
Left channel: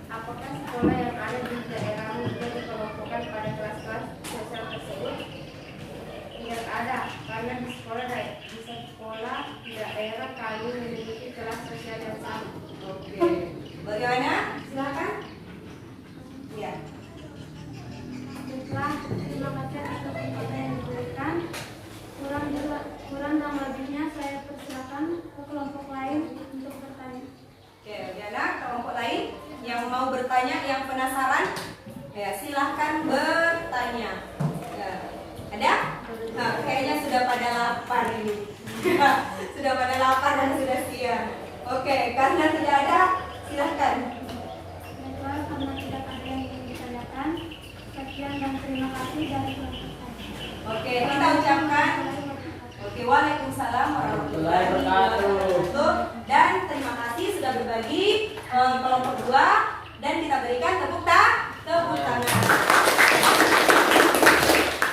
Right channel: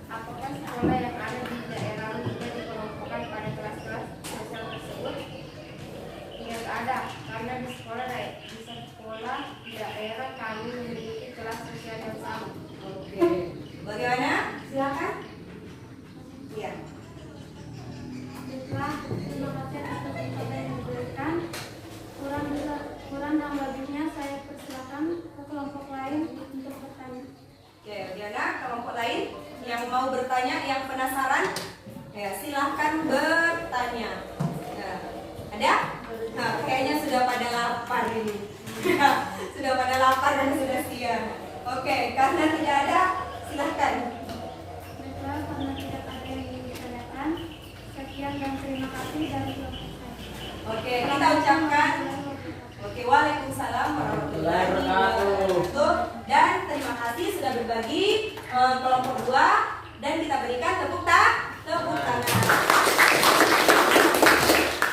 Apakah sekolah yang ada di daerahmu juga dikelompokkan pada kelas-kelas sosial tersebut? Tidak ada, karena di sekolah di daerah kami memiliki kelas sosial yang sama. Oke. Bagaimana? Silakan. Iya. Baiklah, terima kasih atas kesempatan yang diberikan. Kurang dan lebihnya saya persilakan ke kelompok lain untuk bertanya. Oke, Diana, kelompok lain yang mau bertanya, yang penasaran, ya silahkan bertanya. Ya. Ada? Nah, kayaknya sudah pada lapar ini. Sudah pada lapar dan sudah siang. Oke, karena tidak ada, silahkan. Baiklah, karena tidak ada yang ingin ditanyakan, sekian dan terima kasih dari kelompok saya. Oke, kita ucapkan. Oke, waalaikumsalam warahmatullahi wabarakatuh. Dan terima kasih sudah berbagi kelompok 2 dan kita berikan tepuk tangan.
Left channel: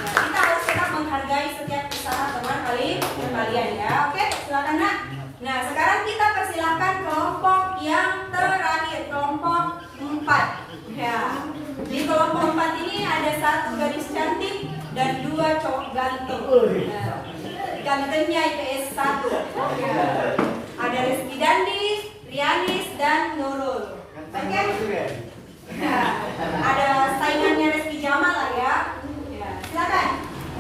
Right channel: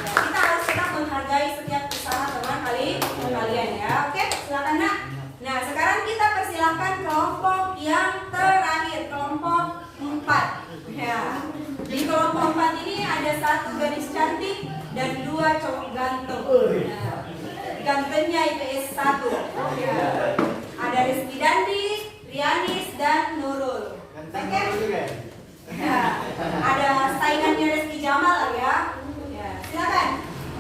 Ya, kita harus tetap menghargai setiap usaha teman kalian ya. Oke, silakan Nak. Nah, sekarang kita persilahkan kelompok yang terakhir, kelompok 4. Ya. Di kelompok 4 ini ada 1 gadis cantik dan 2 cowok ganteng. Ya. Gantengnya IPS 1. Ya. Ada Rizky Dandi, Rianis, dan Nurul. Oke? Ya. Ada saingannya Rizky Jamal lah ya. Ya. Silakan.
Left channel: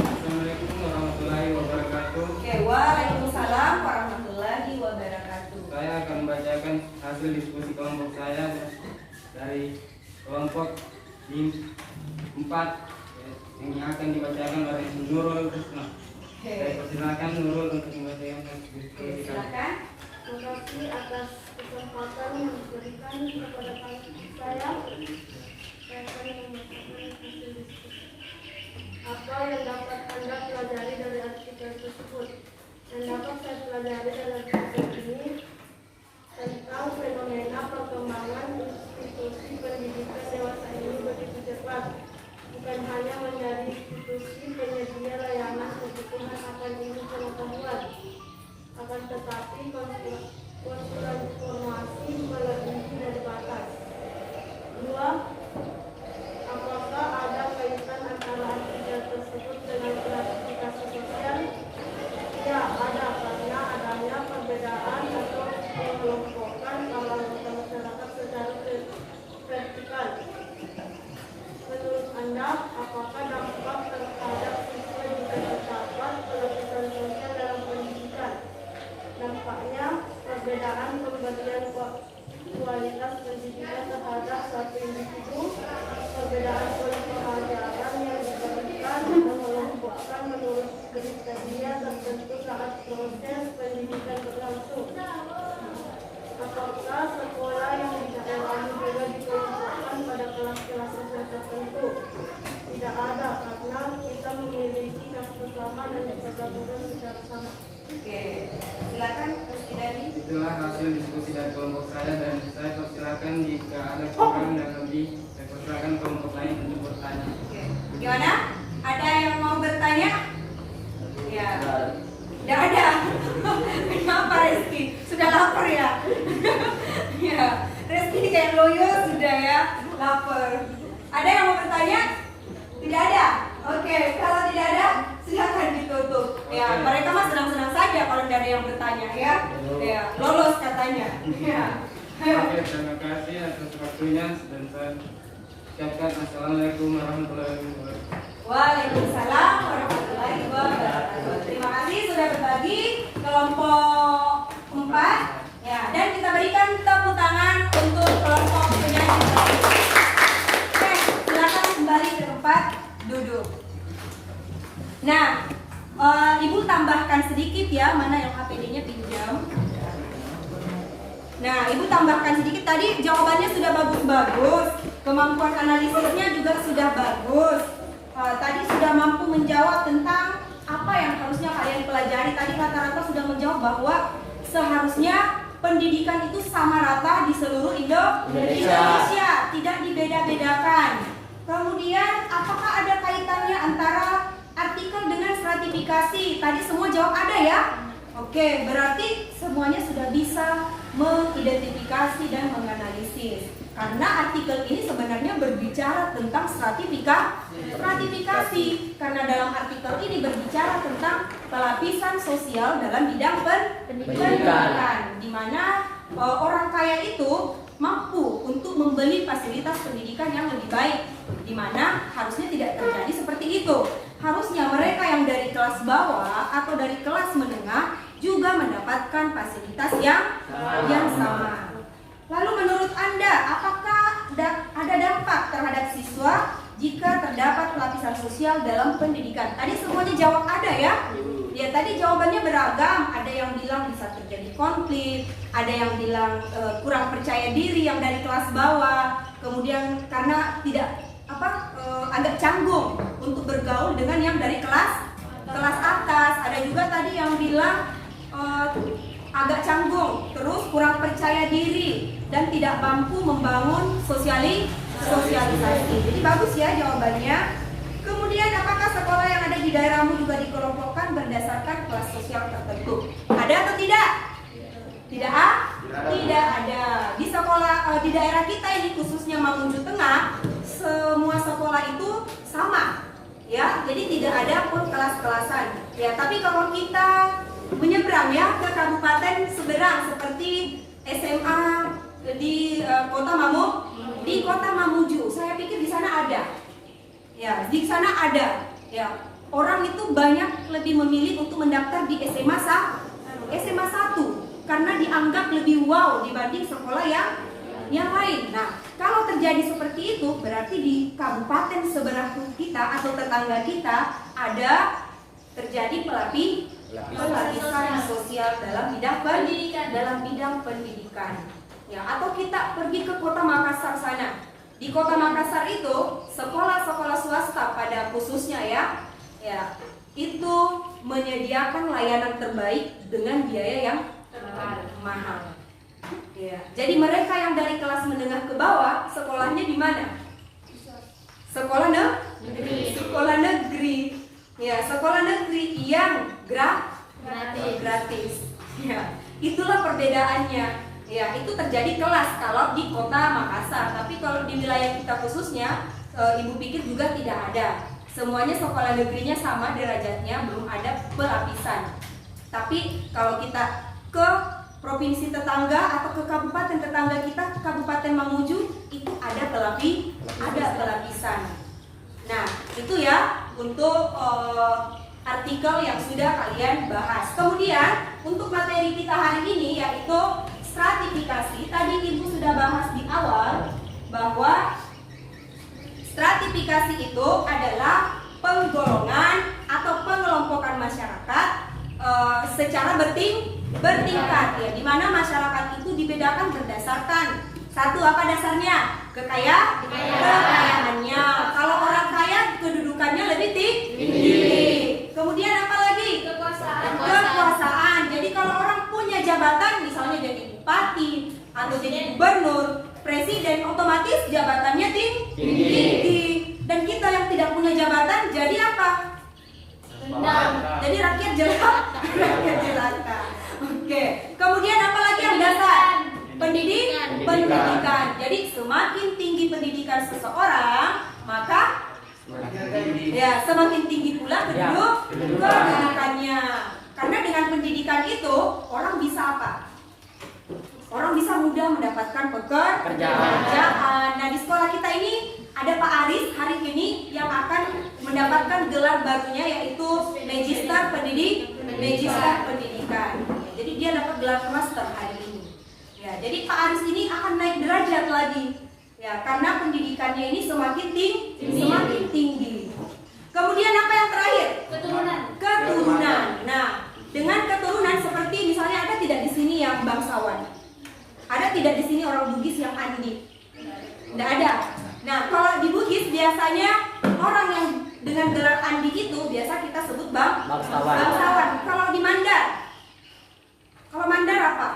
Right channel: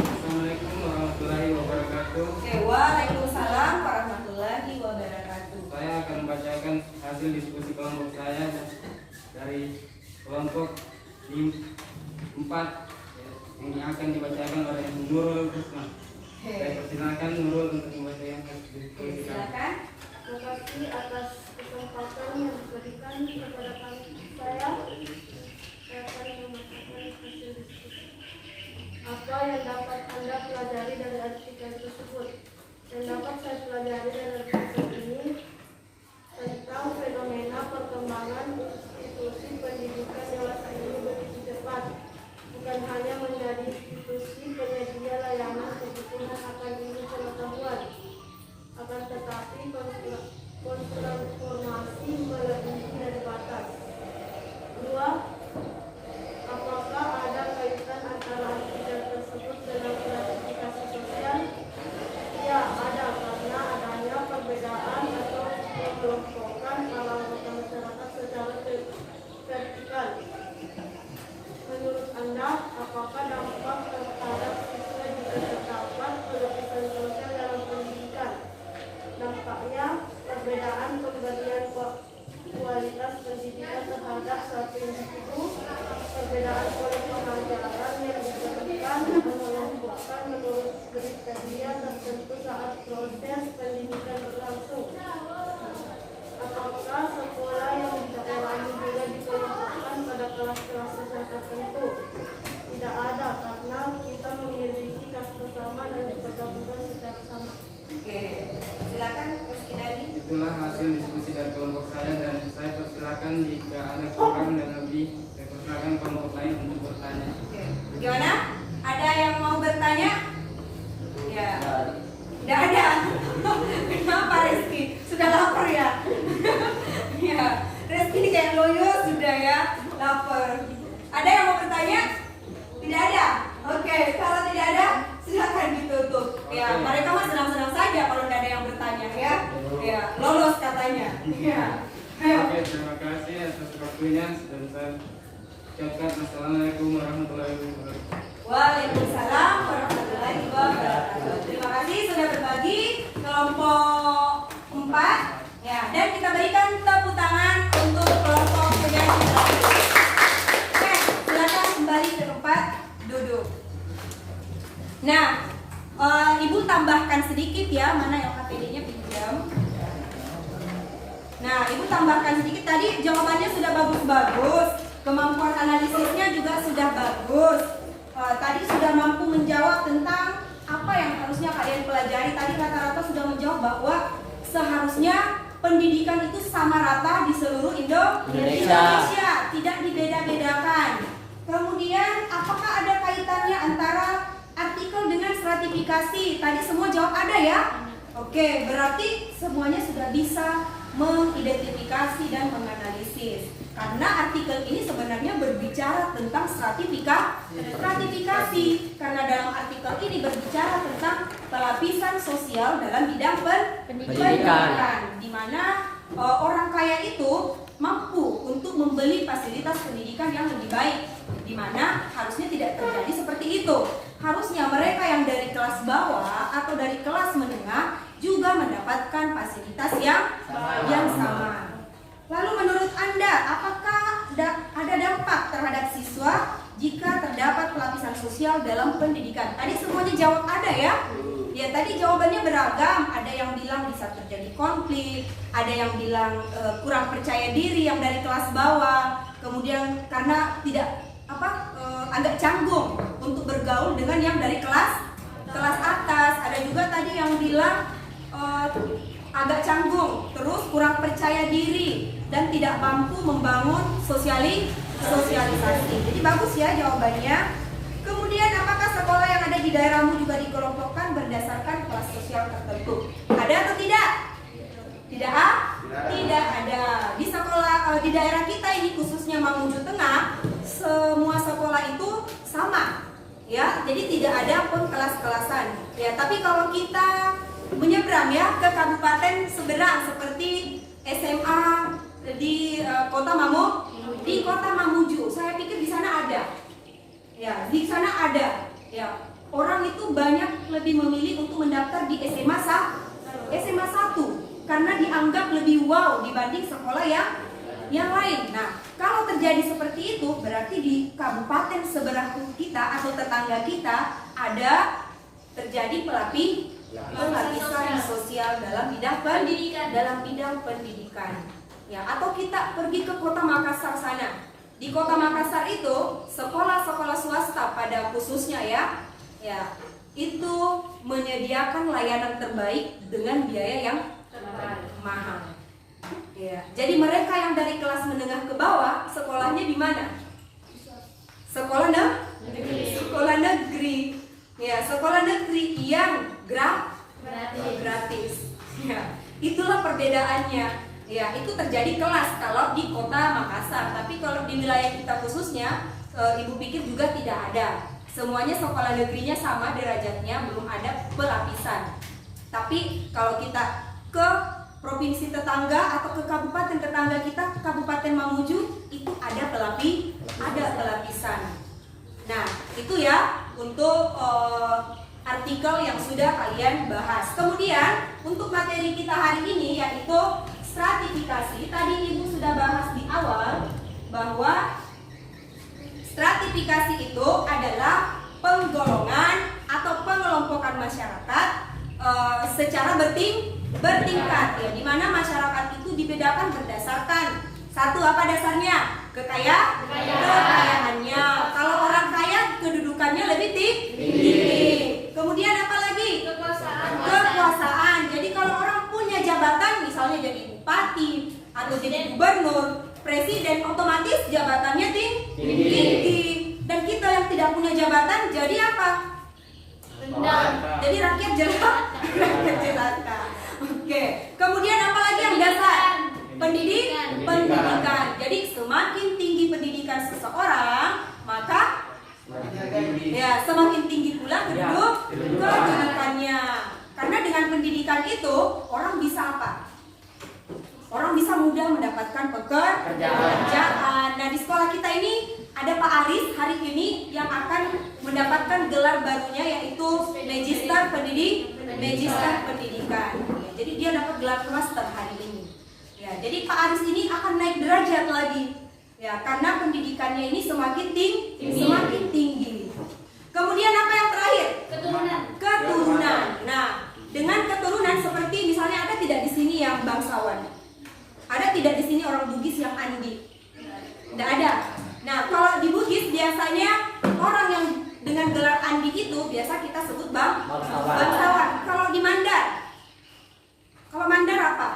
Assalamualaikum warahmatullahi wabarakatuh. Oke, waalaikumsalam warahmatullahi wabarakatuh. Saya akan membacakan hasil diskusi kelompok saya dari kelompok 4 yang akan dibacakan oleh Nurul Krisna. Saya persilakan Nurul untuk membacakan diskusi kami. Silakan. Terima kasih atas kesempatan yang diberikan kepada saya akan memaparkan hasil diskusi. Apa yang dapat Anda pelajari dari artikel tersebut? Yang dapat saya pelajari dari artikel ini tentang fenomena perkembangan institusi pendidikan dewasa ini begitu cepat. Bukan hanya menjadi institusi penyedia layanan kebutuhan akan ilmu pengetahuan, akan tetapi konsulan informasi melebihi dari batas. 2. Apakah ada kaitan antara artikel tersebut dengan klasifikasi sosial? Ya, ada, karena adanya perbedaan atau pengelompokan kalangan masyarakat secara vertikal. Menurut Anda, apakah dampak terhadap siswa jika terdapat pelapisan sosial dalam pendidikan? Dampaknya, perbedaan pemberian kualitas pendidikan terhadap satu individu, perbedaan pola pengajaran yang diberikan, mengelompokkan menurut kriteria tertentu saat proses pendidikan berlangsung. Apakah sekolah yang di daerahmu juga dikelompokkan pada kelas-kelas sosial tertentu? Tidak ada, karena kita memiliki kasus sama dan diperlakukan secara sama. Oke, silakan Presiden. Itulah hasil diskusi dari kelompok saya, dan saya persilakan jika ada kurang dan lebih, saya persilakan kelompok lain untuk bertanya. Oke, gimana? Ada yang mau bertanya? Ya. Tidak ada. Kenapa Reski? Sudah lapar ya? Ya, Reski ini kayak loyo sudah ya, lapar. Ada yang mau bertanya? Tidak ada. Oke, kalau tidak ada, silakan ditutup. Ya, mereka mah senang-senang saja kalau tidak ada yang bertanya ya. Ya, lolos katanya. Ya. Oke, terima kasih atas waktunya, dan saya ucapkan assalamualaikum warahmatullahi wabarakatuh. Waalaikumsalam warahmatullahi wabarakatuh. Terima kasih sudah berbagi kelompok 4 ya, dan kita berikan tepuk tangan untuk kelompok yang terakhir. Oke, silakan kembali ke tempat duduk. Nah, Ibu tambahkan sedikit ya, mana yang HPD-nya pinjam. Nah, Ibu tambahkan sedikit, tadi jawabannya sudah bagus-bagus, kemampuan analisisnya juga sudah bagus. Tadi sudah mampu menjawab tentang apa yang harusnya kalian pelajari. Tadi rata-rata sudah menjawab bahwa seharusnya pendidikan itu sama rata di seluruh Indonesia, tidak dibeda-bedakan. Kemudian apakah ada kaitannya antara artikel dengan stratifikasi? Tadi semua jawab ada ya. Oke, berarti semuanya sudah bisa mengidentifikasi dan menganalisis. Karena artikel ini sebenarnya berbicara tentang stratifikasi. Karena dalam artikel ini berbicara tentang pelapisan sosial dalam bidang pendidikan, di mana orang kaya itu mampu untuk membeli fasilitas pendidikan yang lebih baik, di mana harusnya tidak terjadi seperti itu. Harusnya mereka yang dari kelas bawah atau dari kelas menengah juga mendapatkan fasilitas yang sama. Lalu menurut Anda, apakah ada dampak terhadap siswa jika terdapat pelapisan sosial dalam pendidikan? Tadi semuanya jawab ada ya? Ya, tadi jawabannya beragam. Ada yang bilang bisa terjadi konflik, ada yang bilang kurang percaya diri yang dari kelas bawah, kemudian karena tidak agak canggung untuk bergaul dengan yang dari kelas atas. Ada juga tadi yang bilang agak canggung, terus kurang percaya diri dan tidak mampu membangun sosialisasi. Jadi bagus ya jawabannya. Kemudian apakah sekolah yang ada di daerahmu juga dikelompokkan berdasarkan kelas sosial tertentu? Ada atau tidak? Tidak ada. Di sekolah di daerah kita ini khususnya Mamuju Tengah, semua sekolah itu sama. Ya, jadi tidak ada pun kelas-kelasan. Ya, tapi kalau kita menyeberang ya ke kabupaten seberang seperti SMA di Kota Mamuju, saya pikir di sana ada. Ya, di sana ada. Ya, orang itu banyak lebih memilih untuk mendaftar di SMA 1 karena dianggap lebih wow dibanding sekolah yang lain. Nah, kalau terjadi seperti itu, berarti di kabupaten seberang kita atau tetangga kita ada terjadi pelapisan sosial dalam bidang pendidikan. Ya, atau kita pergi ke kota Makassar sana. Di kota Makassar itu sekolah-sekolah swasta pada khususnya ya, itu menyediakan layanan terbaik dengan biaya yang mahal. Ya, jadi mereka yang dari kelas menengah ke bawah sekolahnya di mana? Sekolah negeri. Ya, sekolah negeri yang gratis. Ya, itulah perbedaannya. Ya, itu terjadi kelas kalau di kota Makassar. Tapi kalau di wilayah kita khususnya, Ibu pikir juga tidak ada. Semuanya sekolah negerinya sama derajatnya, belum ada pelapisan. Tapi kalau kita ke provinsi tetangga atau ke kabupaten tetangga kita, Kabupaten Mamuju, itu ada pelapisan. Nah, itu ya untuk artikel yang sudah kalian bahas. Kemudian untuk materi kita hari ini yaitu stratifikasi. Tadi Ibu sudah bahas di awal bahwa stratifikasi itu adalah penggolongan atau pengelompokan masyarakat secara bertingkat ya, di mana masyarakat itu dibedakan berdasarkan satu, apa dasarnya? Kekayaannya. Kalau orang kaya kedudukannya lebih tinggi. Kemudian apa lagi? Kekuasaan. Jadi kalau orang punya jabatan, misalnya jadi bupati atau jadi gubernur, presiden, otomatis jabatannya tinggi. Dan kita yang tidak punya jabatan jadi apa? Jadi rakyat jelata. Oke. Kemudian apa lagi yang dasar? Pendidikan. Jadi semakin tinggi pendidikan seseorang, maka ya semakin tinggi pula kedudukannya. Karena dengan pendidikan itu orang bisa apa? Orang bisa mudah mendapatkan pekerjaan. Nah, di sekolah kita ini ada Pak Aris hari ini yang akan mendapatkan gelar barunya yaitu Magister Pendidikan. Ya, jadi dia dapat gelar master hari ini. Ya, jadi Pak Aris ini akan naik derajat lagi. Ya, karena pendidikannya ini semakin tinggi. Kemudian apa yang terakhir? Keturunan. Nah, dengan keturunan seperti misalnya ada tidak di sini yang bangsawan? Ada tidak di sini orang Bugis yang Andi? Tidak ada. Nah, kalau di Bugis biasanya orang yang dengan gelar Andi itu biasa kita sebut bangsawan. Kalau di Mandar? Kalau Mandar apa?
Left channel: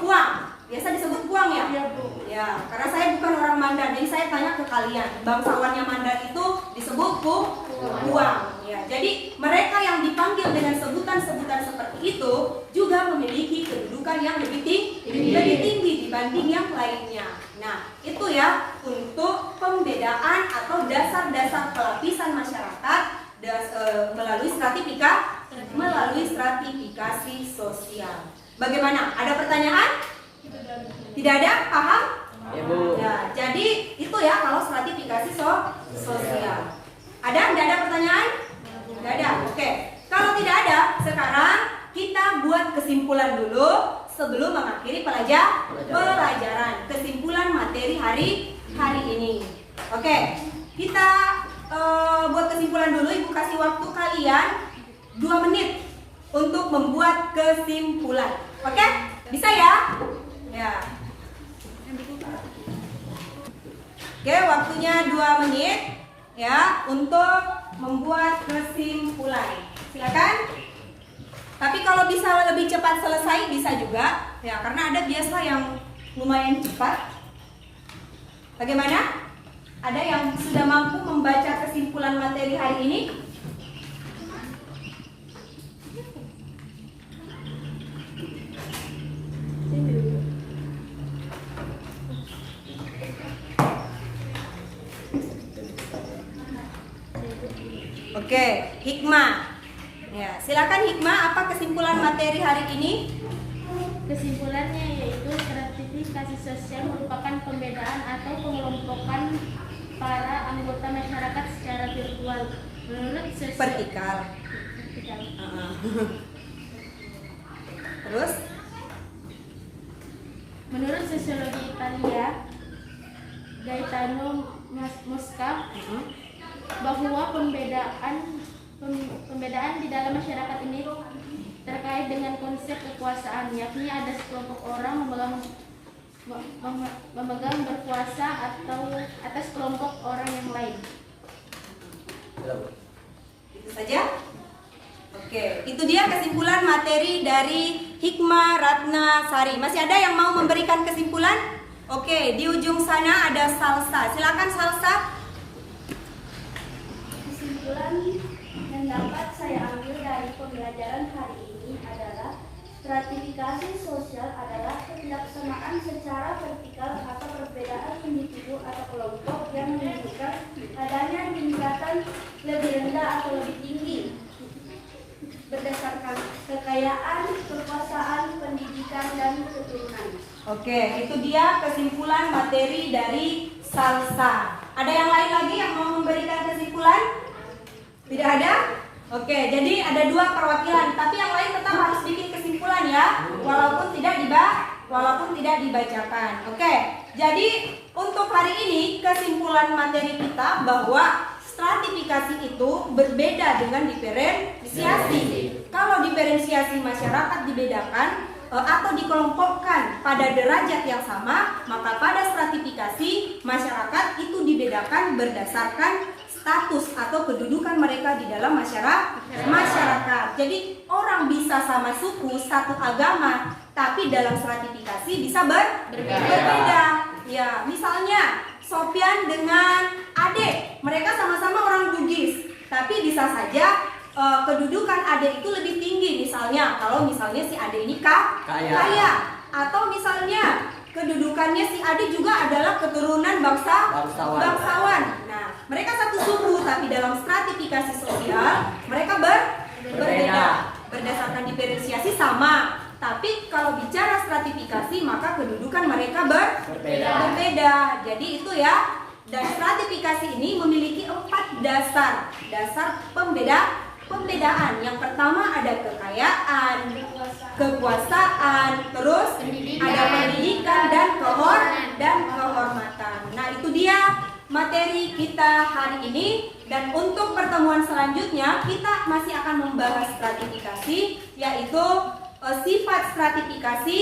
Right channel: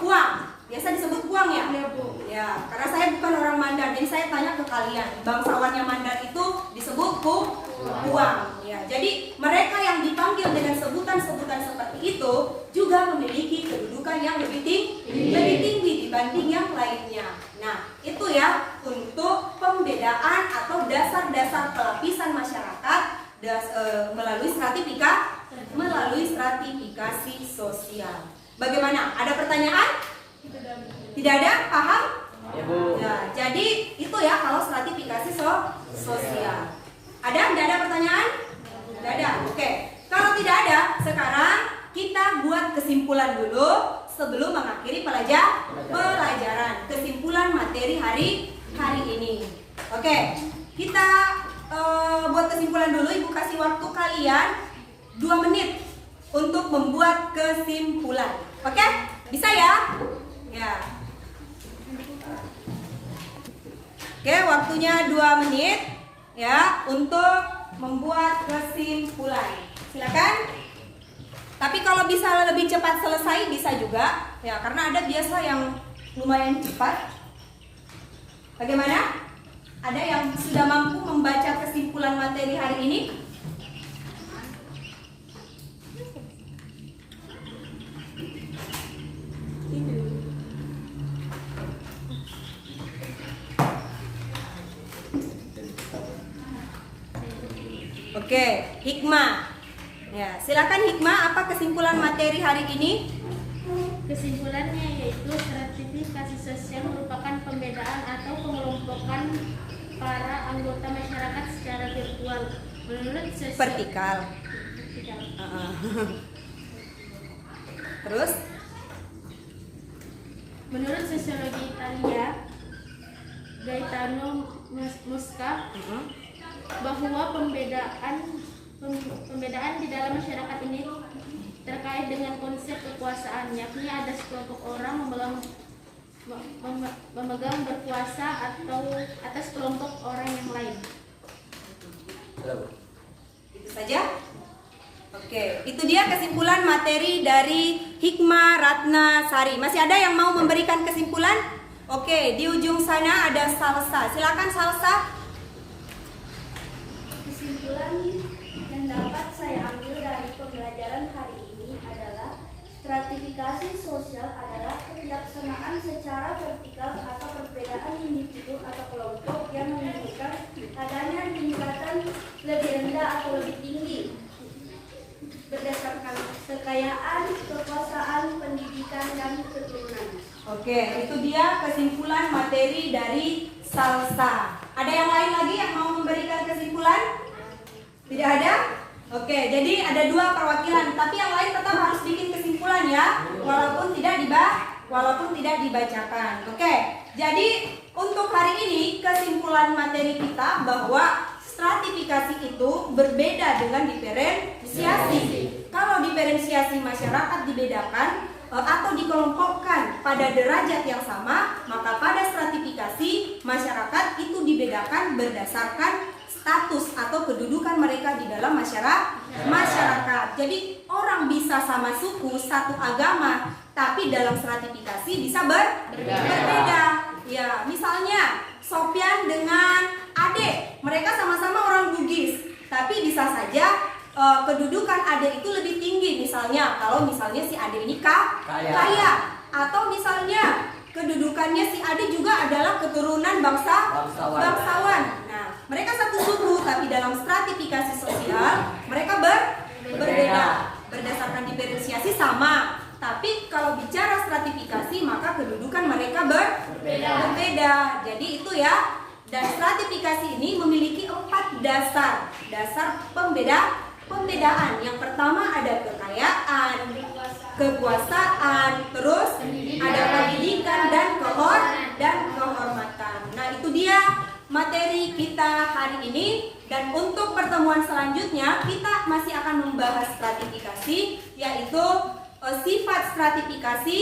Puang. Biasa disebut Puang ya? Ya, karena saya bukan orang Mandar, jadi saya tanya ke kalian. Bangsawannya Mandar itu disebut Puang. Ya, jadi mereka yang dipanggil dengan sebutan-sebutan seperti itu juga memiliki kedudukan yang lebih tinggi dibanding yang lainnya. Nah, itu ya untuk pembedaan atau dasar-dasar pelapisan masyarakat melalui stratifikasi sosial. Bagaimana? Ada pertanyaan? Tidak ada? Paham? Ya, jadi itu ya kalau stratifikasi sosial. Ada? Tidak ada pertanyaan? Tidak ada? Oke. Kalau tidak ada, sekarang kita buat kesimpulan dulu sebelum mengakhiri pelajaran. Kesimpulan materi hari ini. Oke. Kita buat kesimpulan dulu. Ibu kasih waktu kalian 2 menit untuk membuat kesimpulan. Oke? Bisa ya? Ya. Oke, waktunya 2 menit ya untuk membuat kesimpulan. Silakan. Tapi kalau bisa lebih cepat selesai bisa juga ya, karena ada biasa yang lumayan cepat. Bagaimana? Ada yang sudah mampu membaca kesimpulan materi hari ini? Oke, hikmah. Ya, silakan hikmah, apa kesimpulan materi hari ini? Kesimpulannya yaitu stratifikasi sosial merupakan pembedaan atau pengelompokan para anggota masyarakat secara virtual menurut Vertikal. Terus? Menurut sosiologi Italia, Gaetano Mosca, bahwa pembedaan Pembedaan di dalam masyarakat ini terkait dengan konsep kekuasaan, yakni ada sekelompok orang memegang berkuasa atau atas kelompok orang yang lain. Itu saja. Oke, itu dia kesimpulan materi dari Hikmah Ratna Sari. Masih ada yang mau memberikan kesimpulan? Oke, di ujung sana ada Salsa. Silakan Salsa. Kesimpulan yang dapat saya ambil dari pembelajaran hari ini adalah stratifikasi sosial adalah ketidaksamaan secara vertikal atau perbedaan individu atau kelompok yang menunjukkan adanya tingkatan lebih rendah atau lebih tinggi berdasarkan kekayaan, kekuasaan, pendidikan, dan keturunan. Oke, itu dia kesimpulan materi dari Salsa. Ada yang lain lagi yang mau memberikan kesimpulan? Tidak ada? Oke, jadi ada 2 perwakilan, tapi yang lain tetap harus bikin kesimpulan ya, walaupun tidak dibacakan. Oke, jadi untuk hari ini kesimpulan materi kita bahwa stratifikasi itu berbeda dengan diferensiasi. Kalau diferensiasi masyarakat dibedakan atau dikelompokkan pada derajat yang sama, maka pada stratifikasi masyarakat itu dibedakan berdasarkan status atau kedudukan mereka di dalam masyarakat. Jadi orang bisa sama suku, satu agama, tapi dalam stratifikasi bisa berbeda. Ya, misalnya Sofyan dengan Ade, mereka sama-sama orang Bugis, tapi bisa saja kedudukan Ade itu lebih tinggi. Misalnya, kalau misalnya si Ade ini kaya, atau misalnya kedudukannya si Ade juga adalah keturunan bangsawan. Nah, mereka satu suku, tapi dalam stratifikasi sosial mereka berbeda. Berdasarkan diferensiasi sama, tapi kalau bicara stratifikasi maka kedudukan mereka berbeda. Jadi itu ya. Dan stratifikasi ini memiliki 4 dasar pembedaan. Yang pertama ada kekayaan, kekuasaan, terus ada pendidikan dan kehormatan. Nah, itu dia materi kita hari ini. Dan untuk pertemuan selanjutnya kita masih akan membahas stratifikasi, yaitu sifat stratifikasi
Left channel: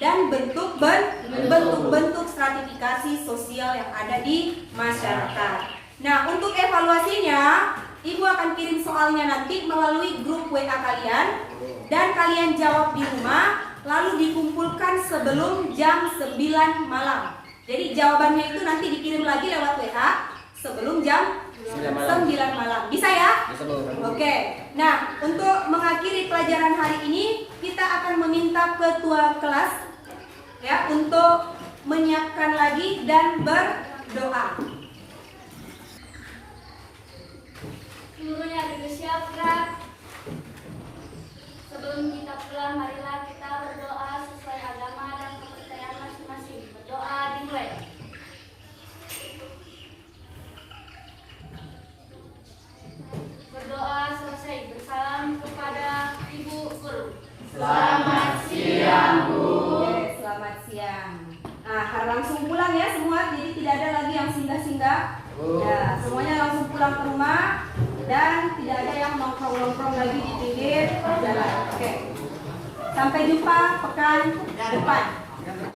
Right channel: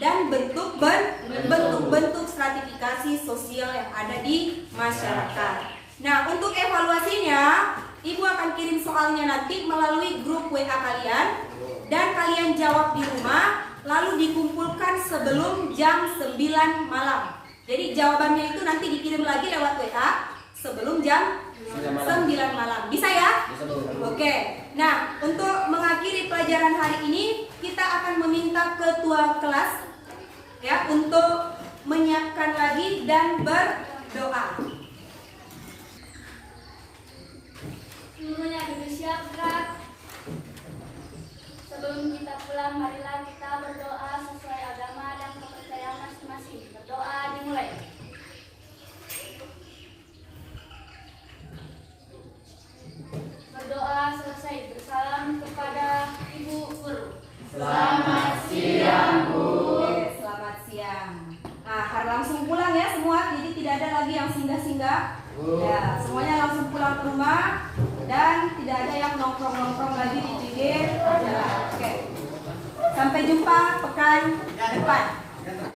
dan bentuk-bentuk stratifikasi sosial yang ada di masyarakat. Nah, untuk evaluasinya, Ibu akan kirim soalnya nanti melalui grup WA kalian, dan kalian jawab di rumah, lalu dikumpulkan sebelum jam 9 malam. Jadi jawabannya itu nanti dikirim lagi lewat WA sebelum jam 9 malam. Bisa ya? Oke. Nah, untuk mengakhiri pelajaran hari ini, kita akan meminta ketua kelas ya untuk menyiapkan lagi dan berdoa. Seluruhnya disiapkan. Sebelum kita pulang, marilah kita berdoa sesuai agama dan kepercayaan masing-masing. Berdoa dimulai. Berdoa selesai. Bersalam kepada Ibu Guru. Selamat siang, Bu. Selamat siang. Nah, harus langsung pulang ya semua, jadi tidak ada lagi yang singgah-singgah. Ya, semuanya langsung pulang ke rumah dan tidak ada yang nongkrong-nongkrong lagi di pinggir jalan. Oke. Sampai jumpa pekan depan.